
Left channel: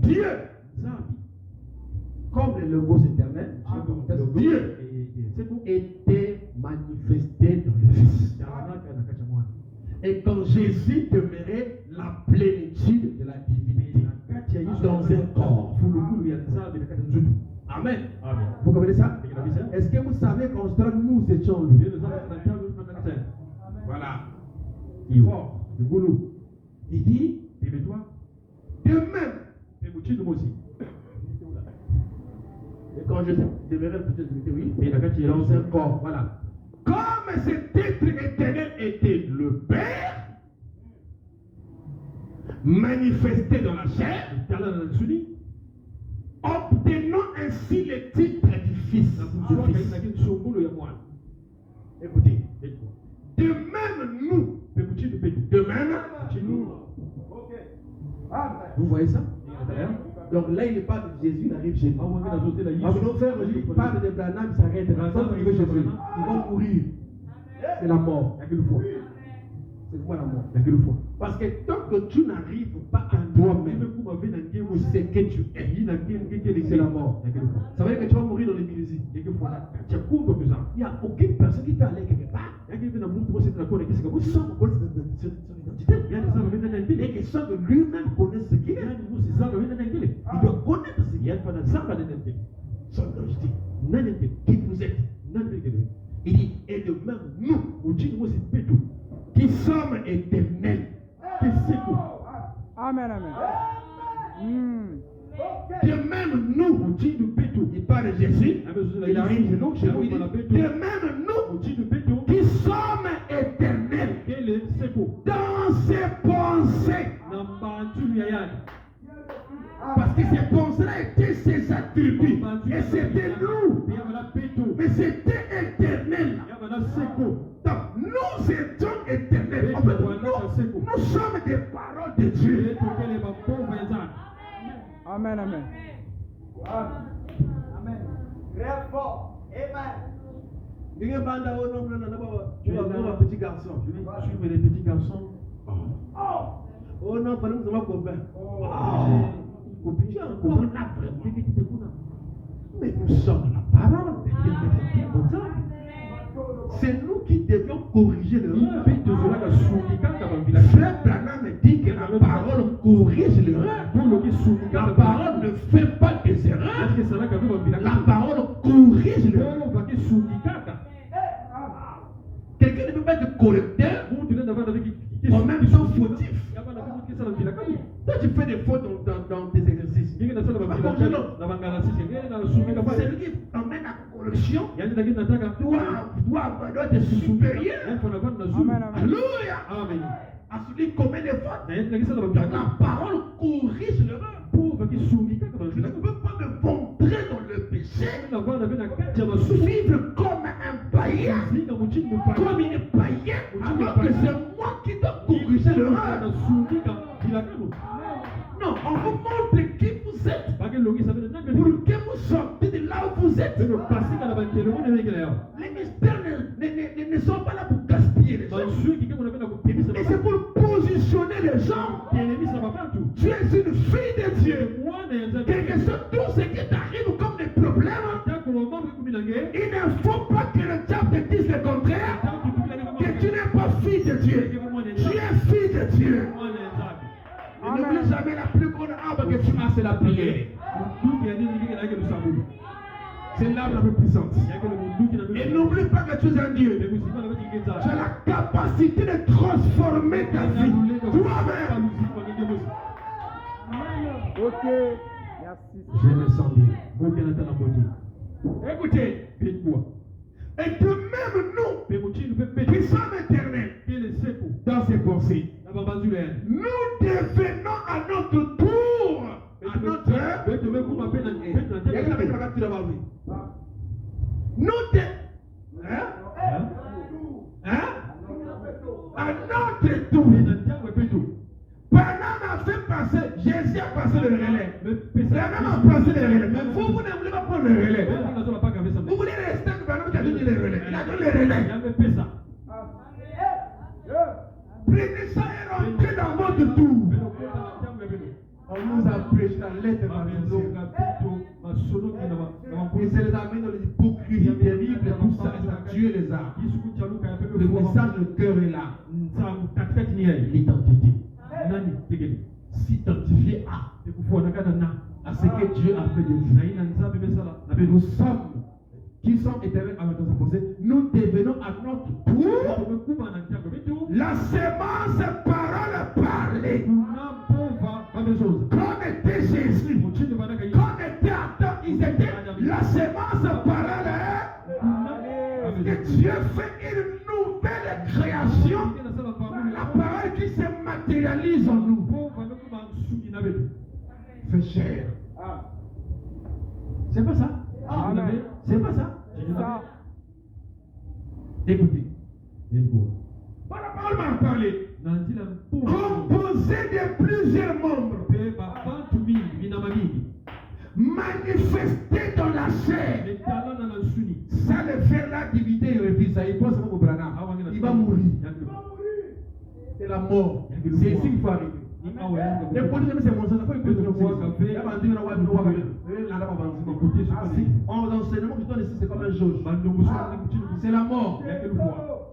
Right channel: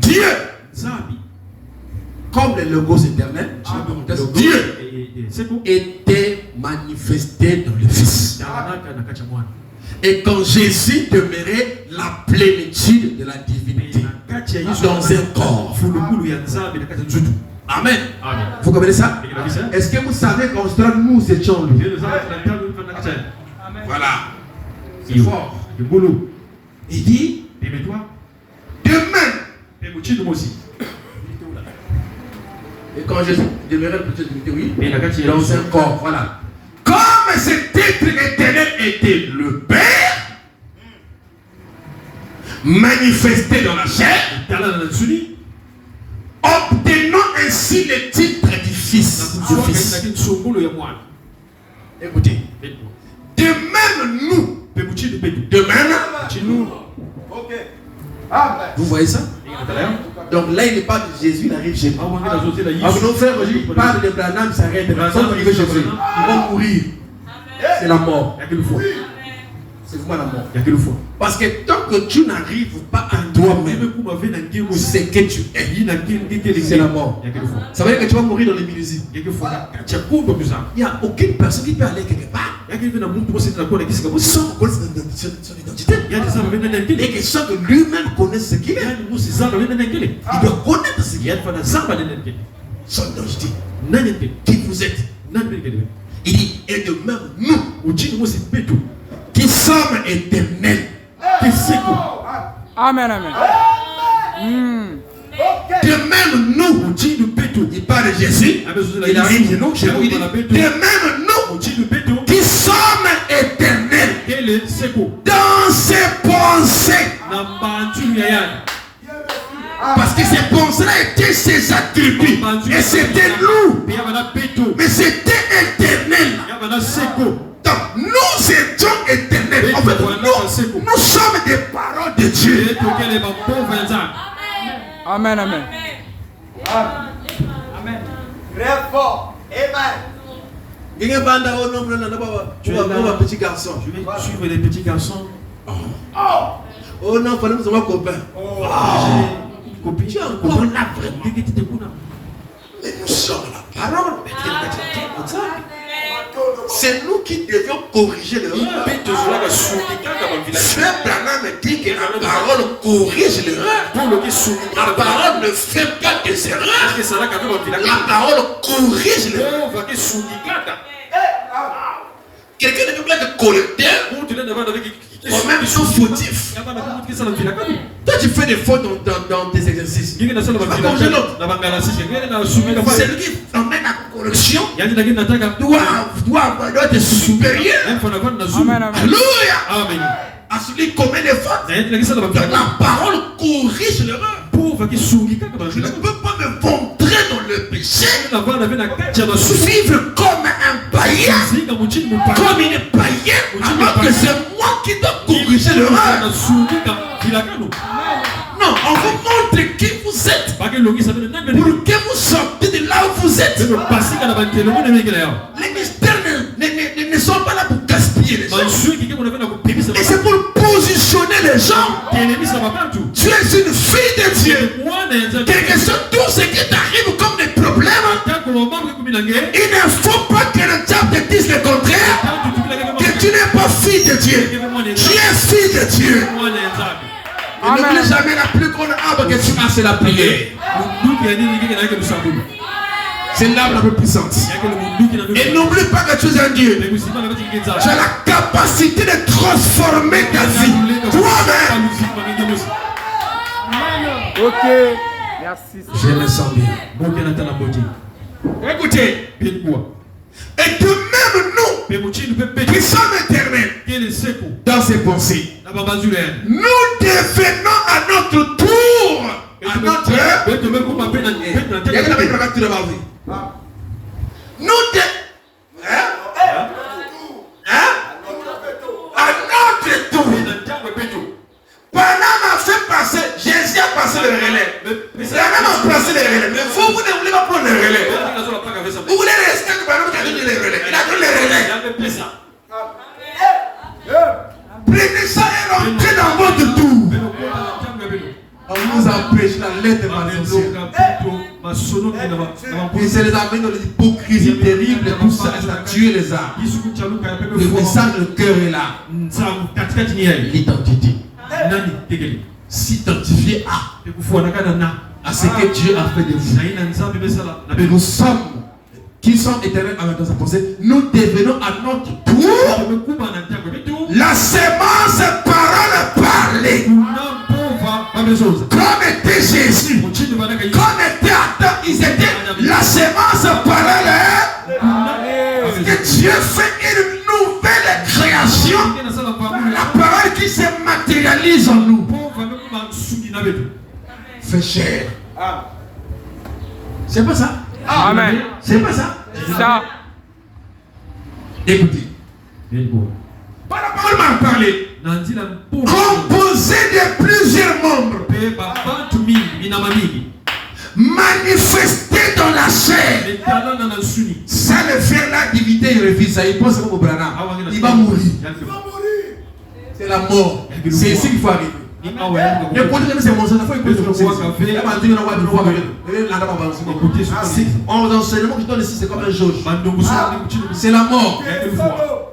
Dieu, comme le logos éternel, Dieu était manifesté dans le Fils. Et quand Jésus demeurait la plénitude de la divinité dans un corps. Amen. Vous comprenez ça? Est-ce que vous savez qu'en Australie, nous étions lui? Voilà. C'est fort. Il dit demain. Et quand Jésus demeurait la plénitude de la divinité, oui, dans un corps. Voilà. Comme cet être éternel était le Père, manifesté dans la chair, obtenant ainsi le titre du Fils. Écoutez, de même nous, vous voyez ça? Donc là, il n'est pas de Jésus, il arrive chez nous. Alors nos frères, il parle de Branham, ça arrête. Ils vont mourir. C'est la mort. C'est vraiment la mort. Parce que tant que tu n'arrives pas à toi-même, c'est que tu es. C'est la mort. Ça veut dire que tu vas mourir dans les millésimes. Il n'y a aucune personne qui peut aller quelque part sans connaître son identité. Et que sans que lui-même connaisse ce qu'il est. Il doit connaître ce qu'il est. Son identité. Qui vous êtes. Il dit, et de même nous, qui sommes éternels. Amen, amen. De même nous, il parle de Jésus, il arrive chez nous, il dit, de même nous, qui sommes éternels dans ses pensées. Parce que ces pensées-là étaient ses attributs. Et c'était nous. Mais c'était éternel. Donc nous étions éternels. En fait, nous sommes des paroles de Dieu. Amen, amen. Amen. Très fort. Amen. Tu es un petit garçon. Je vais suivre les petits garçons. Oh non, fallait nous avoir copain. J'ai encore la vraie. Mais nous sommes la parole. C'est nous qui devions corriger l'erreur. Frère Branham me dit que la parole corrige l'erreur. La parole ne fait pas des erreurs. La parole corrige l'erreur. Quelqu'un ne peut pas être correcteur ou même son fautif. Toi tu fais des fautes dans tes exercices. C'est lui qui emmène la correction. Doit être supérieur. Alléluia. À celui qui commet des fautes. La parole corrige l'erreur. Je ne peux pas me montrer dans le péché. Vivre comme un païen. Comme il est païen. Alors que c'est moi qui dois corriger l'erreur. Non, on vous montre qui vous êtes. Pour que vous sortez de là où vous êtes. Les mystères ne sont pas là pour gaspiller les gens. Et c'est pour positionner les gens. Tu es une fille de Dieu. Quelque chose, tout ce qui t'arrive comme des problèmes, il ne faut pas que le diable te dise le contraire. Que tu n'es pas fille de Dieu. Tu es fille de Dieu. Et n'oublie jamais la plus grande arme que tu as, c'est la prière. C'est l'arme la plus puissante. Et n'oublie pas que tu es un Dieu. Tu as la capacité de transformer ta vie. Toi-même. Ok. Merci. Je me sens bien. Écoutez. Et que même nous, qui sommes éternels, dans ses pensées, nous devenons à notre tour, à notre Panama a fait passer, Jésus a passé le relais. C'est la même a passé le relais. Mais vous ne voulez pas prendre le relais. Vous voulez rester que Panama a donné le relais. Il a donné le relais. Prenez ça et rentrez dans votre tour. On nous empêche la lettre de et c'est les amène dans l'hypocrisie terrible. Tout ça, ça tue les âmes. Le message, le cœur est là. L'identité. S'identifier à ce que Dieu a fait de vous. Mais nous sommes, qui sommes éternels dans sa pensée, nous devenons à notre tour la semence parole parlée. Comme était Jésus, comme était Adam, ils étaient la semence parole. Parce que Dieu fait une nouvelle création. La parole qui se matérialise en nous. Fait chair. C'est pas ça? Amen. C'est pas ça? C'est ça. Écoutez. Par la parole m'a parlé. Composé de plusieurs membres. Manifesté dans la chair. Ça le fait la divinité, il refuse ça. Il pense comme au Branham. Il va mourir. C'est la mort. C'est ici qu'il faut arriver. Mais pour dire que c'est mon sang, il faut écouter ce qu'on fait. L'enseignement que je donne ici, c'est comme un jauge. C'est la mort.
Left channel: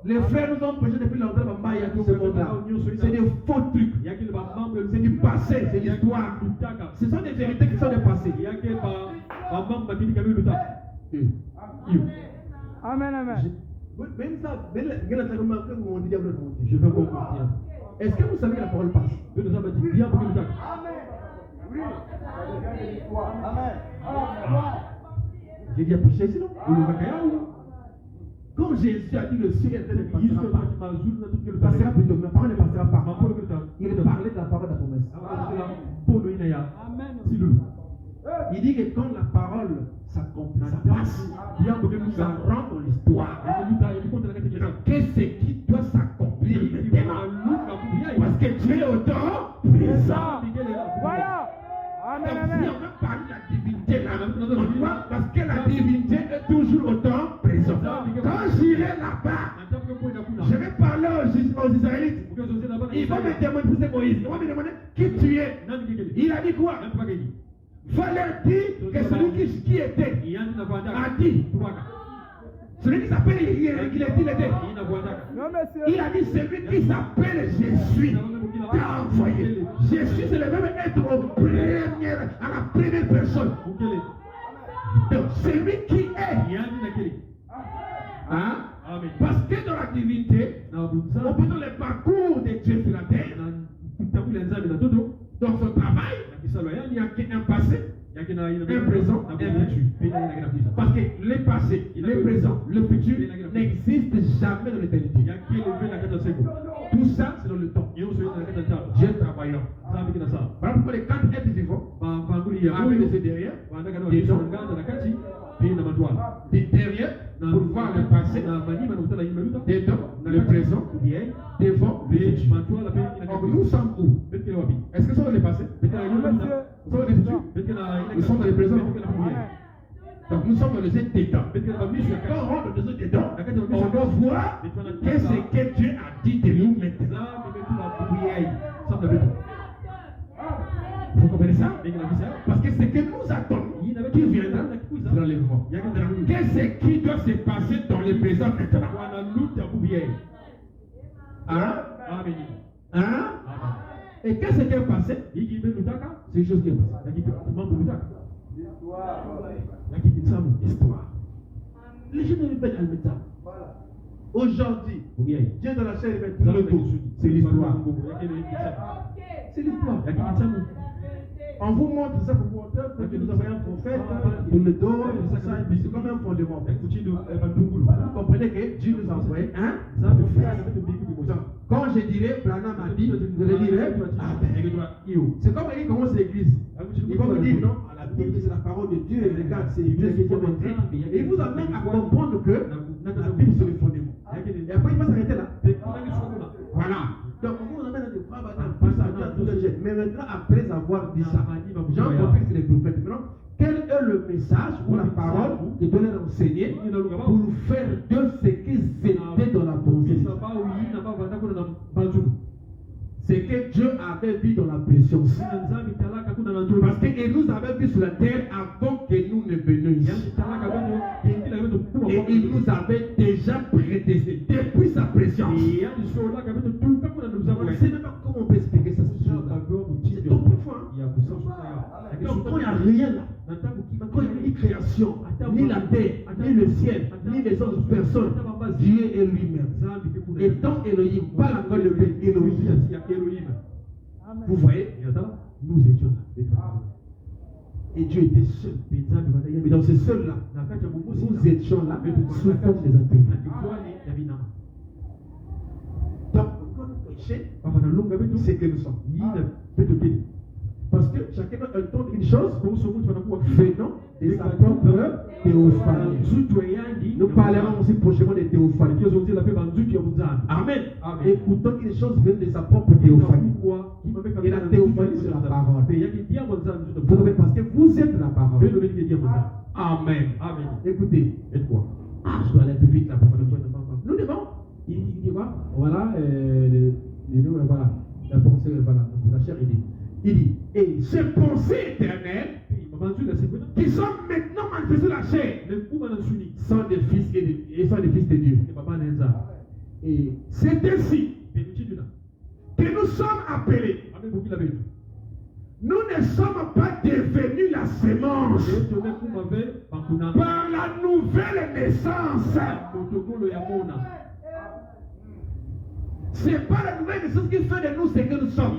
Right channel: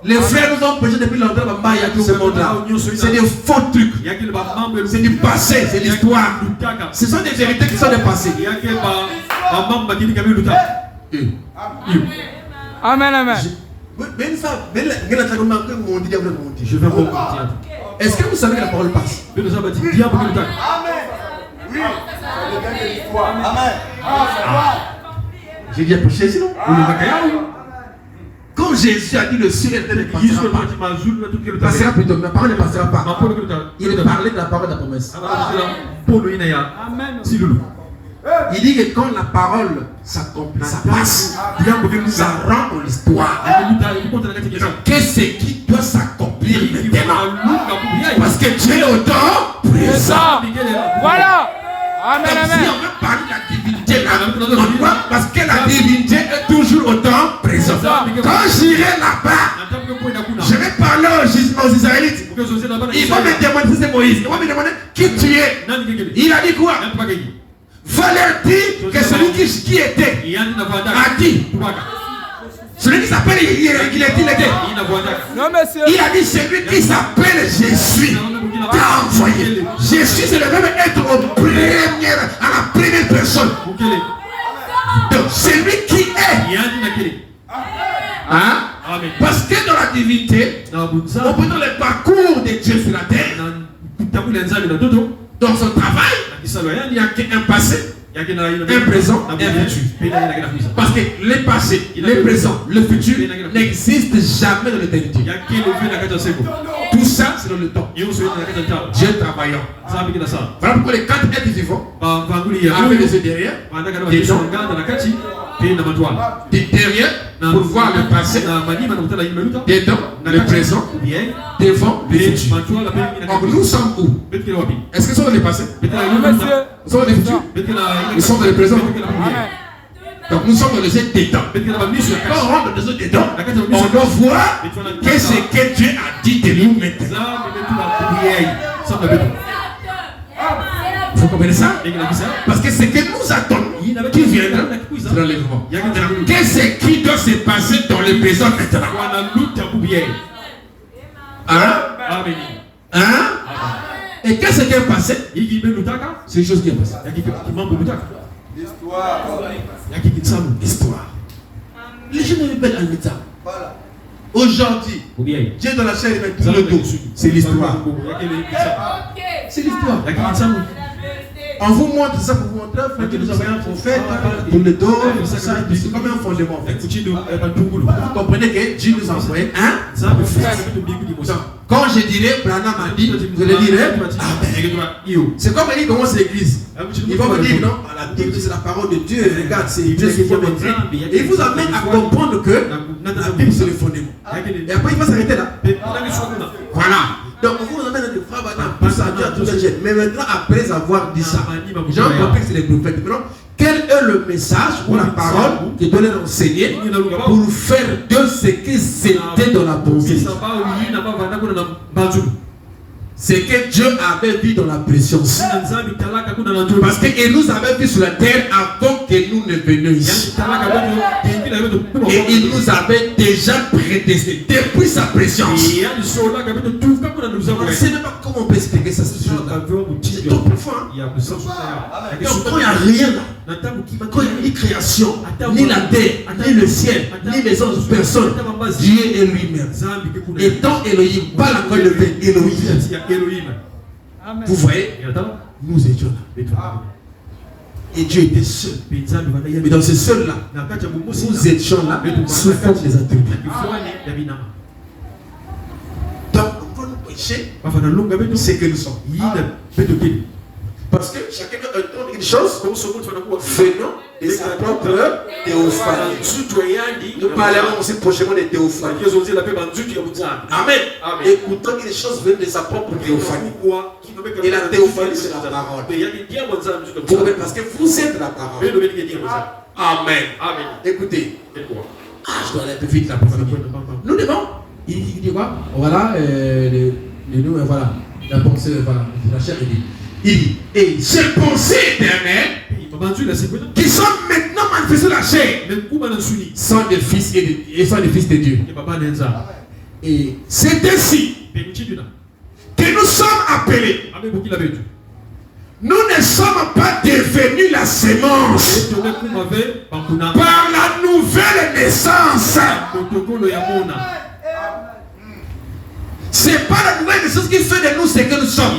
Les frères nous ont prêché depuis longtemps dans ce monde-là. C'est des faux trucs. C'est du passé, c'est l'histoire. Ce sont des vérités qui sont des passés. Amen, amen. Je vais repartir. Est-ce que vous savez que la parole passe? Amen. Oui. Amen. J'ai déjà prêché sinon. Quand Jésus a dit le ciel et la terre ne passera plutôt, ma parole ne passera pas. Il parlait de la parole de la promesse. Il dit que quand la parole s'accomplit, ça passe. Ça rend dans l'histoire. Qu'est-ce qui doit s'accomplir maintenant? Parce que Dieu est au temps présent. Voilà. Amen, amen. Si on veut parler de la divinité là, parce que la divinité est toujours au temps présent. Quand j'irai là-bas, je vais parler aux Israélites. Ils vont me demander si c'est Moïse. Moïse. On va me demander qui tu es. Il a dit quoi? Va leur dire que celui qui était a dit. Celui qui s'appelle, il était. Non, monsieur. Il a dit celui qui s'appelle Jésus t'a envoyé. Jésus, c'est le même être à la première personne. Donc, celui qui est. Hein? Parce que dans la divinité, on peut dans le parcours de Dieu sur la terre, dans son travail, il n'y a qu'un passé, un présent, un futur. Parce que le passé, le présent, le futur n'existent jamais dans l'éternité. Tout ça, c'est dans le temps. Dieu travaillant. Voilà pourquoi les 4 êtres vivants, avec les yeux derrière, des dents, derrière, pour voir le passé, des dents, le présent, devant, le futur. Donc nous sommes où? Est-ce que nous sommes dans le passé? Nous sommes dans le futur? Nous sommes dans le présent. Donc nous sommes dans les yeux des dents. Quand on rentre dans les yeux des dents, on doit voir qu'est-ce que Dieu a dit de nous maintenant. Vous comprenez ça? Parce que ce que nous attendons, qui viendra, c'est l'enlèvement. Qu'est-ce qui doit se passer dans le présent maintenant? Hein? Hein? Et qu'est-ce qui est passé? C'est une chose qui est passée. L'histoire. Les gens ne veulent pas ça. Aujourd'hui, Dieu dans la chair, il met tout le dos. C'est l'histoire. C'est l'histoire. On vous montre ça pour vous montrer que nous avons un prophète pour le dos, c'est comme un fondement. Vous comprenez que Dieu nous a envoyé un prophète. Quand je dirais, Branham m'a dit, je le dirai, Amen. C'est comme il commence l'église. Il va me dire, non, la Bible c'est la parole de Dieu, regarde, c'est Dieu qui vient m'écrire. Et il vous amène à comprendre que la Bible c'est le fondement. Et après il va s'arrêter là. Voilà. Donc on vous amène à des frères, pour ça, Dieu a tout les jeunes. Mais maintenant, après avoir dit ça, j'ai compris que c'est les prophètes. Maintenant, quel est le message ou la parole qui doit leur enseigner pour faire de ce qui c'était dans la pensée? C'est que Dieu avait vu dans la préscience. Parce qu'il nous avait vu sur la terre avant que nous ne venions ici. Et il nous avait déjà prédestiné depuis sa préscience. Je ne sais même pas comment on peut expliquer ça. C'est trop profond. Donc quand il n'y a rien là, quand il n'y a ni création, ni la terre, ni le ciel, ni les autres personnes, Dieu est lui-même. Et dans Elohim, pas la croix levée, Elohim. Vous voyez, nous étions là. Et Dieu était seul. Mais dans ce seul-là, nous étions là sous forme des attributs. Donc, quand nous péchons, c'est que nous sommes. Parce que chacun entend une chose venant de sa propre théophanie. Nous parlerons aussi prochainement de théophanie. Amen. Écoutons que les choses viennent de sa propre théophanie. Et la théophanie, c'est la parole. Parce que vous êtes la parole. Amen. Écoutez. Je dois aller un peu vite là. Nous devons. Il dit quoi? Voilà. Voilà. La pensée, voilà. La chair, il dit. Il dit, et ces pensées éternelles qui sont maintenant manifestées la chair sont des fils sont des fils de Dieu. Et c'est ainsi que nous sommes appelés. Nous ne sommes pas devenus la sémence par la nouvelle naissance. C'est pas la nouvelle naissance qui fait de nous ce que nous sommes.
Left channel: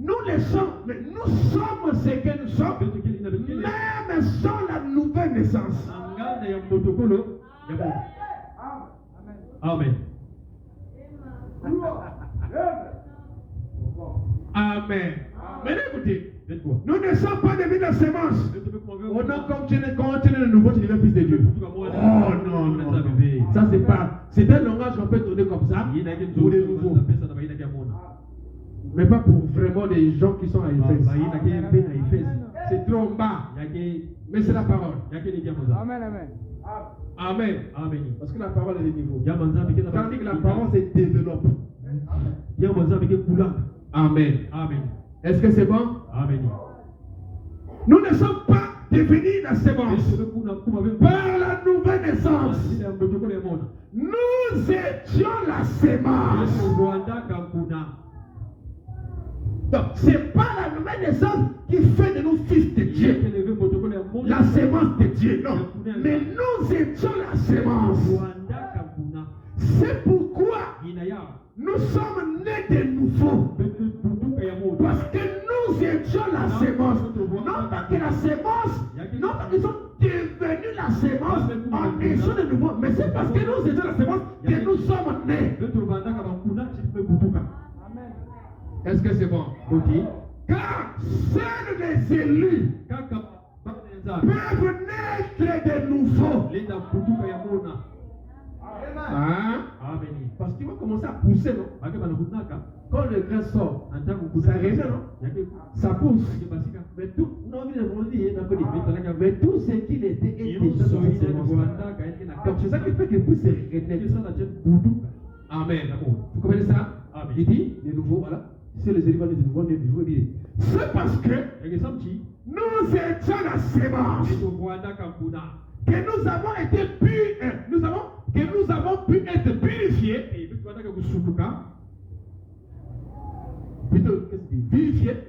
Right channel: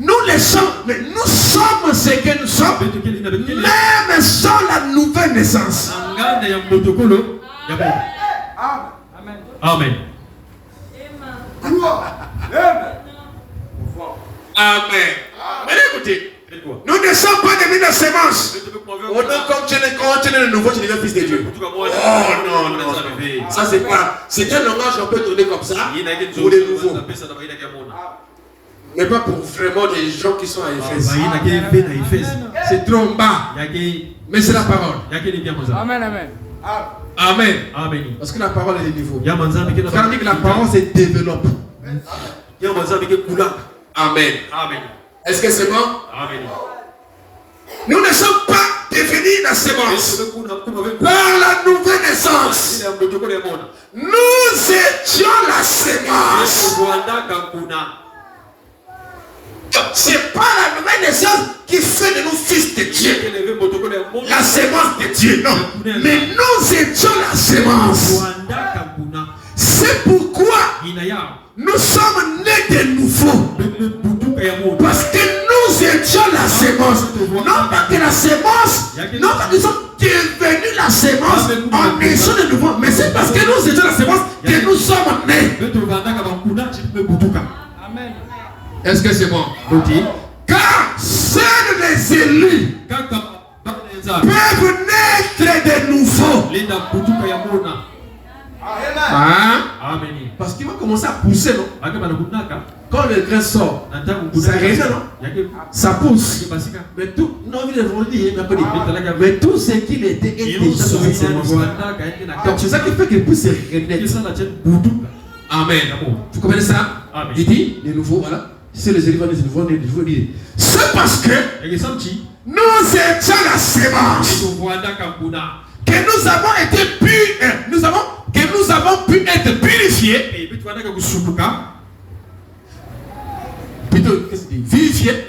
Nous le sommes, mais nous sommes ce que nous sommes, même sans la nouvelle naissance. Amen. Amen. Mais écoutez, nous ne sommes pas devenus la sémence. Comme tu es le nouveau, tu deviens fils de Dieu. Oh non. Ça c'est pas. C'est un langage qu'on peut tourner comme ça pour les nouveaux. Mais pas pour vraiment des gens qui sont à Éphèse. C'est trop en bas. Mais c'est la parole. Amen, amen. Amen. Amen. Parce que la parole est de niveau. Ya manzambi ke na. Quand on dit que la parole se développe. Ya manzambi ke kula. Amen. Amen. Est-ce que c'est bon? Amen. Nous ne sommes pas devenus la sémence. Par la nouvelle naissance, nous étions la sémence. Donc, c'est pas la nouvelle naissance qui fait de nous fils de Dieu. La sémence de Dieu, non. Mais nous étions la sémence. C'est pourquoi nous sommes nés de nouveau. Parce que nous étions la sémence. Non pas que la sémence, non pas que nous sommes devenus la sémence en naissant de nouveau. Mais c'est parce que nous étions la sémence que nous sommes nés. Est-ce que c'est bon? Car seuls les élus peuvent naître de nouveau. Hein? Parce qu'il va commencer à pousser, non? Quand le grain sort, ça résonne, non? Ça pousse. Mais tout, non, mais tout ce qu'il était est déjà dans cette sémence. Donc c'est ça qui fait qu'il puisse se renaître. Amen. Vous comprenez ça? Il dit, de nouveau, voilà. Si les éléphants de nouveau, c'est parce que nous étions la sémence. Que nous avons été que nous avons pu être purifiés. Plutôt, qu'est-ce qu'il dit? Vivifiés.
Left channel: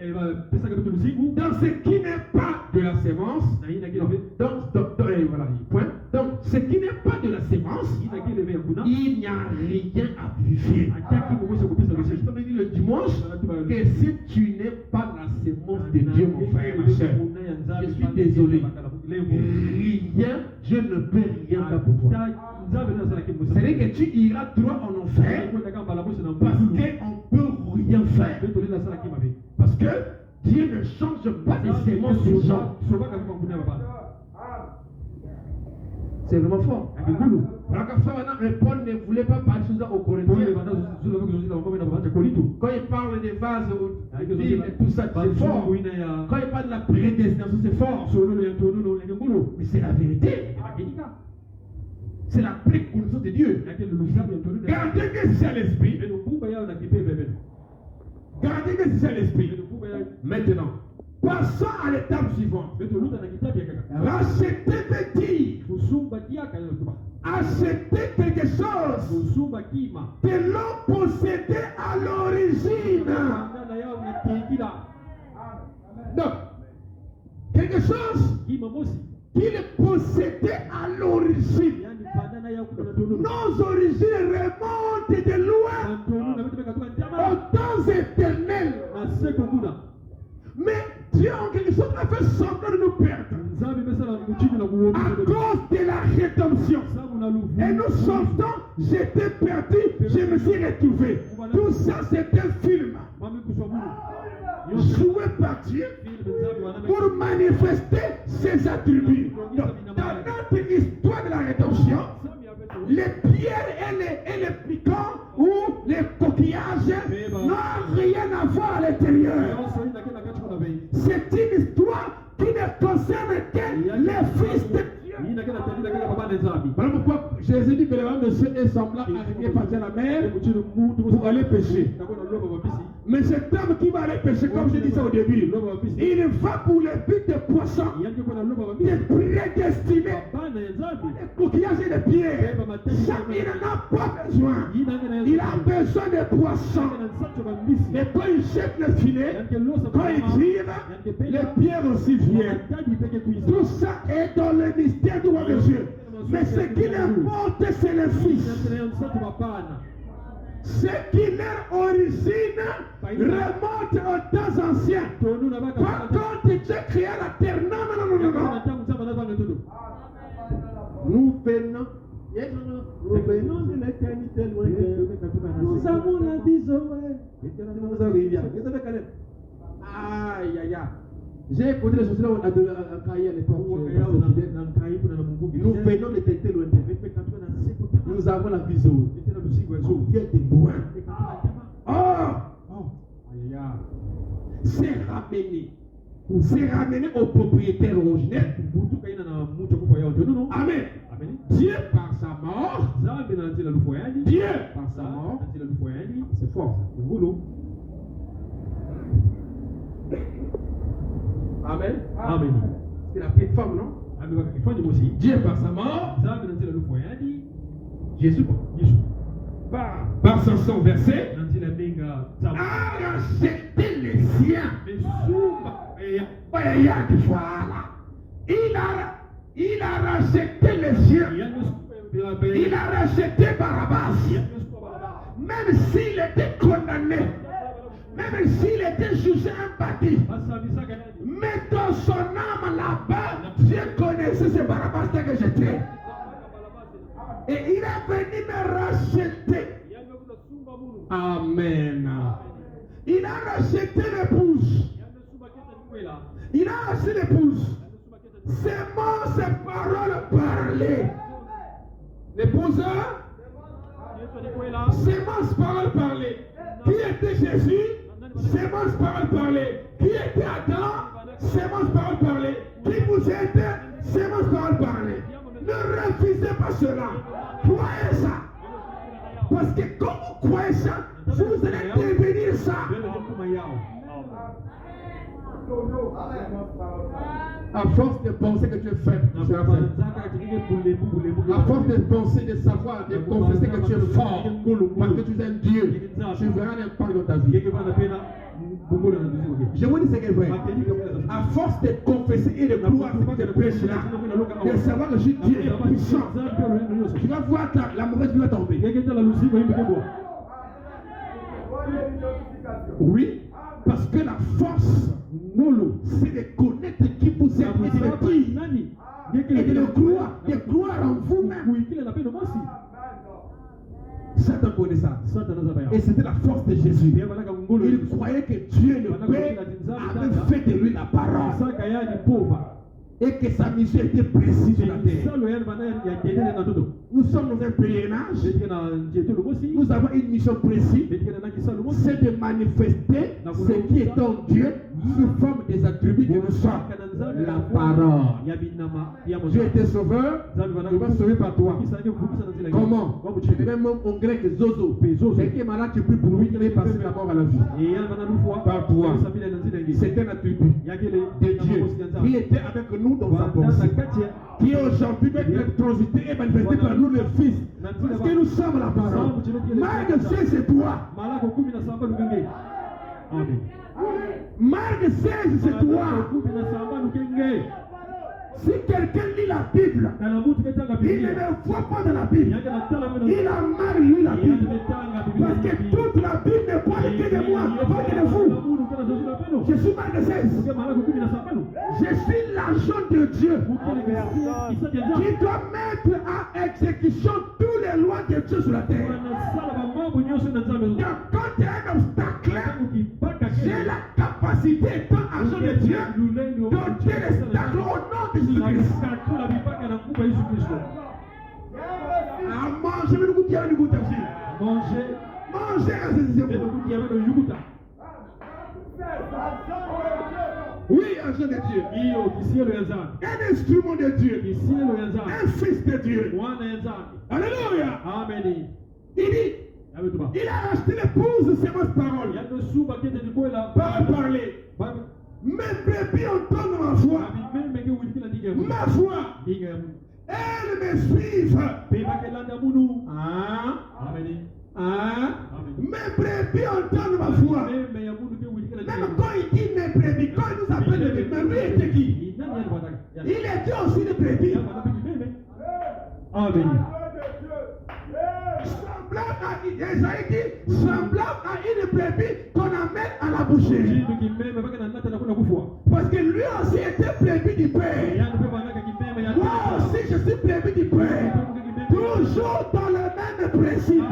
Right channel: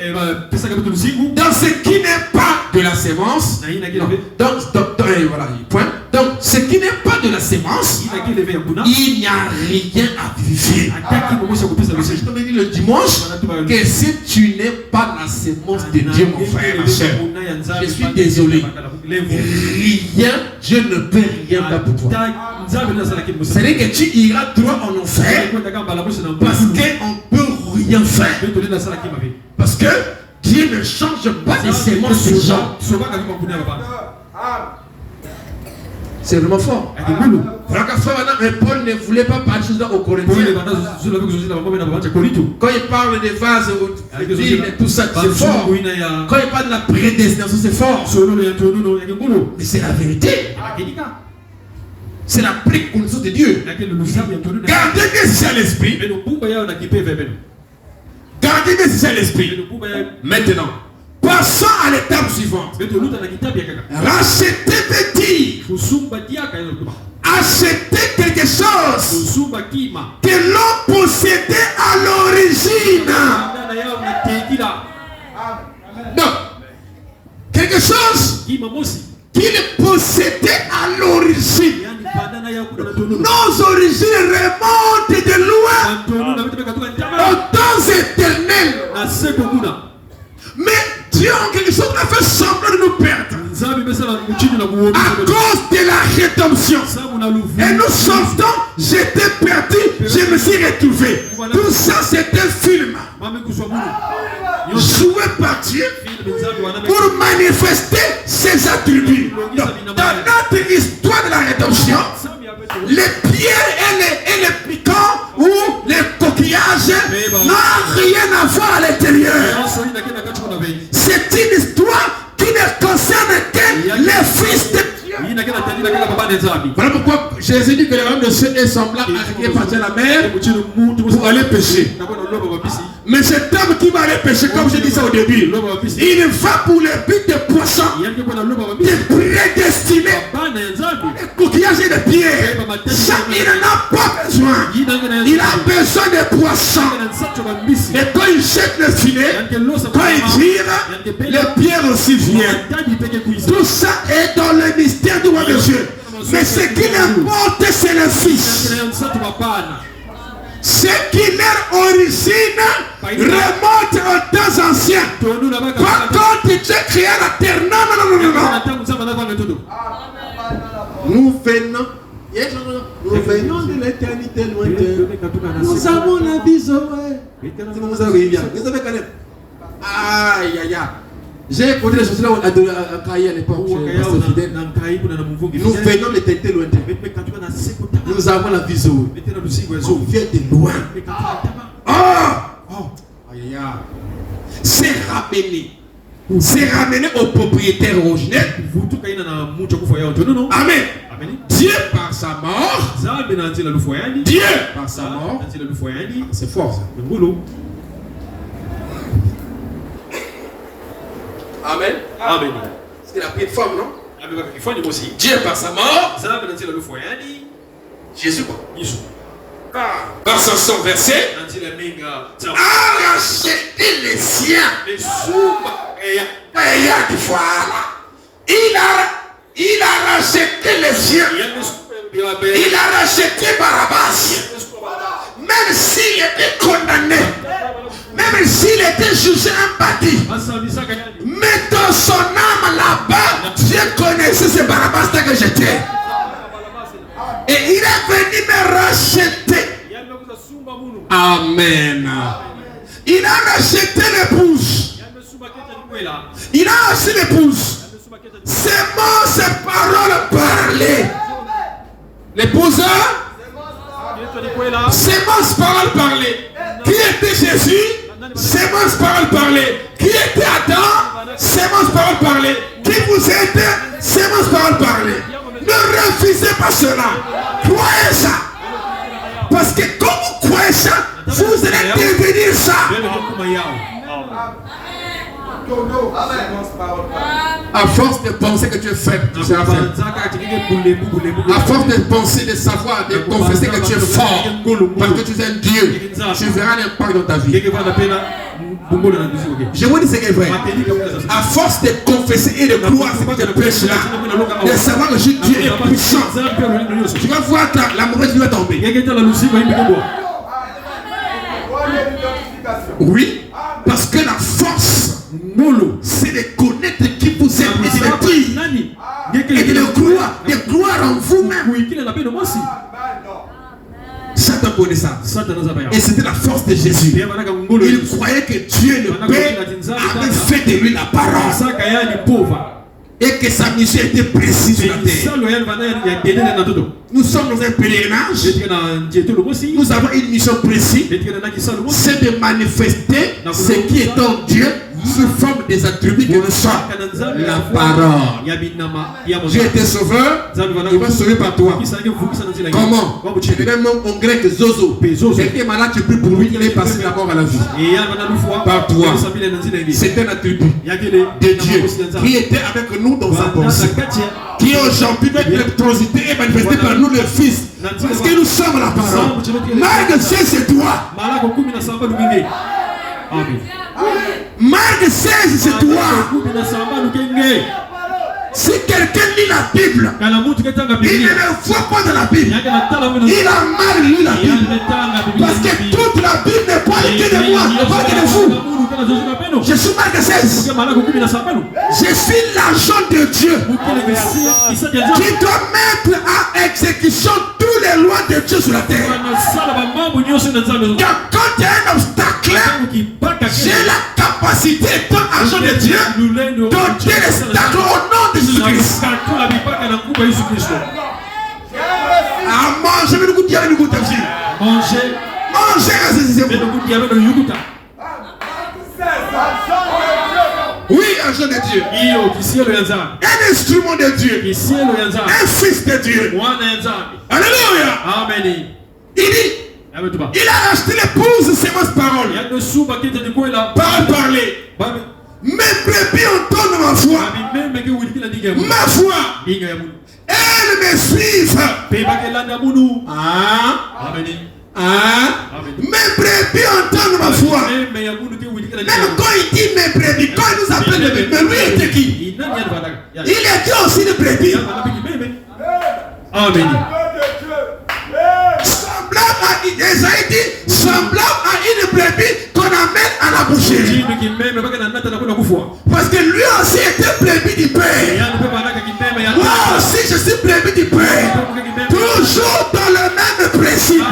Dans ce qui n'est pas de la sémence. Voilà, point. Donc, ce qui n'est pas de la sémence, il n'y a rien à vivifier. Je t'avais dit le dimanche que si tu n'es pas la sémence de Dieu, mon frère, ma soeur, je suis désolé. Rien, Dieu ne peut rien faire pour toi. C'est-à-dire que tu iras droit en enfer parce qu'on ne peut rien faire. Parce que Dieu ne change pas les sémences des gens. C'est vraiment fort. Voilà qu'à frère, Paul ne voulait pas parler de choses aux Corinthiens. Quand il parle des vases, et tout ça, c'est fort. Quand il parle de la prédestination, c'est fort. Mais c'est la vérité. C'est la pleine connaissance de Dieu. Gardez bien à l'esprit. Gardez bien à l'esprit. Maintenant, passons à l'étape suivante. Racheter veut dire acheter quelque chose que l'on possédait à l'origine. Donc, quelque chose qu'il possédait à l'origine. Nos origines remontent de loin aux temps éternels. Mais Dieu en quelque chose a fait semblant de nous perdre à cause de la rédemption. Et nous sortons, j'étais perdu, je me suis retrouvé. Tout ça c'est un film joué par Dieu pour manifester ses attributs. Dans notre histoire de la rédemption, les pierres et les piquants ou les coquillages n'ont rien à voir à l'intérieur. C'est une histoire qui ne concerne que les fils de Dieu. Voilà pourquoi Jésus dit que le royaume de Dieu est semblable à qui est parti à la mer pour aller pêcher. Mais cet homme qui va aller pêcher, comme je dis ça au début, il va pour le but de poisson, de prédestiné, de coquillages et de pierres. Ça, il n'en a pas besoin. Il a besoin de poissons. Et quand il jette le filet, quand il tire, les pierres aussi viennent. Tout ça est dans le mystère du roi de Dieu. Mais ce qui importe, c'est le Fils. Ce qui leur origine remonte aux temps anciens. Par contre, Dieu créa la terre. Non. Nous venons de l'éternité lointaine. Nous avons la vision. Vous avez quand même. Aïe, aïe, aïe. J'ai écouté les choses à Kaï à l'époque. Nous venons de l'éternité lointaine. Nous avons la vision. On vient de loin. Oh! C'est ramené. c'est ramené au propriétaire originel. Amen. Dieu par sa mort. Dieu par sa mort. C'est fort ça. Amen. Amen. Parce qu'il a pris une forme, non? Dieu par sa mort. Jésus quoi? Par son sang versé, a racheté les siens. Il a racheté les siens. Il a racheté Barabbas. Même s'il était condamné, même s'il était jugé imparti, mais dans son âme là-bas, Dieu connaissait ce Barabbas que j'étais. Et il est venu me racheter. Amen. Il a racheté l'épouse. Il a acheté l'épouse. Ses mots, ses paroles parlaient. L'épouse, ses mots, ses paroles parlaient. Qui était Jésus? Ses mots, ses paroles parlaient. Qui était Adam? Ses mots, ses paroles parlaient. Qui vous êtes? Ses mots, ses paroles parlaient. Ne refusez pas cela. Croyez ça. Parce que quand vous croyez ça, vous allez devenir ça. À force de penser que tu es faible, tu seras faible. À force de penser, de savoir, de confesser que tu es fort, parce que tu es un Dieu, tu verras l'impact dans ta vie. Je vous dis ce qui est vrai. À force de confesser et de croire ce que tu prêches là, de savoir que Dieu est puissant, tu vas voir la mauvaise vie va tomber. Oui, parce que la force, c'est de connaître qui vous êtes et de le croire en vous-même. Satan connaît ça. Et c'était la force de Jésus. Il croyait que Dieu le Père avait fait de lui la parole. Et que sa mission était précise sur la terre. Nous sommes dans un pèlerinage. Nous avons une mission précise. C'est de manifester ce qui est en Dieu sous forme des attributs que nous sommes. La parole. Dieu était sauveur. Il va sauver par toi. Comment? Tu es un nom en grec Zozo. Quelqu'un est malade, tu pries pour lui. Il est passé de la mort à la vie. Par toi. C'est un attribut de Dieu qui était avec nous dans sa pensée. Qui aujourd'hui peut être transité et manifesté par nous le Fils. Parce que nous sommes la parole. Marc 16, c'est toi. Marc 16, c'est toi. Si quelqu'un lit la Bible, il ne le voit pas dans la Bible. Il a mal lu la Bible. Parce que toute la Bible ne parle que de moi, ne parle que de vous. Je suis Marc 16. Je suis l'agent de Dieu qui doit mettre à exécution toutes les lois de Dieu sur la terre. Quand il y a un obstacle, j'ai la capacité, étant agent de Dieu, d'ôter l'obstacle au nom de Jésus-Christ. Ah, mangez le goût de Manger, c'est bon. Oui, agent de Dieu. Un instrument de Dieu. Un fils de Dieu. Alléluia. Amen. Il dit, il a acheté l'épouse, c'est ma parole. Parole parler. Mes brebis entendent ma voix. Ma voix. Elles me suivent. Mes brebis entendent ma voix. Même quand il dit mes brebis, quand il nous appelle les brebis, mais lui était qui? Il était aussi des brebis. Amen. Semblable à Isaïe dit, semblable à une brebis qu'on amène à la boucherie. Parce que lui aussi était brebis du Père. Moi aussi je suis brebis du Père. Toujours dans le même principe.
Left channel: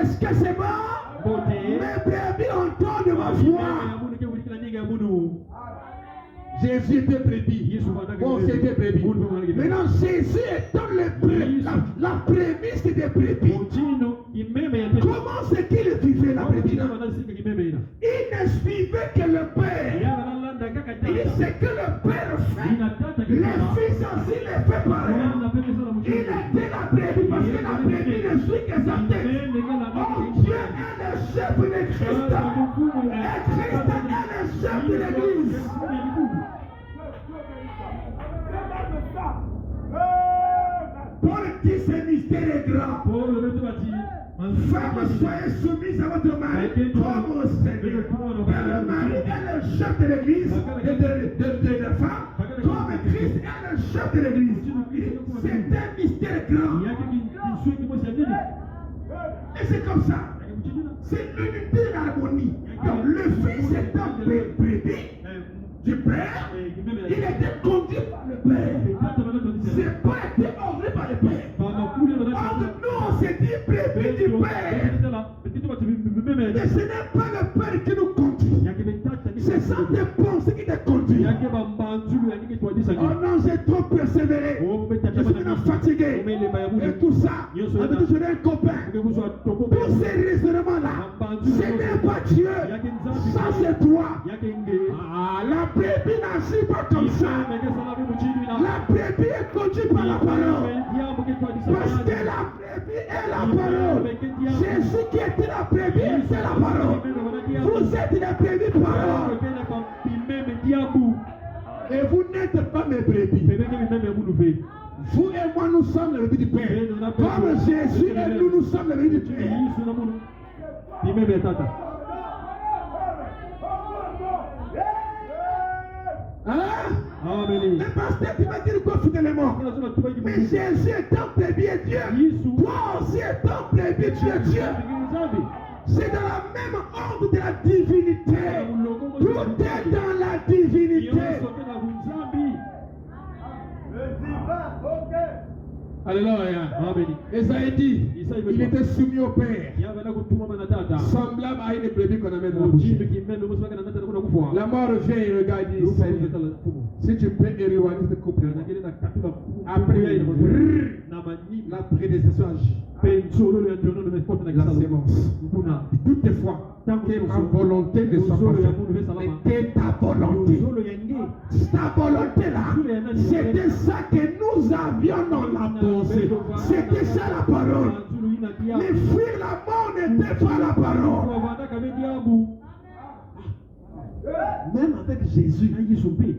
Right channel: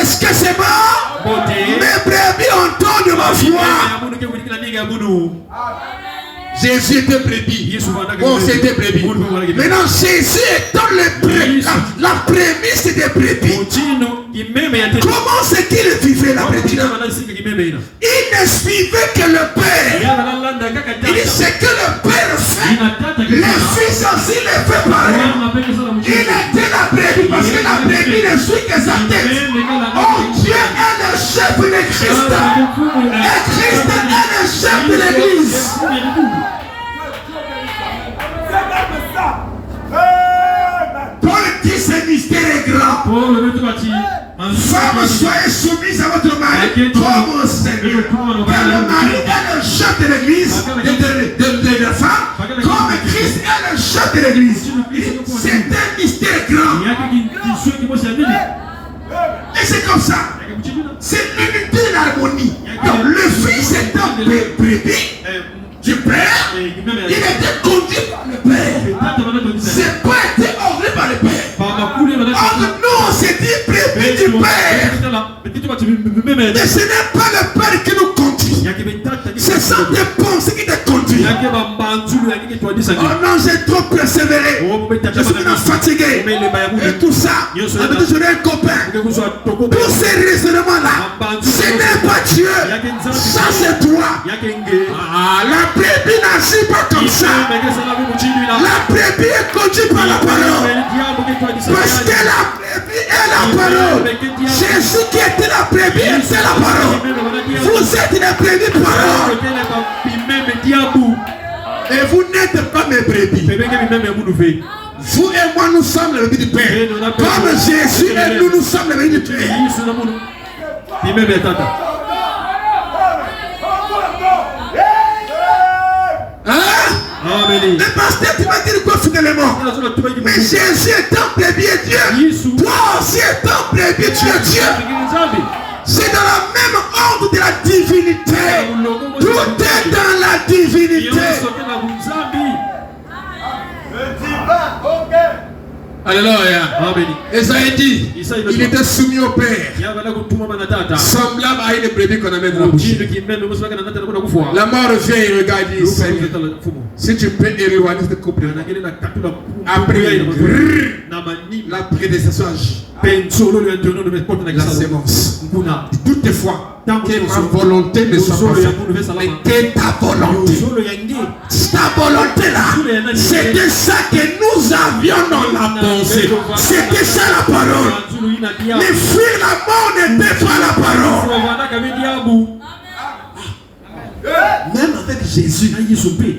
Est-ce que c'est bon? Mes brebis entendent ma voix. Jésus était brebis. Bon, c'était brebis. Maintenant, Jésus étant la prémisse des brebis. Comment c'est qu'il vivait la brebis? Il ne suivait que le Père. Il dit c'est que le Père fait. Le Fils aussi le fait pareil. Il était la brebis parce que la brebis ne suit que sa tête. Oh, Dieu est le chef de Christ. Et Christ est le chef de l'Église. Paul dit ce mystère est grand. Femmes, soyez soumises à votre mari comme au Seigneur. Car le mari est le chef de l'Église, de la femme, comme Christ est le chef de l'Église. C'est un mystère grand. Et c'est comme ça. C'est l'unité de l'harmonie. Donc le Fils est un bébé du Père. Il était conduit par le Père. C'est pas été orné par le Père. Or nous on s'est dit bébé du Père. Mais ce n'est pas le Père qui nous conduit. C'est ça tes pensées qui te conduit. Oh non, j'ai trop persévéré. Je suis maintenant fatigué. Et tout ça. Avec je un copain. Tous ces raisonnements-là, ce n'est pas Dieu. Ça c'est toi. La brebis n'agit pas comme ça. La brebis est conduite par la parole. Parce que la brebis est la parole. Jésus qui était la brebis était la parole. Vous êtes les brebis parole. Et vous n'êtes pas mes brebis. Vous et moi nous sommes les brebis du Père. Comme Jésus et nous sommes les brebis du Père. Le pasteur, tu vas dire quoi fidèlement? Mais Jésus est un brebis et Dieu. Toi aussi est un brebis, tu es Dieu. C'est dans la même ordre de la divinité. Tout est dans la divinité. Alléluia. Esaïe dit, il était soumis au Père, semblable à une brebis qu'on amène dans la bouche. La mort vient et regarde et dit, si tu peux éloigner ce couple, après la prédestination agit. La sémence. Toutefois, que ma volonté ne soit pas faite, mais que ta volonté. Ta volonté là, c'était ça que nous avions dans la pensée. C'était ça la parole. Mais fuir la mort n'était pas la parole. Même avec Jésus, oui,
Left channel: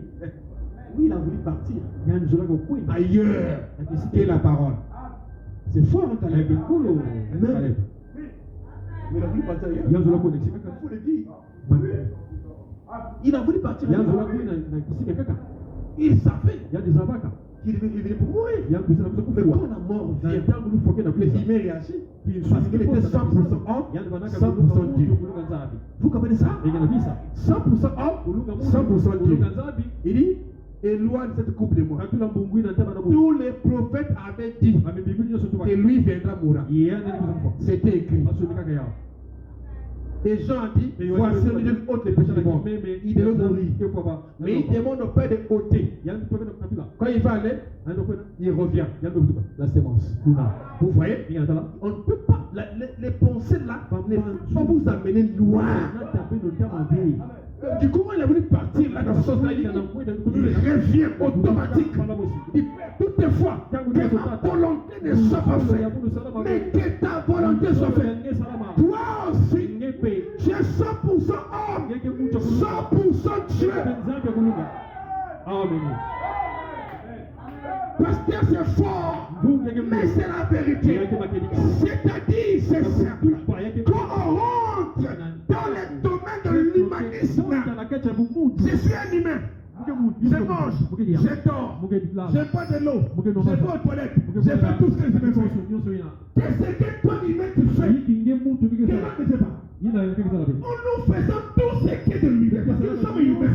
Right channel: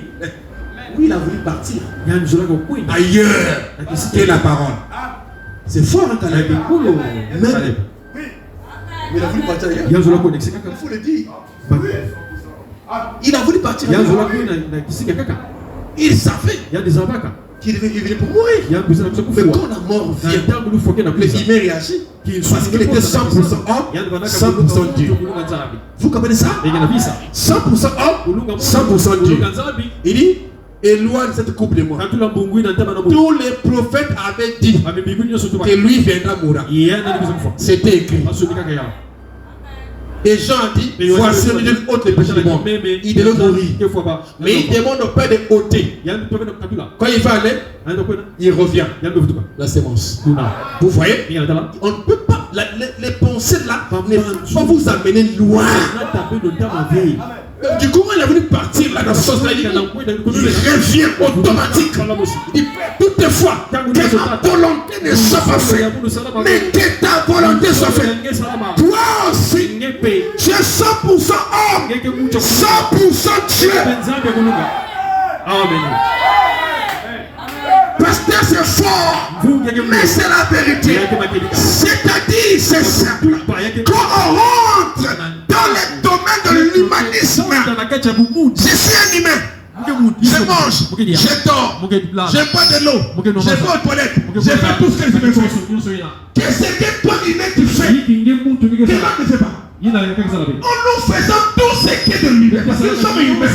il a voulu partir ailleurs que la parole. C'est fort, hein, Caleb. Même. Mais il a voulu partir ailleurs. Il faut le dire. Il a voulu partir ailleurs. Il savait qu'il venait pour mourir. Mais quand la mort vient, il réagit. Parce qu'il était 100% homme, 100% Dieu. Vous comprenez ça? 100% homme, 100% Dieu. Il dit, éloigne cette couple de moi. Tous les prophètes avaient dit que lui viendra mourir. C'était écrit. Et Jean a dit, voici une haute les péchés du monde. Il devait mourir. Mais il demande au Père de ôter. Quand il va aller, il revient. La sémence. Vous voyez? On ne peut pas, les pensées là, ne peuvent pas vous amener loin. Du coup, il a voulu partir là dans ce sens-là. Il revient automatique. Il dit, toutefois, que ma volonté ne soit pas faite, mais que ta volonté soit faite. Toi aussi, tu es 100% homme, 100% Dieu. Amen. Pasteur, c'est fort, mais c'est la vérité. C'est-à-dire, c'est simple. Quand on rentre dans le domaine de l'humanisme, je suis un humain. Je mange, je dors, je bois de l'eau, je vais aux toilettes, je fais tout ce que je me fais. Qu'est-ce que toi, humain, tu fais? Que l'homme ne fait pas. Nous faisons tout ce qui est de l'humain. Parce que nous sommes humains.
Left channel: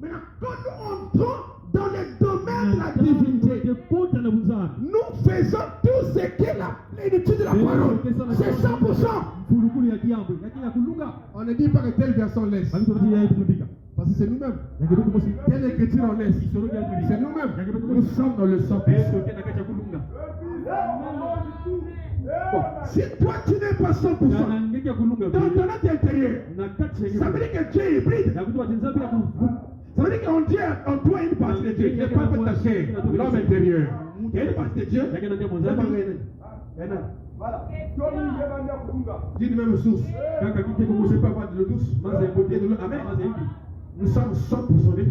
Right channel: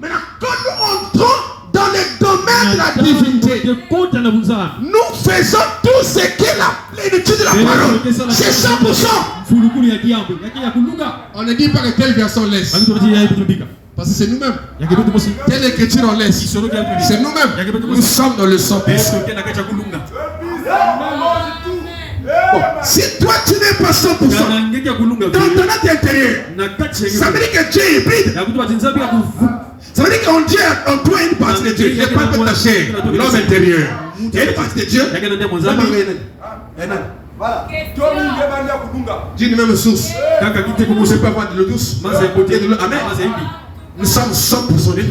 Maintenant, quand nous entrons dans le domaine de la divinité, nous faisons tout ce qui est la plénitude de la parole. C'est 100%. On ne dit pas que quelle version laisse. Parce que c'est nous-mêmes. Il y a quelque chose aussi. Quelle écriture on laisse? C'est nous-mêmes. Nous sommes dans le 100%. Bon, si toi tu n'es pas 100%, dans ton intérieur, ça veut dire que Dieu est hybride. Ça veut dire qu'en Dieu, en toi, une partie de Dieu. Il n'y a pas de ta chair, l'homme intérieur. Il y a une partie de Dieu. Voilà. Dieu est même source. C'est pas moi de l'eau douce. Amen. Nous sommes 100% de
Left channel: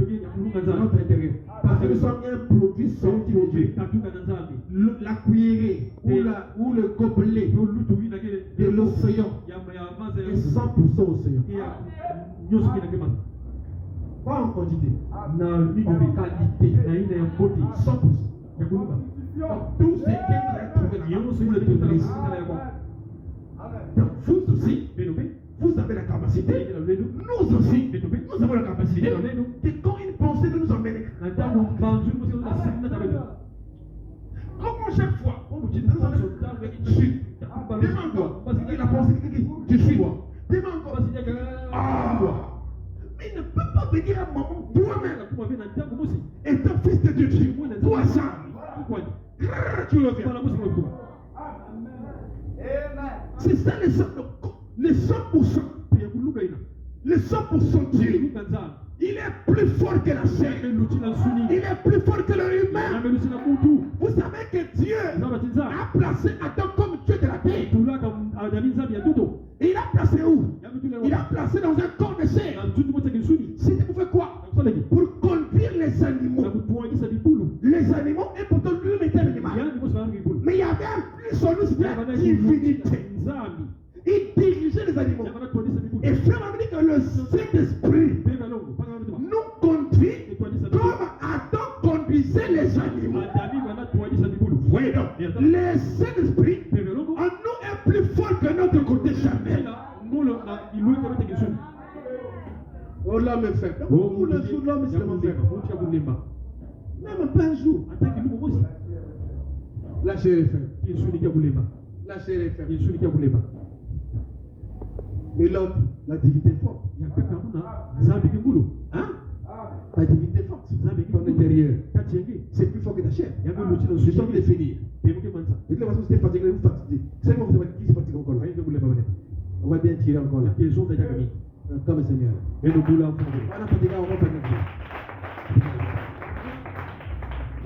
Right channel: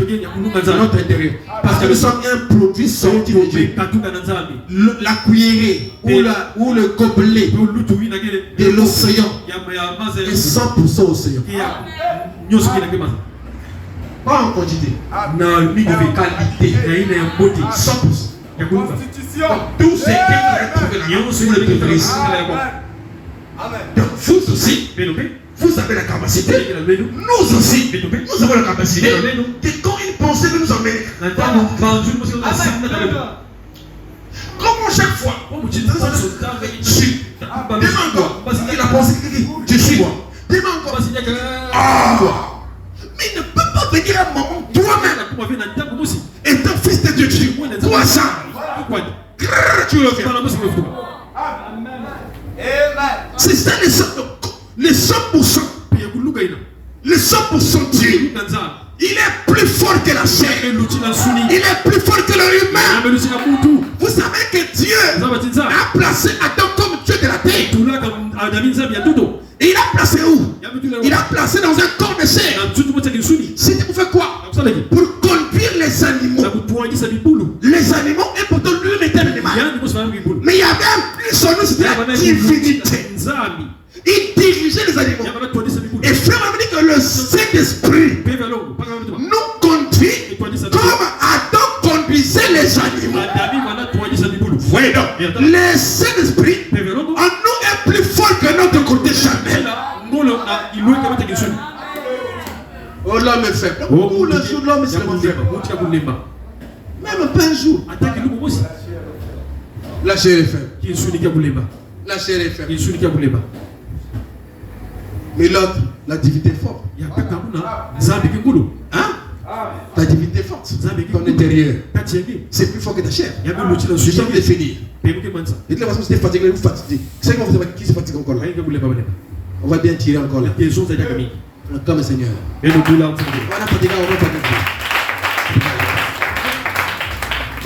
notre intérieur. Parce que nous sommes un produit sorti de Dieu. La cuillerée ou le gobelet de l'océan est 100% océan. Pas en quantité. Non, ni de qualité. 100%. Constitution. Tout ce qui est retrouvé là, donc vous aussi, vous avez la capacité, nous aussi, nous avons la capacité que quand une pensée nous emmène, comment chaque fois, je suis, demande-toi, il a pensé que je suis moi, demande-toi, mais il ne peut pas venir à un moment toi-même, étant fils de Dieu, toi ça, tu le fais. C'est ça les 100%. Le 100% Dieu. Il est plus fort que la chair. Il est plus fort que l'humain. Vous savez que Dieu a placé Adam comme Dieu de la terre. Et il a placé où? Il a placé dans un corps de chair. C'était pour faire quoi? Pour conduire les animaux. Les animaux, et pourtant lui était un animal. Mais il y avait un plus son nom, c'était la divinité. Il dirigeait les animaux. Et frère m'a dit que le Saint-Esprit nous conduit comme Adam conduisait les animaux. Voyez donc, le Saint-Esprit en nous est plus fort que notre côté charnel. Oh, l'homme est faible. Oh, le jour, l'homme est faible. Même pas un jour. La chair est faible. La chair est faible. Mais l'autre, la divinité est forte. Hein? Ta divinité est forte. Ton intérieur. C'est plus fort que ta chair. Je viens de le finir. Et de la façon, si tu es fatigué, vous fatiguez. C'est comment vous savez qui se fatigue encore là? On va bien tirer encore là. Comme Seigneur. On va fatiguer, on va fatiguer.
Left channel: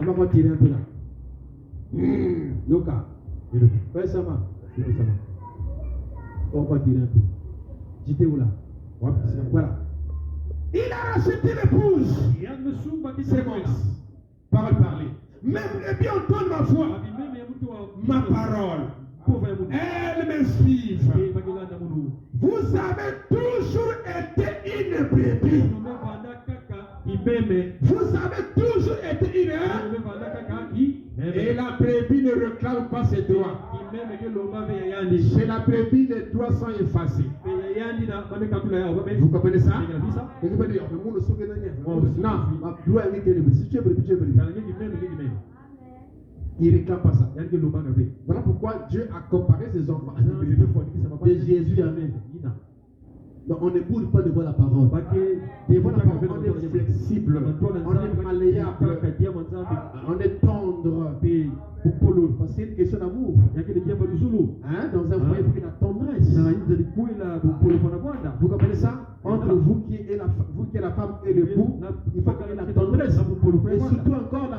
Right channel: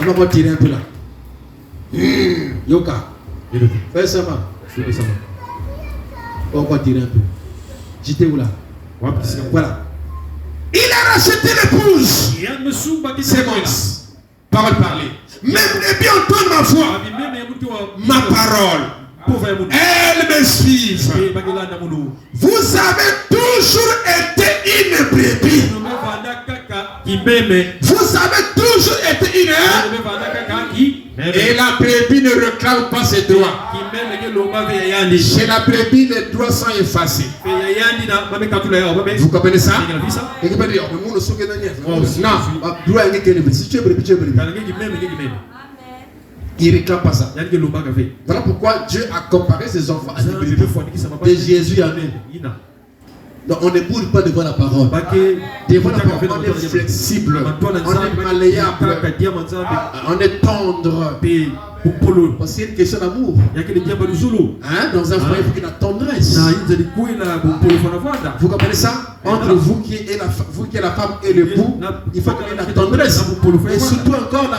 On va tirer un peu là. Yoka. Fais ça, ma. On va tirer un peu. J'étais où là? Voilà. Il a racheté l'épouse. C'est bon là. Parole parlée. Même les bien entendre ma voix. Ma parole. Elle me suit. Vous avez toujours été une brebis. Vous avez toujours été une. Et la brebis ne réclame pas ses droits. Chez la brebis, les droits sont effacés. Vous comprenez ça? Et qui peut dire, non, si tu es brebis, tu es brebis. Il ne réclame pas ça. Voilà pourquoi Dieu a comparé ses enfants à des brebis. Et Jésus a dit. Donc on ne bouge pas devant la parole. Devant la parole, on est flexible, on est malléable, on est tendre. Parce qu'il y a une question d'amour. Hein? Dans un foyer, il faut qu'il y ait la tendresse. Vous comprenez ça? Entre vous qui êtes la femme et l'époux, il faut qu'il y ait la tendresse. Et surtout encore,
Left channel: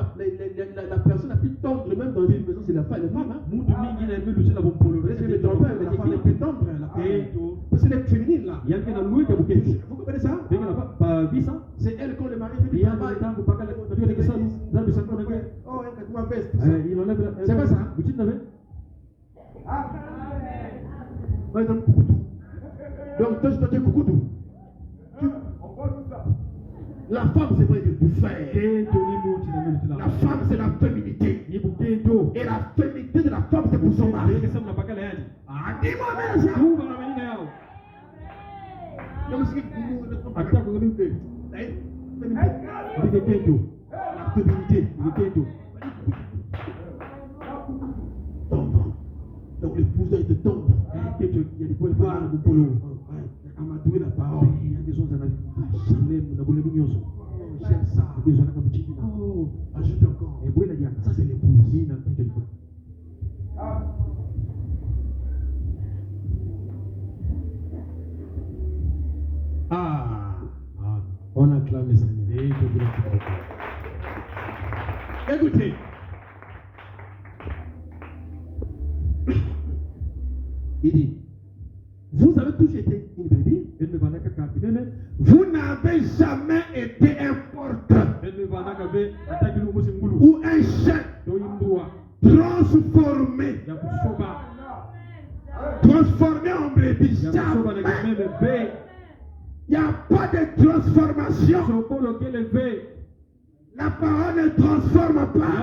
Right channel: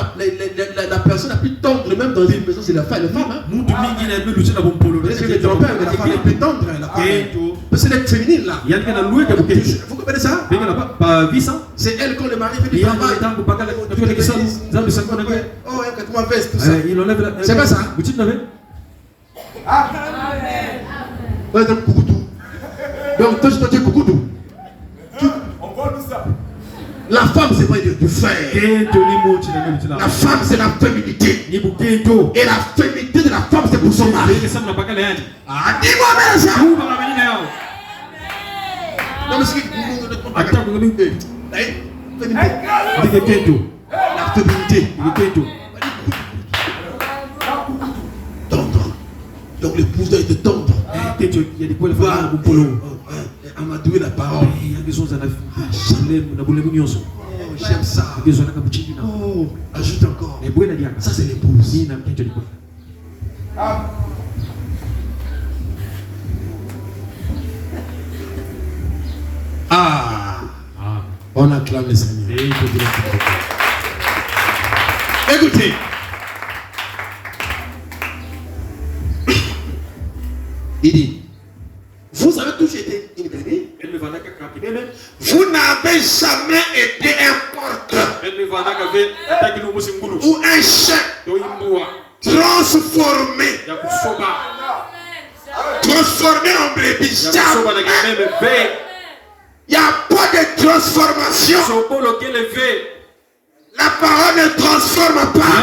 la personne la plus tendre, même dans une maison, c'est la femme. Hein? Parce que le grand-père, la femme est plus tendre. Parce que c'est féminine là. Vous comprenez ça? C'est elle quand le mari fait du travail. Oh, tu m'as fait tout ça. C'est pas ça? Donc, toi, tu es coucou. La femme, c'est pas du fer. La femme, c'est la féminité. Et la féminité de la femme, c'est pour son mari. Ah, dis-moi bien ça. Non, mais c'est la féminité. Tendre. Donc l'épouse doit être tendre. amadoué la parole. J'aime ça. Oh, ajoute encore. Ça, c'est l'épouse. Ah. On acclame le Seigneur. Écoutez. Il dit, vous avez tous été une brebis. Vous n'avez jamais été un porteur ou un chef transformé en brebis. Il n'y a pas de transformation. La parole ne transforme pas.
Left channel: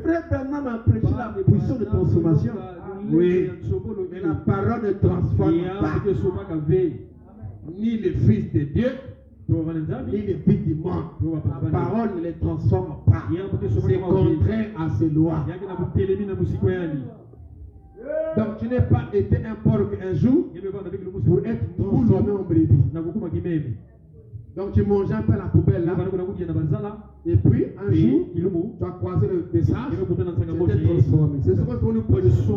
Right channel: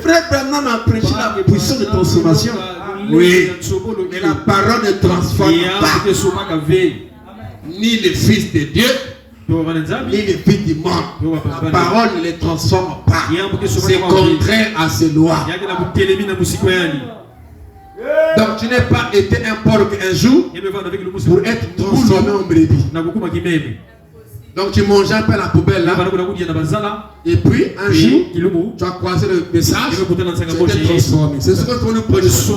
Frère Branham a prêché la puissance de transformation. Oui, mais la parole ne transforme pas. Ni le Fils de Dieu, ni le Fils du monde. La parole ne les transforme pas. C'est contraire à ces lois. Donc tu n'es pas été un porc un jour pour être transformé en brebis. Donc tu manges un peu à la poubelle là. Et puis un jour, tu as croisé le message, tu t'es transformé. C'est ce que tu nous prêches.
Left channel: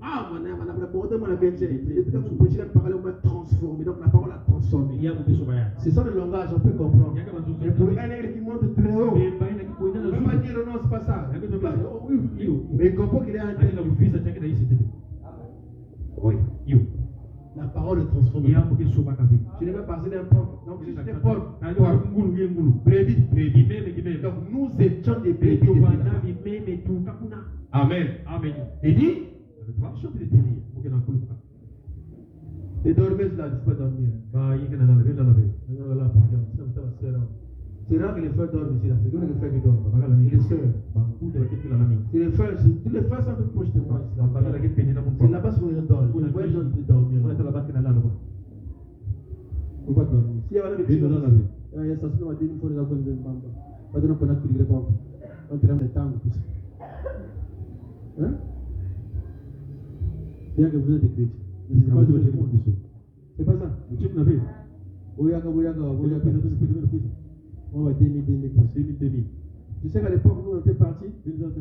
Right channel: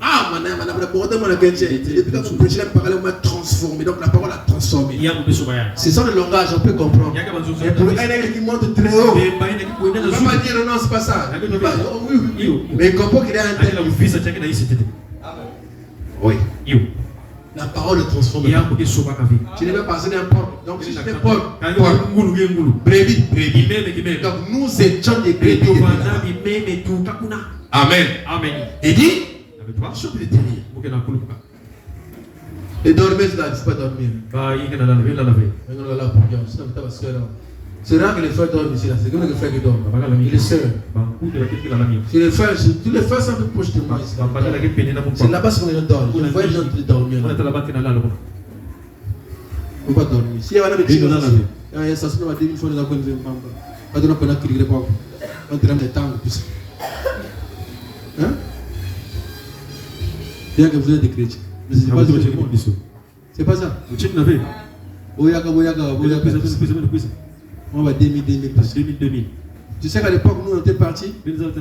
Ah, madame, depuis que vous prêchez la parole, on m'a transformé. Donc la parole a transformé. C'est ça le langage, on peut comprendre. Et pour un aigle qui monte très haut, on ne peut pas dire non, c'est pas ça. Mais il comprend qu'il est un tel. Oui. La parole est transformée. Tu n'es pas passé n'importe. Donc si j'étais porc, brebis. Donc nous étions des brebis. Amen. Il dit, je peux te dire. Et dormir, c'est pas dormir. C'est rare que les frères dorment ici. C'est comme les frères qui dorment. Il est seul. Tous les frères sont un peu proches de moi ici. C'est là-bas qu'on dort. Je vois les gens dormir. On ne peut pas dormir. Si il y a un petit peu, il y a ça, c'est pas 2000 fois de la bonne vie. Pas de l'opéra qui rigole pas. On traîne des temps. Hein? Bien que vous êtes des chrétiens. Mais c'est pas ça. C'est pas ça. On va 2000. Tu sais qu'à l'époque, nous, on était partis,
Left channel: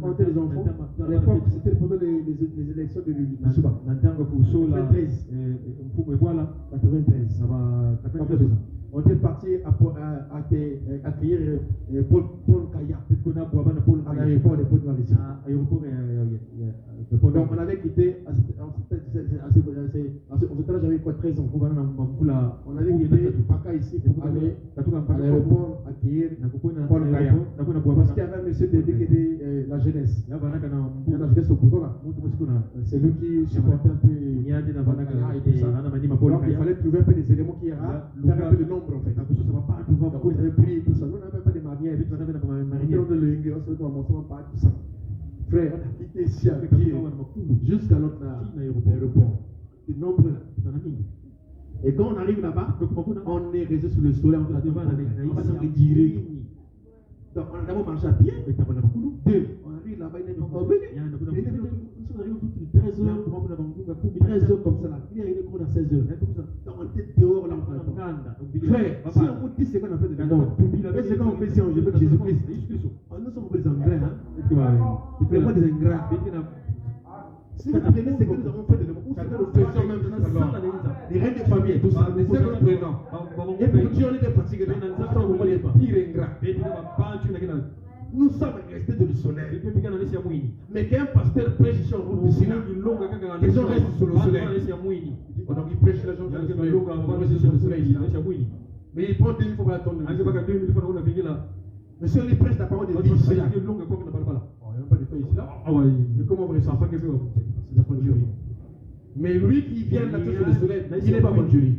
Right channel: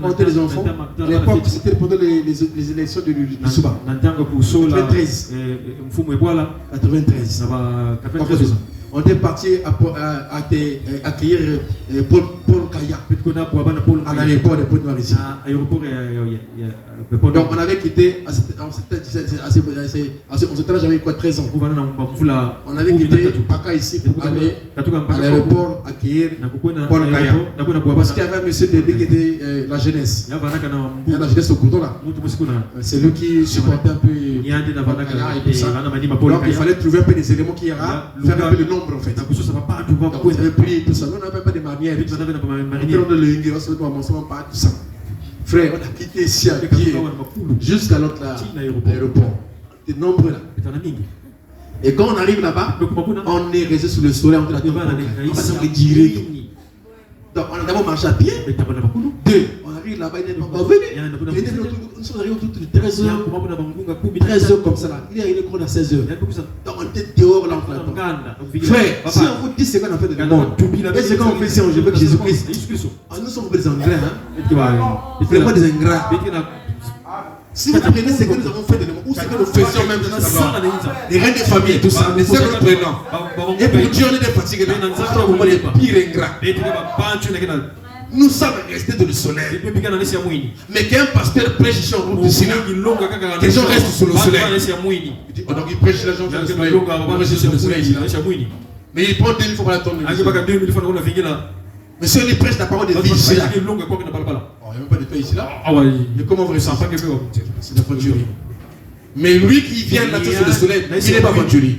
on était les enfants. À l'époque, c'était pendant les élections du Souba. 93. On était partis accueillir Paul Kaya à l'aéroport de Pointe-Marie. Donc on avait quitté, on s'était j'avais quoi, 13 ans. On avait quitté Paka ici pour aller à l'aéroport accueillir Paul Kaya. Parce qu'il y avait un monsieur Dédé qui était la jeunesse. Il y a la jeunesse au couteau là. C'est lui qui supportait un peu. Donc il fallait trouver un peu des éléments qui ira faire un peu le nombre en fait. Donc vous avez pris tout ça. On n'avait pas de manière. On avait le on se pas tout ça. Frère, on a quitté ici à pied jusqu'à l'autre aéroport. T'es nombreux là. Et quand on arrive là-bas, on est resté sous le soleil, on est direct. Donc on a d'abord marché à pied. Deux, on arrive là-bas, il n'est pas venu. Nous sommes arrivés autour de 13h comme ça là. Il est arrivé à 16h. Donc on était dehors là. Frère, si on vous dit ce qu'on a fait de monde, et ce qu'on fait ici, on veut que Jésus-Christ. Nous sommes des ingrats. Nous ne sommes pas des ingrats. Si vous prenez ce que nous avons fait de nous, ou ce que nous faisions même, les reines de famille, tout ça, mais ce que nous prenons. Et pour Dieu, on est des fatigués. On est les pires ingrats. Nous sommes restés dans le soleil. Mais qu'un pasteur prêche ici en route du Sina, les gens restent sous le soleil. Donc il prêche les gens sur le soleil. On reste sur le soleil. Mais il prend 2000 fois pour la tomber. Monsieur, il prêche la parole de vie ici là. Il n'y a même pas de paix ici là. Mais comment vous ressentez? C'est la conjurie. Mais lui qui vient là sur le soleil, il n'est pas conjurie.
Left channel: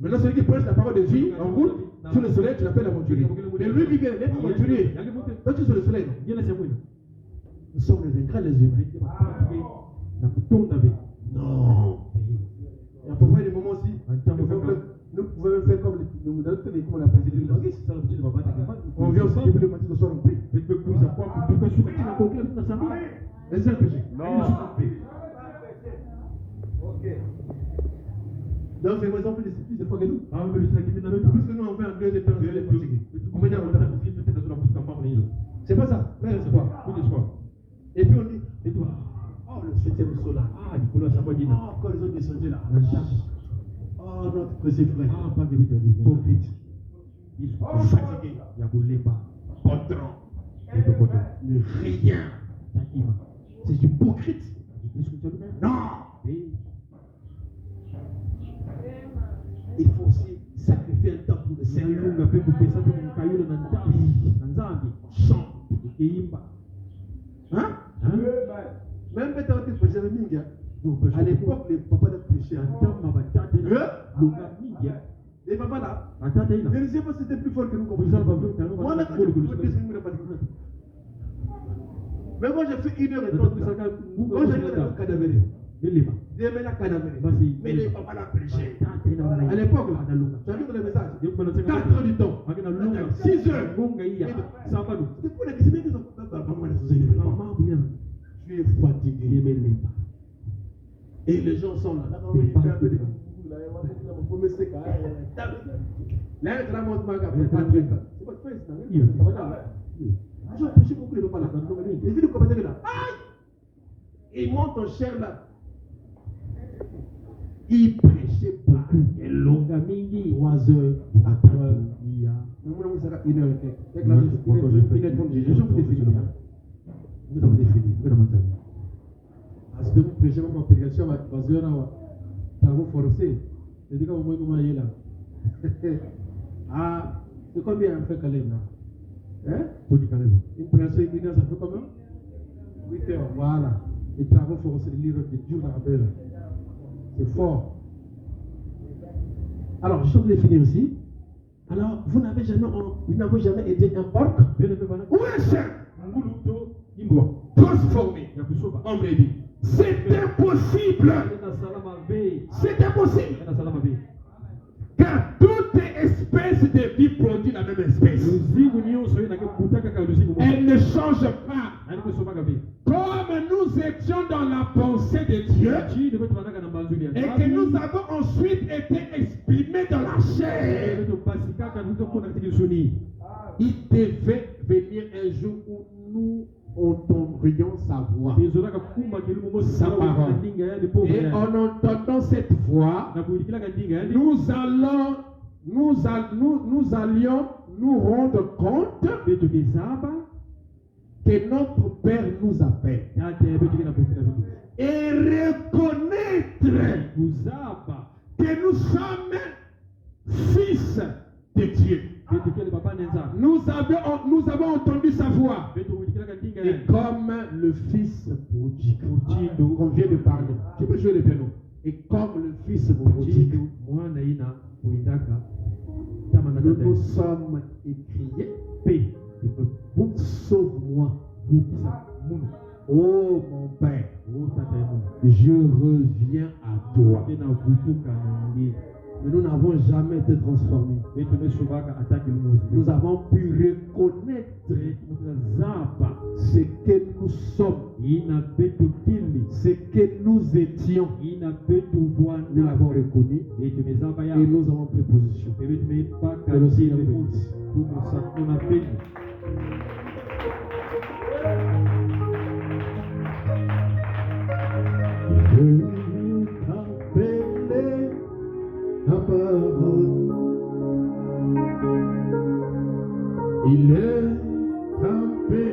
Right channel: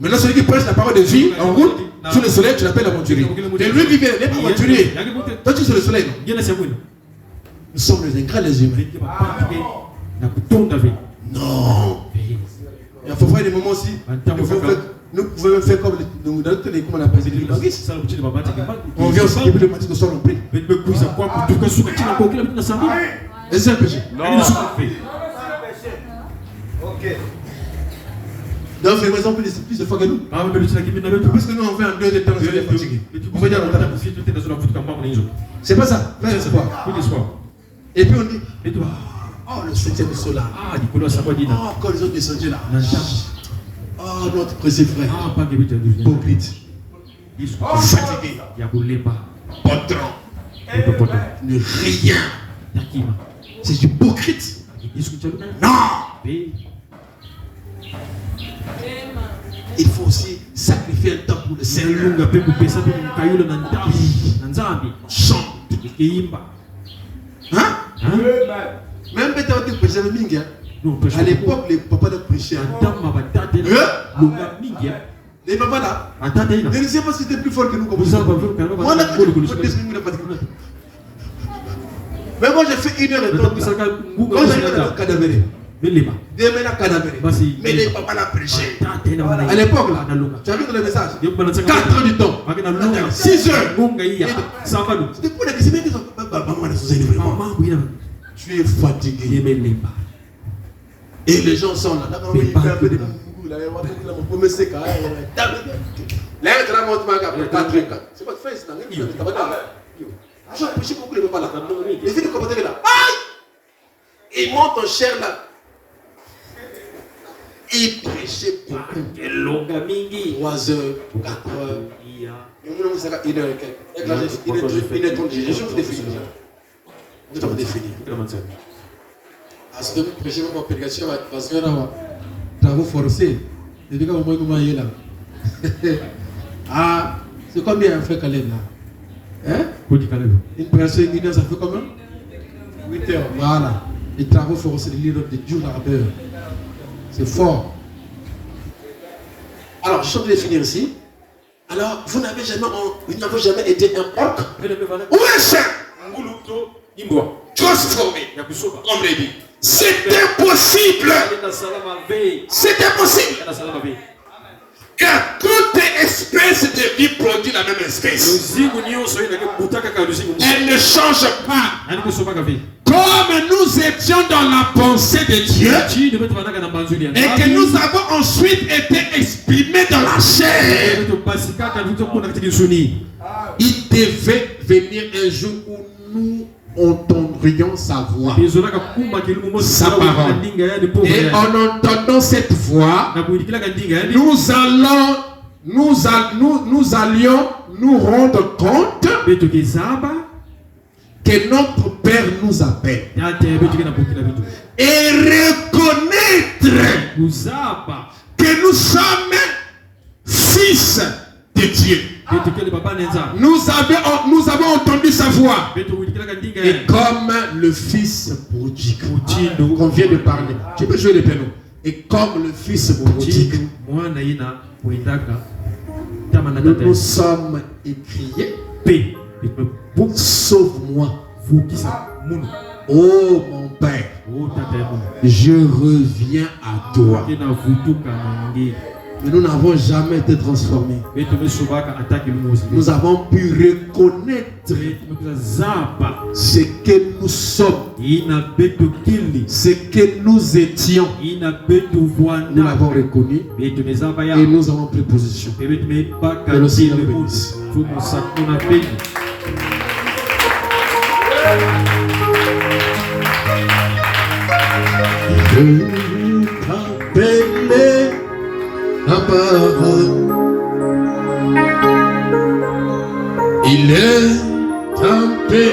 Maintenant, celui qui prêche la parole de vie en route, sur le soleil, tu l'appelles la conjurie. Et lui qui vient, il n'est pas conjurie. Toi, tu es sur le soleil. Nous sommes les ingrats, les humains. Non. Il faut faire des moments aussi. Nous pouvons faire comme on appelle ça. On vient aussi depuis le matin de soir, on prie. Est-ce que c'est un péché? Il est souffert. Ok. Donc, c'est par exemple plus de fois que nous. Ah, mais le Seigneur qui m'a dit, Parce que nous, on fait un deux de temps, on est fatigué. On va dire, c'est pas ça. C'est quoi? Et puis on dit, Et toi? oh, le 7e saut là. Ah, Nicolas, ça va dire. Oh, quand les autres descendaient là. Oh, notre précieux frère. Ah, pas que vous avez dit. Hypocrite. Fatigué. Il y a boulé pas. Patron. Ne rien. C'est hypocrite. Non. Il faut aussi sacrifier un temps pour le Seigneur. Chante. Hein? Même peut-être que prêcher le mingue. À l'époque, les papas de prêcher. Les papas là. Je ne sais pas si c'était plus fort que nous comme ça. Moi, mais moi, j'ai fait 1 heure et demie. Moi, j'ai fait un cadavéré. Demain, la cadavéré. Mais les papas l'ont prêché. À l'époque, là, tu as vu dans le message 4 heures du temps. 6 heures. C'était pour les questions qui sont. Tu es fatigué. Et les gens sont là. C'est votre face. Je beaucoup les papas là. Les filles de commentaires là. Aïe! Ils montent en chair là. Ils prêchaient beaucoup. 3 heures, 4 heures. Il sera 1 heure et quelques. Il est temps de juger. Je vous définis. Je vous définis. Parce que prêcher ma prédication, parce que là, travaux forcés. Depuis quand vous m'avez là. Ah, c'est combien un frère Caleb là? Hein? Une prédication, 1 heure, ça fait combien? 8 heures. Voilà. Les travaux forcés de l'île de Dieu l'ardeur. C'est fort. Alors, je suis de finir ici. Alors, vous n'avez jamais été un porc? Où est ce transformé? On me dit. C'est impossible. C'est impossible. Car toute espèce de vie produit la même espèce. Elle ne change pas. Comme nous étions dans la pensée de Dieu et que nous avons ensuite été exprimés dans la chair, il devait venir un jour où nous entendrions sa voix, sa parole. Et en entendant cette voix, nous allions nous rendre compte que notre Père nous appelle et reconnaître que nous sommes fils de Dieu. Nous avons entendu sa voix. Et comme le fils prodigue qu'on vient de parler, tu peux jouer le piano. Et comme le fils prodigue, nous sommes écriés. Sauve-moi. Oh mon Père, je reviens à toi. Mais nous n'avons jamais été transformés. Nous avons pu reconnaître ce que nous sommes, ce que nous étions. Nous l'avons reconnu et nous avons pris position. Que le Seigneur bénisse. Je t'appelle la parole. Il est un peu